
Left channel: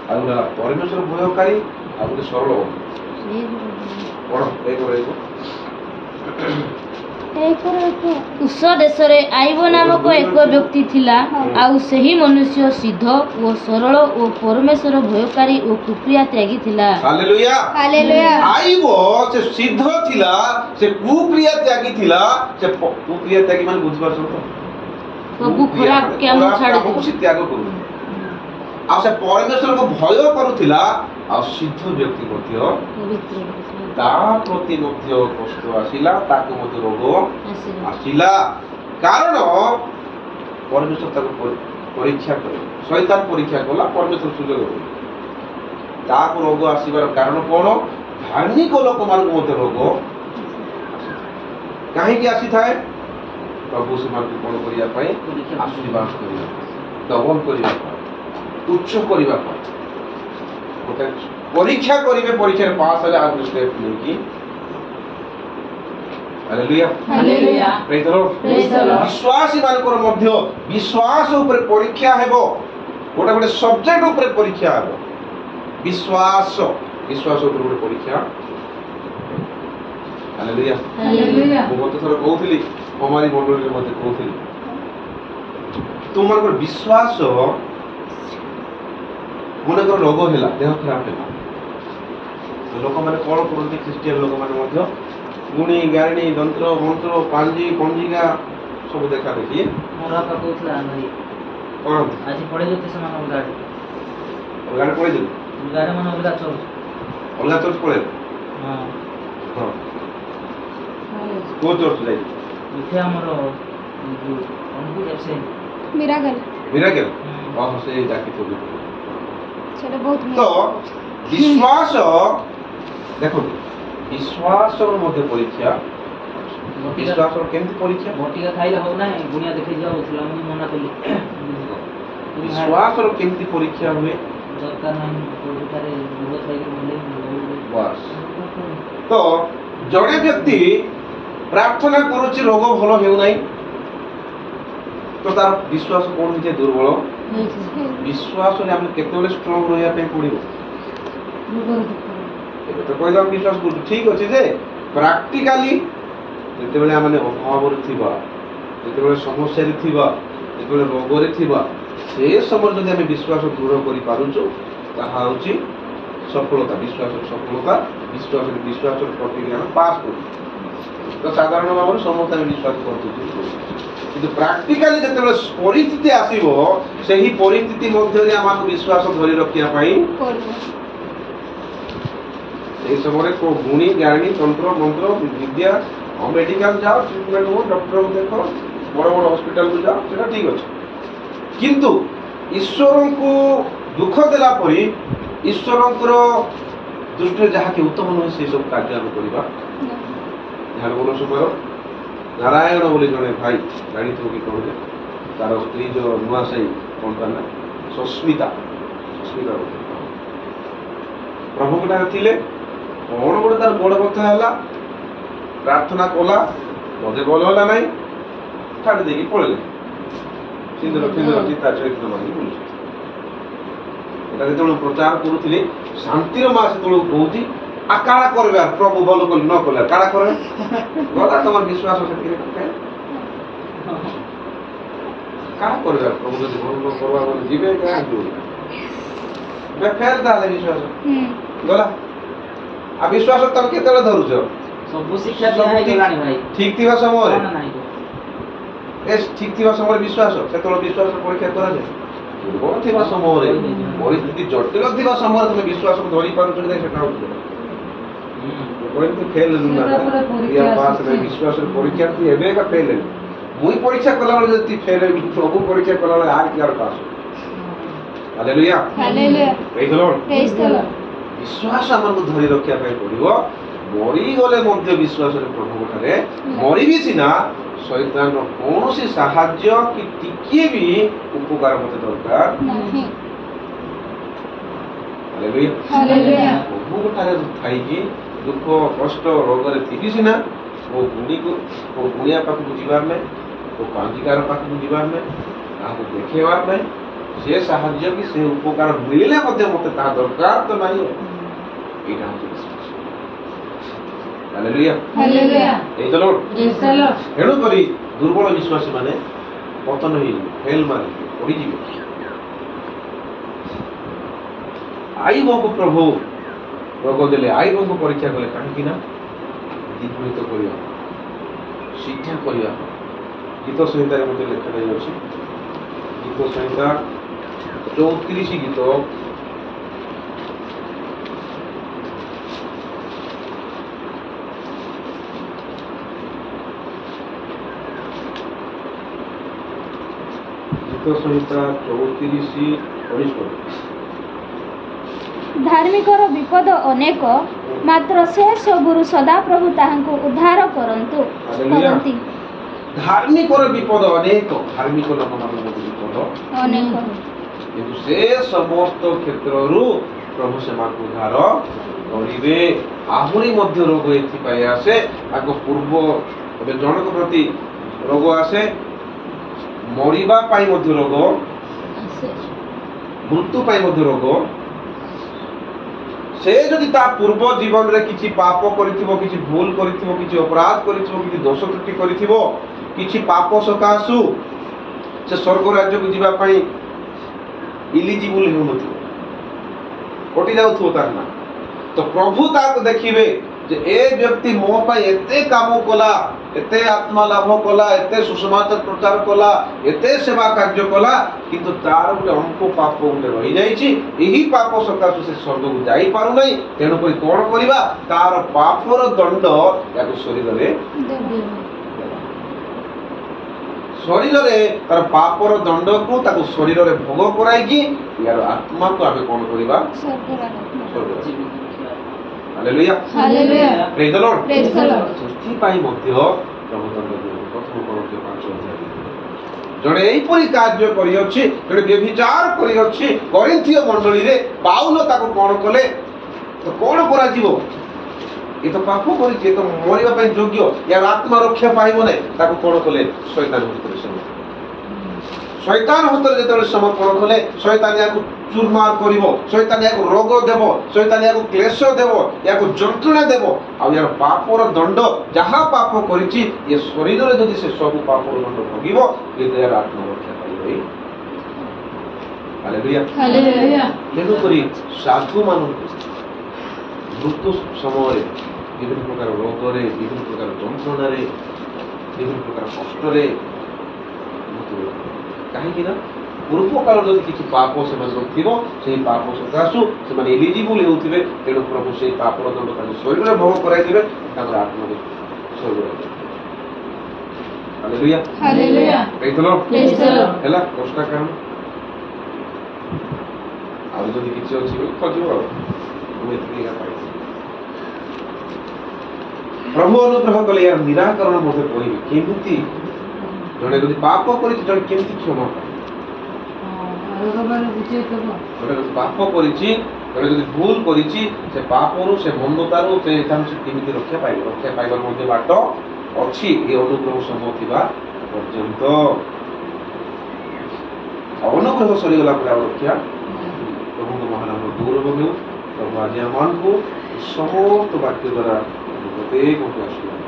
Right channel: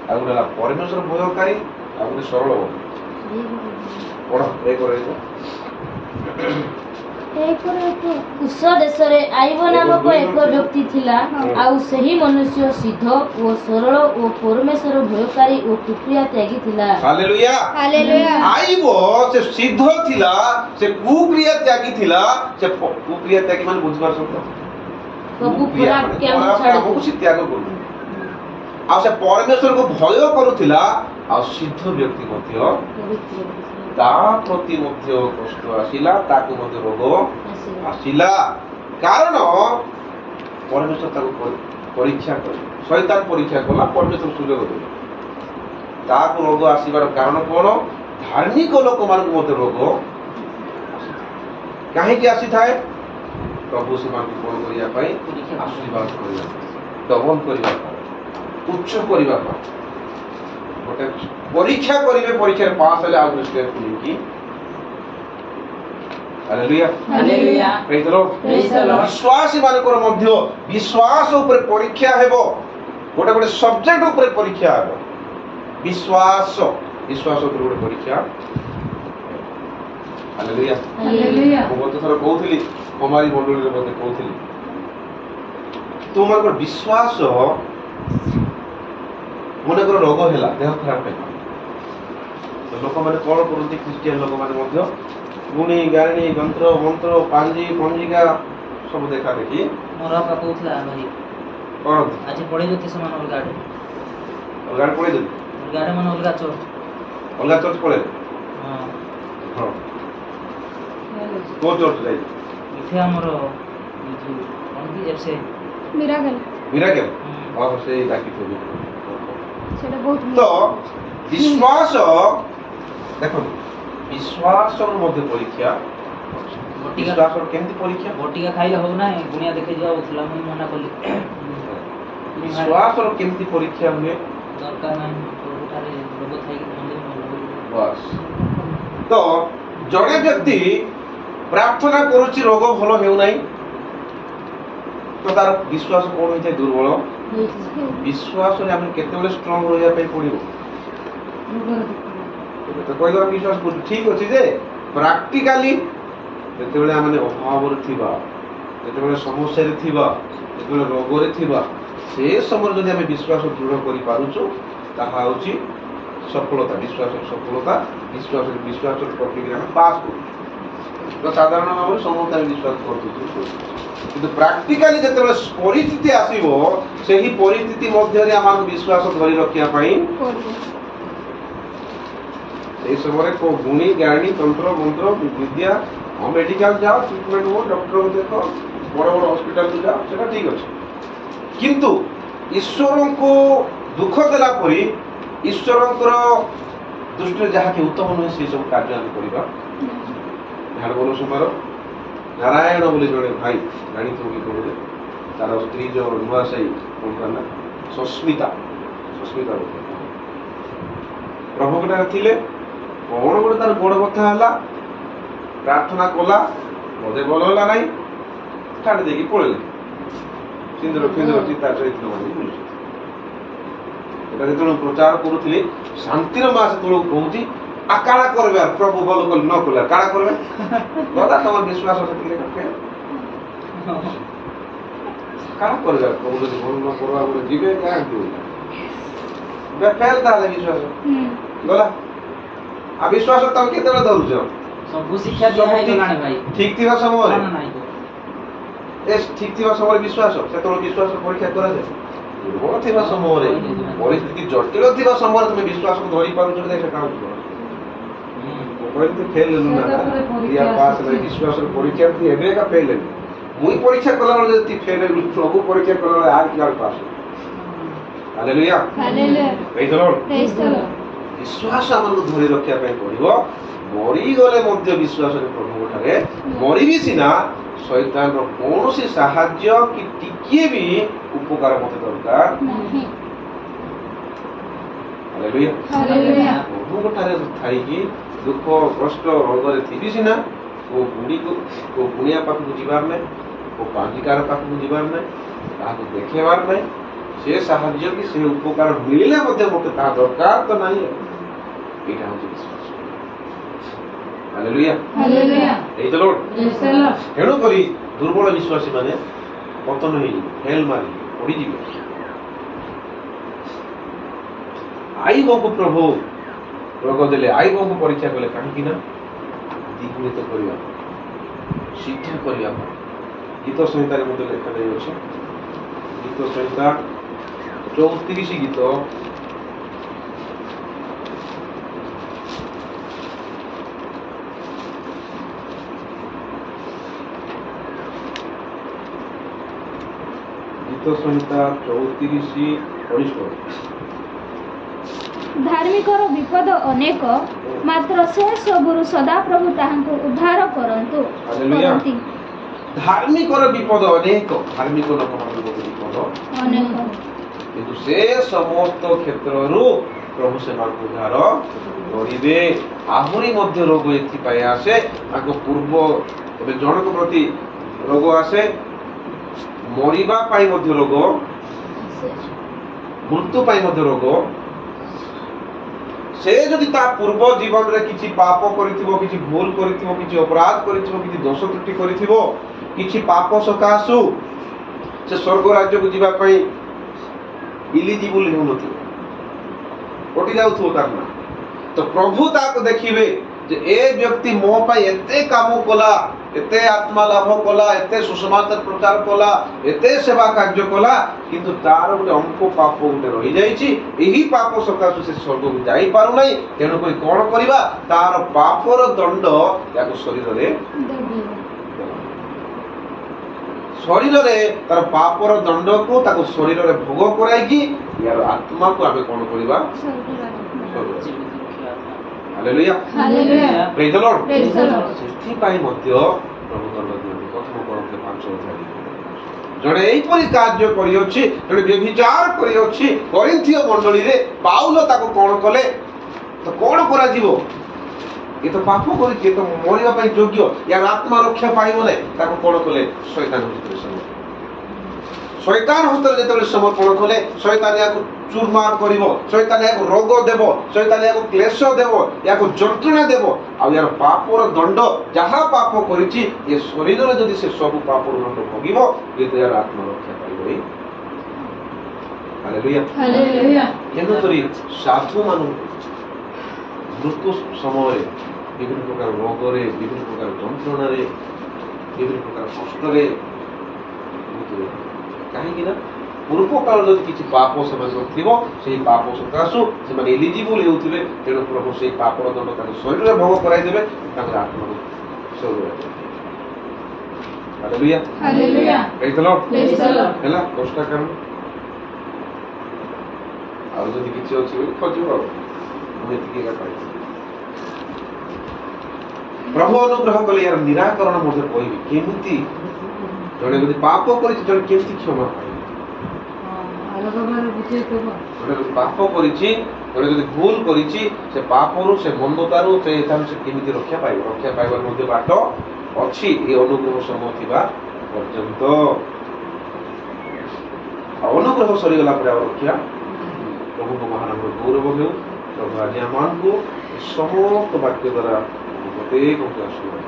ଆଉ ଗୋଟେ ହେଲା ପରମେଶ୍ୱର ଭୟକାରୀ, ଆଉ ଗୋଟେ ସରଳ ବନ୍ଧୁ। ପଢ଼ 1:1। ଉଷ ଦେଶରେ ଆଇବ ନାମକ ଏକ ବ୍ୟକ୍ତି ଥିଲା। ଆଉ ସେହି ମନୁଷ୍ୟ ସିଦ୍ଧ ଓ ସରଳ ଓ ପରମେଶ୍ୱର ଭୟକାରୀ ଓ କୁକ୍ରିୟା ତ୍ୟାଗୀ ଥିଲା। ହାଲେଲୁୟା। ହାଲେଲୁୟା। ଆଇବ ସେ ସିଦ୍ଧ ଥିଲା, ସେ କୁକ୍ରିୟା ତ୍ୟାଗୀ ଥିଲା। ସେ କୁକ୍ରିୟା ତ୍ୟାଗୀ ମାନେ ବୁଝିପାରୁଛନ୍ତି? ସବୁ ଖରାପ କାମ ଛାଡ଼ି କାମକୁ ସେ ତ୍ୟାଗ କରୁ। ଆଉ ସେ ପରମେଶ୍ୱରକୁ ଭୟ କରୁଥିଲା। ଆଉ ସିଦ୍ଧ ବ୍ୟକ୍ତି ମଧ୍ୟ ତା ପ୍ରତି ମଧ୍ୟ କଷ୍ଟ ଆସିଲା, ତାକୁ ମଧ୍ୟ ରୋଗ ଆସିଲା। କାରଣ ପରମେଶ୍ୱର ତାକୁ ପରୀକ୍ଷା କଲେ, ଶୈତାନ ପରୀକ୍ଷା କଲା, ପରମେଶ୍ୱର ସୁଯୋଗ ଦେଲେ। ତାକୁ ରୋଗ ଆସିବାର କାରଣ କ'ଣ? ଧାର୍ମିକ ଲୋକମାନଙ୍କୁ ମଧ୍ୟ ରୋଗ କାହିଁକି ଆସିଥାଏ? ପ୍ରଭୁ ସେମାନଙ୍କୁ କ'ଣ କରିବା ପାଇଁ? ଆଶୀର୍ବାଦ କରିବା ପାଇଁ, ଡବଲ କରିବା ପାଇଁ, ଉଚ୍ଚ କରିବା ପାଇଁ। ଗୋଟେ ପରୀକ୍ଷା କରିବେ, ପରୀକ୍ଷାରେ ପାସ୍ ହେଲେ ଆଉ ଗୋଟେ ଷ୍ଟେପ୍ ନେଇକି। ହାଲେଲୁୟା। ହାଲେଲୁୟା। ପ୍ରେଜ୍ the Lord. Praise the Lord. ବିଶ୍ୱାସୀମାନଙ୍କର ମଧ୍ୟ ବିଶ୍ୱାସ ଉପରେ ପରୀକ୍ଷା ହେବ। ଗୋଟେ ଗୋଟେ ସବଜେକ୍ଟ ଉପରେ ପରୀକ୍ଷା ହେବ। ବିଶ୍ୱାସ ଉପରେ ଗୋଟେ ପରୀକ୍ଷା। ହାଲେଲୁୟା। ହାଲେଲୁୟା। ମୁଁ ଗତ ଥର କହୁଥିଲି, କୁମାରୀ ମଣ୍ଡଳୀରେ ମଧ୍ୟ କହୁଥିଲି, ତୁମମାନଙ୍କର ବିଶ୍ୱାସ, ମନେକର ରୋଗ ହେଲା, ଦେହ ଖରାପ ହେଲା, ଲୋକମାନେ କ'ଣ କରନ୍ତି? ଖ୍ରୀଷ୍ଟିଆନ ଲୋକମାନେ ମଧ୍ୟ ଗୁଣି ଗାରିଣୀ, ଯନ୍ତ୍ର ମନ୍ତ୍ର, ପାଞ୍ଜି ପଞ୍ଜିକା ସବୁ ଦେଖା ଦେଖି ମୋର ବାପା କହୁଥିଲା ଭାଇ କ'ଣ ଆଜି ପଳେଇ ଯେତେ ସେମାନେ ଅଲଗା ଆଡ଼େ ଅଲଗା ପଳେଇଦେଲେ, ଅଲଗା ଆଡ଼େ ମାନେ ଅଲଗା ଚର୍ଚ୍ଚ। ଅଲଗା ଚର୍ଚ୍ଚ ପଳେଇଲେ। ହଁ ହଁ, କୋଉ ଚର୍ଚ୍ଚ ଯାଇଥିଲେ? ଏଠି ଆମର ଏ ଯୋଉ କ'ଣ କି ସେ ମିରାକଲ। ମିରାକେଲ। ସେ ଡାକିଥିବେ। ସେଟା ବହୁତ ତ ବିଶ୍ୱାସ, ଦେଖନ୍ତୁ ବିଶ୍ୱାସର ମଧ୍ୟ ପରୀକ୍ଷା। ବଟିକା ବିଶ୍ୱାସର କେମିତି ପରୀକ୍ଷା? ବଟିକା ଖାଇଲେ ହବ ନାହିଁ, ଗୁଣିଆ ଦେଖେଇ ଯିବା ଥିଲା, ମୁଁ ମନା କଲି। ବିଶ୍ୱାସର କେମିତି ପରୀକ୍ଷା ହୁଏ? ଦରକାର ନାହିଁ, କୋଉଠାରେ ରୋଗ ଥାଇକି ମଲେ ବାସ୍। ତ ଜଣେ ବ୍ୟକ୍ତି ପ୍ରାର୍ଥନା କରୁଛି, ରୋଗ ଭଲ ହେଉନାହିଁ, ତ ତାର ବିଶ୍ୱାସ କ'ଣ ହୋଇଥାଏ? ଦୁର୍ବଳ। ବିଶ୍ୱାସରେ ଆମେ କେତେବେଳେ ଷ୍ଟ୍ରଙ୍ଗ ରହିବା ପାଇଁ ପଡ଼ିବ? ଏବେ ତ କହିଲେ ଆମେ ବିଶ୍ୱାସ କରୁଛୁ, ଠିକ୍ ଅଛି, ଯେ ପ୍ରାକ୍ଟିକାଲି ଯେତେବେଳେ ଆମେ ଅଭାବରେ ଥିବା, ଯେତେବେଳେ ସମସ୍ୟାରେ ଥିବା, ଯେତେବେଳେ ରୋଗରେ ଥିବା, ସେ ସମୟରେ ଯଦି ଆମେ ବିଶ୍ୱାସ ଦୃଢ଼ କରିପାରୁଛୁ, ତାହା ହେଉଛି ସଫଳତା। ବିଶ୍ୱାସର ସଫଳତା, ବିଶ୍ୱାସର ପ୍ରକ୍ରିୟା ଆମେ ପାସ୍ କରୁଛୁ। ତ ସାଧାରଣ ଭାବରେ ସମସ୍ତେ ଆମେ ବିଶ୍ୱାସ କରୁଛୁ, କିନ୍ତୁ ପ୍ରାକ୍ଟିକାଲି ଯେତେବେଳେ ପରିସ୍ଥିତି ଆସିବ, ସେହି ପରିସ୍ଥିତି ମଧ୍ୟରେ ଆମକୁ ବିଶ୍ୱାସ ଧରି ରଖିବା ପାଇଁ এই সময় গুণী জ্ঞানী তন্ত্র মন্ত্র বিদ্যা মেডিকাল যাও, ট্রিটমেন্ট হো, ডক্টর দেখো, বড় বড় হসপিটাল যাও, সেটা ঠিক আছে। কিন্তু ଈଶ୍ୱରଙ୍କୁ ଦୁଃଖ ଦେଲା ପରି ଈଶ୍ୱରଙ୍କର ଦୃଷ୍ଟିରେ ଯାହାକି ଉତ୍ତମ ନୁହେଁ ସେ ସବୁ କାର୍ଯ୍ୟ ଆମେ କରିବା। ଝାଡ଼ ବୋଲ ସୁମାର ନାରାୟଣ ବୋଲି ଜଣେ ଭାଇ ଜାଣିଥିବ କି କହିଲେ, ତାର ସ୍ତ୍ରୀ ଯୋଉ ନୂଆ ସାହି କଣ ତା ନା ସସ୍ମିତା ପ୍ରଭୁଙ୍କଠାରେ ଥିଲେ। କଣ ଗୋଟେ ତାର ଗୋଡ଼ ବଥା ହେଲା, ପ୍ରାର୍ଥନା କଲା, ବୋଧେ ଭଲ ହେଲା ନାହିଁ, ଛାଡ଼ି ଦେଇକି ପଳେଇଲେ। ସିନ୍ଦୁର ଚିତା ଚରିତ୍ର ମାଗି ବୁଲୁଛି। এটা যেତେବେଳେ ପ୍ରଚାର କରୁଥିଲି ଶାନ୍ତିର ମା ସେତେବେଳକୁ କହୁଛି ଆଉ କାଣା କରିବେ ପ୍ରଭୁ ଭଲ କଲେ ନ କଲେ କାଣା କରିବେ ଗଲା ତମର ବିଶ୍ୱାସ ସେତିକି କାଣା କରିବେ ପ୍ରଭୁ ଯଦି ଭଲ ନ କରିବା ବୋଲେ ଯିବେ କାହିଁକି ଫେର ତାହେଲେ ବିଶ୍ୱାସ ଗଲା। ଆଉ ବିଶ୍ୱାସ ତମେ କେତେବେଳେ ଧରୁଛ? ସବୁ ଶିକ୍ଷା ଦିଆ ହେଇଗଲାଣି ଭାଇ। ଠିକ ଥିବା ସମୟରେ ନାହିଁ ଠିକ ଥିବା ସମୟରେ ବିଶ୍ୱାସ, ସେତେବେଳେ ବିଶ୍ୱାସ ପରୀକ୍ଷା କରାଯାଏ। ଦୁର୍ବଳ ଥିବା ସମୟରେ, ପରିସ୍ଥିତି ଜଟିଳ ଥିବା ସମୟରେ ତମେ ବିଶ୍ୱାସକୁ ଧରି ପାରୁଛ କି ସେଟା ହଉଛି ବିଶ୍ୱାସର ପରୀକ୍ଷା ଏବେ ଏକା ଫେଲ ହେବି। ମୁଇଁ ପରୀକ୍ଷା କଲାବେଳେ ଯଦି ଫେଲ ହେବି, ପ୍ରଭୁ ପରୀକ୍ଷା କଲାବେଳେ ଆର କି ଆର ପାସ୍। ହାଲେଲୁୟା। ବିଶ୍ୱାସ ଆମକୁ ଧରି ରଖିବା ପାଇଁ ପଡିବ। ମରିଗଲେ ମଧ୍ୟ ବିଶ୍ୱାସରେ ପ୍ରଭୁଙ୍କ ଠାରେ ମରିବି ସିନା, ଶୈତାନର କୌଣସି ସାହାଯ୍ୟ କି ଟିକିଏ ବି ଉପକାର ମତେ ଦରକାର ନାହିଁ। ହାଲେଲୁୟା। ପ୍ରଭୁଙ୍କ ଠାରେ ଥାଇକି ଦୁଃଖ କଷ୍ଟ ରୋଗରେ ଥିବି ସିନା, କୋଉ ଗୁଣିଆ ପାଖକୁ ଯିବାର ନାହିଁ, କୋଉ ପାଞ୍ଜିକାର ପାଖକୁ ଯିବାର ନାହିଁ, ତାହାକୁ ଦେଖେଇବାର ନାହିଁ। ସେ ସାହାଯ୍ୟ କି ସେ ଉପକାର ମିଳିଲେ ମଧ୍ୟ ମତେ ତାହା ଦରକାର ତ ନାହିଁ। ଏଇଟା ହଉଛି ବିଶ୍ୱାସ। ହାଲେଲୁୟା। ଏଇ ତ ଲୋଡ଼। ତେଣୁକରି ଦୁର୍ବଳ ବିଶ୍ୱାସୀ ମାନେ ପତନ ହେଇଯିବେ, ଫେଲ ମାରି ପଡ଼ିଯିବେ। ଆଇବଙ୍କୁ ପ୍ରଭୁ ରୋଗ ଦେଲେ, ଆଇବଙ୍କୁ ପରୀକ୍ଷା କଲେ କାହିଁକି ନା ଦ୍ୱିଗୁଣିତ କରିବା, ସିଦ୍ଧ କରିବା। ଗୀତ ସଂହିତାରେ ମଧ୍ୟ ଲେଖାଯାଇଅଛି, ଗୀତ ସଂହିତା 34 ଗୀତ 34:19। ଧାର୍ମିକର ବିପଦ ଅନେକ, ମାତ୍ର ସେ ସବୁରୁ ସଦାପ୍ରଭୁ ତାହାଙ୍କୁ ଉଦ୍ଧାର କରନ୍ତି। ଧାର୍ମିକର ବିପଦ ଅନେକ, ଧାର୍ମିକ ଲୋକମାନଙ୍କ ବିପଦ ଅନେକ, କିନ୍ତୁ ସେ ସମସ୍ତ କ୍ଷେତ୍ରରୁ ପ୍ରଭୁ ସେମାନଙ୍କୁ ଉଦ୍ଧାର କରିବେ। ଆହୁରି ମଧ୍ୟ ରୋଗ ଏଥିପାଇଁ ଆସେ, ତାଙ୍କ ପୂର୍ବ ଏବେ ଜଣଙ୍କ ପ୍ରତି ରୋଗ ଆସେ, ମରିବା ପାଇଁ ମଧ୍ୟ ରୋଗ, ମୃତ୍ୟୁ ପାଇଁ ମଧ୍ୟ ରୋଗ। ସେ ଯଦି ତା ପୂର୍ବ ଜୀବନରେ କିଛି ପାପ କରିଥିବ, କିଛି ଭୁଲ କରିଥିବ, କିଛି ଅପରାଧ କରିଥିବ, କିଛି ଦୋଷ ତ୍ରୁଟି କରିଥିବ, କିଛି ପାପ ସକାଶୁ ସେ ସ୍ୱର୍ଗ ରାଜ୍ୟକୁ ଯିବା ପାଇଁ ଇଲିଜିବୁଲ ହେଉନଥିବ, କଟି ଯାଉଥିବ ତାର ନା, ତ ପ୍ରଭୁ ତାକୁ ଦେଖିବେ ଯେ ଏ ବ୍ୟକ୍ତି ମୋ ପାଇଁ ଏତେ କାମ କଲା, ଏତେ ଆତ୍ମା ଲାଭ କଲା, ଏତେ ସୁସମାଚାର ପ୍ରଚାର କଲା, ଏତେ ସେବା କାର୍ଯ୍ୟ କଲା, କିନ୍ତୁ ତାର ଗୋଟେ ଅଳ୍ପ ପାପ ଗୋଟେ ରହିଯାଇଛି। ଏହି ପାପ ସକାଶୁ ସେ ସ୍ୱର୍ଗକୁ ଯାଇପାରୁନାହିଁ। ତେଣୁକରି କଣ କରିବା? ତାର ପାପର ଦଣ୍ଡ ତାକୁ ଶରୀରରେ ତାର ପାପର ଦଣ୍ଡକୁ ତାକୁ ଶରୀରରେ ଭୋଗ କରାଇକି ୟାର ଆତ୍ମାକୁ ଆମେ କଣ କରିବା? ହାଲେଲୁୟା। ପ୍ରେଜ୍ ଦ ଲର୍ଡ। ସେଥିପାଇଁ ମଧ୍ୟ ପ୍ରଭୁ ଦଣ୍ଡ ଦିଅନ୍ତି। ପ୍ରଥମ କରନ୍ଥୀ 5:2 ଜଣେ ଏହିପରି କାର୍ଯ୍ୟ କରିଅଛି, ଜଣେ ବ୍ୟଭିଚାର କରିଅଛି କରିନ୍ଥୀୟ ମଣ୍ଡଳୀରେ। ପାଉଲ ତାକୁ କଣ କଲେ? ତ କଣ କରାଯିବ? ଏ ତ ପାପ କରିଛି, ଏ ତ ମରିବା ପାଇଁ ଯୋଗ୍ୟ, ୟାର ଆତ୍ମା ରକ୍ଷା ପାଇବ ନାହିଁ। ତାକୁ କଣ କଲେ? ଶୈତାନ ହସ୍ତରେ ଯେତେବେଳେ ସମର୍ପଣ କଲେ, ଶୈତାନ ୟାକୁ ଚୁରମାର କରିବ, ଶୈତାନ ୟାକୁ ରୋଗ ଦେବ, ଶୈତାନ ୟାକୁ କ୍ଲେଶ ଦେବ, ୟାକୁ ଯନ୍ତ୍ରଣା ଦେବ। ଆଉ ୟାର ପାପର ଦଣ୍ଡ, ଯାହା ପାପ କରିଛି ଏ ଶରୀରରେ ଯଦି ସେ ସବୁ ପାପର ଦଣ୍ଡ ଭୋଗିବ, କିନ୍ତୁ ୟାର ଆତ୍ମା ରକ୍ଷା ପାଇବ। ହାଲେଲୁୟା। ତେଣୁକରି ସାଧୁମାନଙ୍କୁ ମୃତ୍ୟୁ ସମୟରେ ବିଭିନ୍ନ ପ୍ରକାର ରୋଗରେ, ବିଭିନ୍ନ ପ୍ରକାର ଯନ୍ତ୍ରଣାରେ, ବିଭିନ୍ନ ପ୍ରକାର କଷ୍ଟରେ, କାହିଁକି ନା ପୂର୍ବ କାଳରେ ଯଦି କିଛି ପାପ ସେମାନଙ୍କର ଥିବ, ସେହି ପାପ ସକାଶୁ ସେମାନେ ଏଲିଜିବୁଲ ହେଉଥିବେ। ତେଣୁ ପ୍ରଭୁ ସେହି ପାପର ଦଣ୍ଡ ତାଙ୍କୁ ଶରୀରରେ ଭୋଗ କରାଇଦେବେ, ତାଙ୍କର ଆତ୍ମାକୁ ସ୍ୱର୍ଗରେ। ହାଲେଲୁୟା। ହେଲା କଷ୍ଟ କାରଣ ଆଉ ଯଦି କିଛି ଅଛି ବୋଲି ଖୋଜିବ ଆଉ ଆମେ ଏତିକି ଏକା ପାଇଛୁ। ପ୍ରଭୁ ଅନୁଗ୍ରହ କଲେ ଏହାର ନିରାକରଣ ମଧ୍ୟ କହିବି କେମିତି ଜଣେ ଯଦି ପାପ କରିଛି ଜଣେ କେମିତି କ୍ଷମା ପାଇବ। ଜଣେ ଯଦି ପାପ କରିଛି ଜଣେ ଯଦି ଭୁଲ କରିଛି ସେ ପାପରୁ ସେ ମନ୍ଦତାରୁ ସେ କେମିତି ରକ୍ଷା ପାଇବ। ରକ୍ଷା ପାଇବାର ମଧ୍ୟ ବାଟ ଅଛି ଏ ଅନୁଗ୍ରହ ସମୟ ଥିବା ପର୍ଯ୍ୟନ୍ତ। ଆଉ ଅନୁଗ୍ରହ ସରିଗଲା ପରେ ଆଉ ରକ୍ଷା ପ୍ରଭୁଙ୍କ ମହାନାମର ଗୌରବ ହେଉ। ପ୍ରଭୁ ଆଜି ଆମମାନଙ୍କୁ ସମସ୍ତ ବାକ୍ୟ ଦ୍ୱାରା ପ୍ରତ୍ୟେକଙ୍କୁ ଆଶୀର୍ବାଦ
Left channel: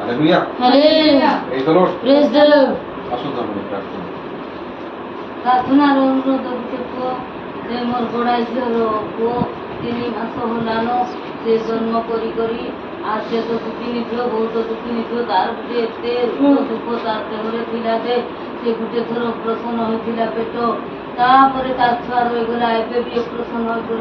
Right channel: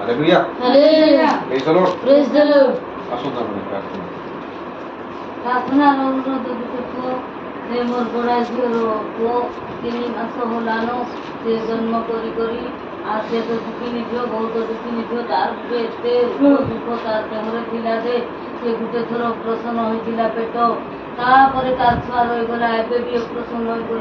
hallelujah. Praise the Lord. Praise the Lord. ଆସନ୍ତୁ ଆମେ ପ୍ରାର୍ଥନା। ପ୍ରାର୍ଥନାର ଅନୁରୋଧ ଗୁଟେ ପୁଅ ସେ ମୋର ବଡ଼ା ଝିଅର ପୁଅ 3 ମାସ ହେଲାନ ସେ ଜନ୍ମ କରି ଆଉ ସେ ତ ଦୁଃଖିନୀ ଝିଅ ବହୁତ ଦୁଃଖିନୀ ଝିଅ ତାର ଗୋଟେ ଏତେ ଦୁଃଖ ତା ଦେହରେ ଥିଲା ଯେ ସେ ଗୋଟେ ଥର ଅପରେସନ୍ ହୋଇଥିଲା ପେଟ ତାପରେ ତାର ଛୁଆ ରହିଗଲା ଏବେ ବି ଅପରେସନ୍ ହୋଇଗଲା।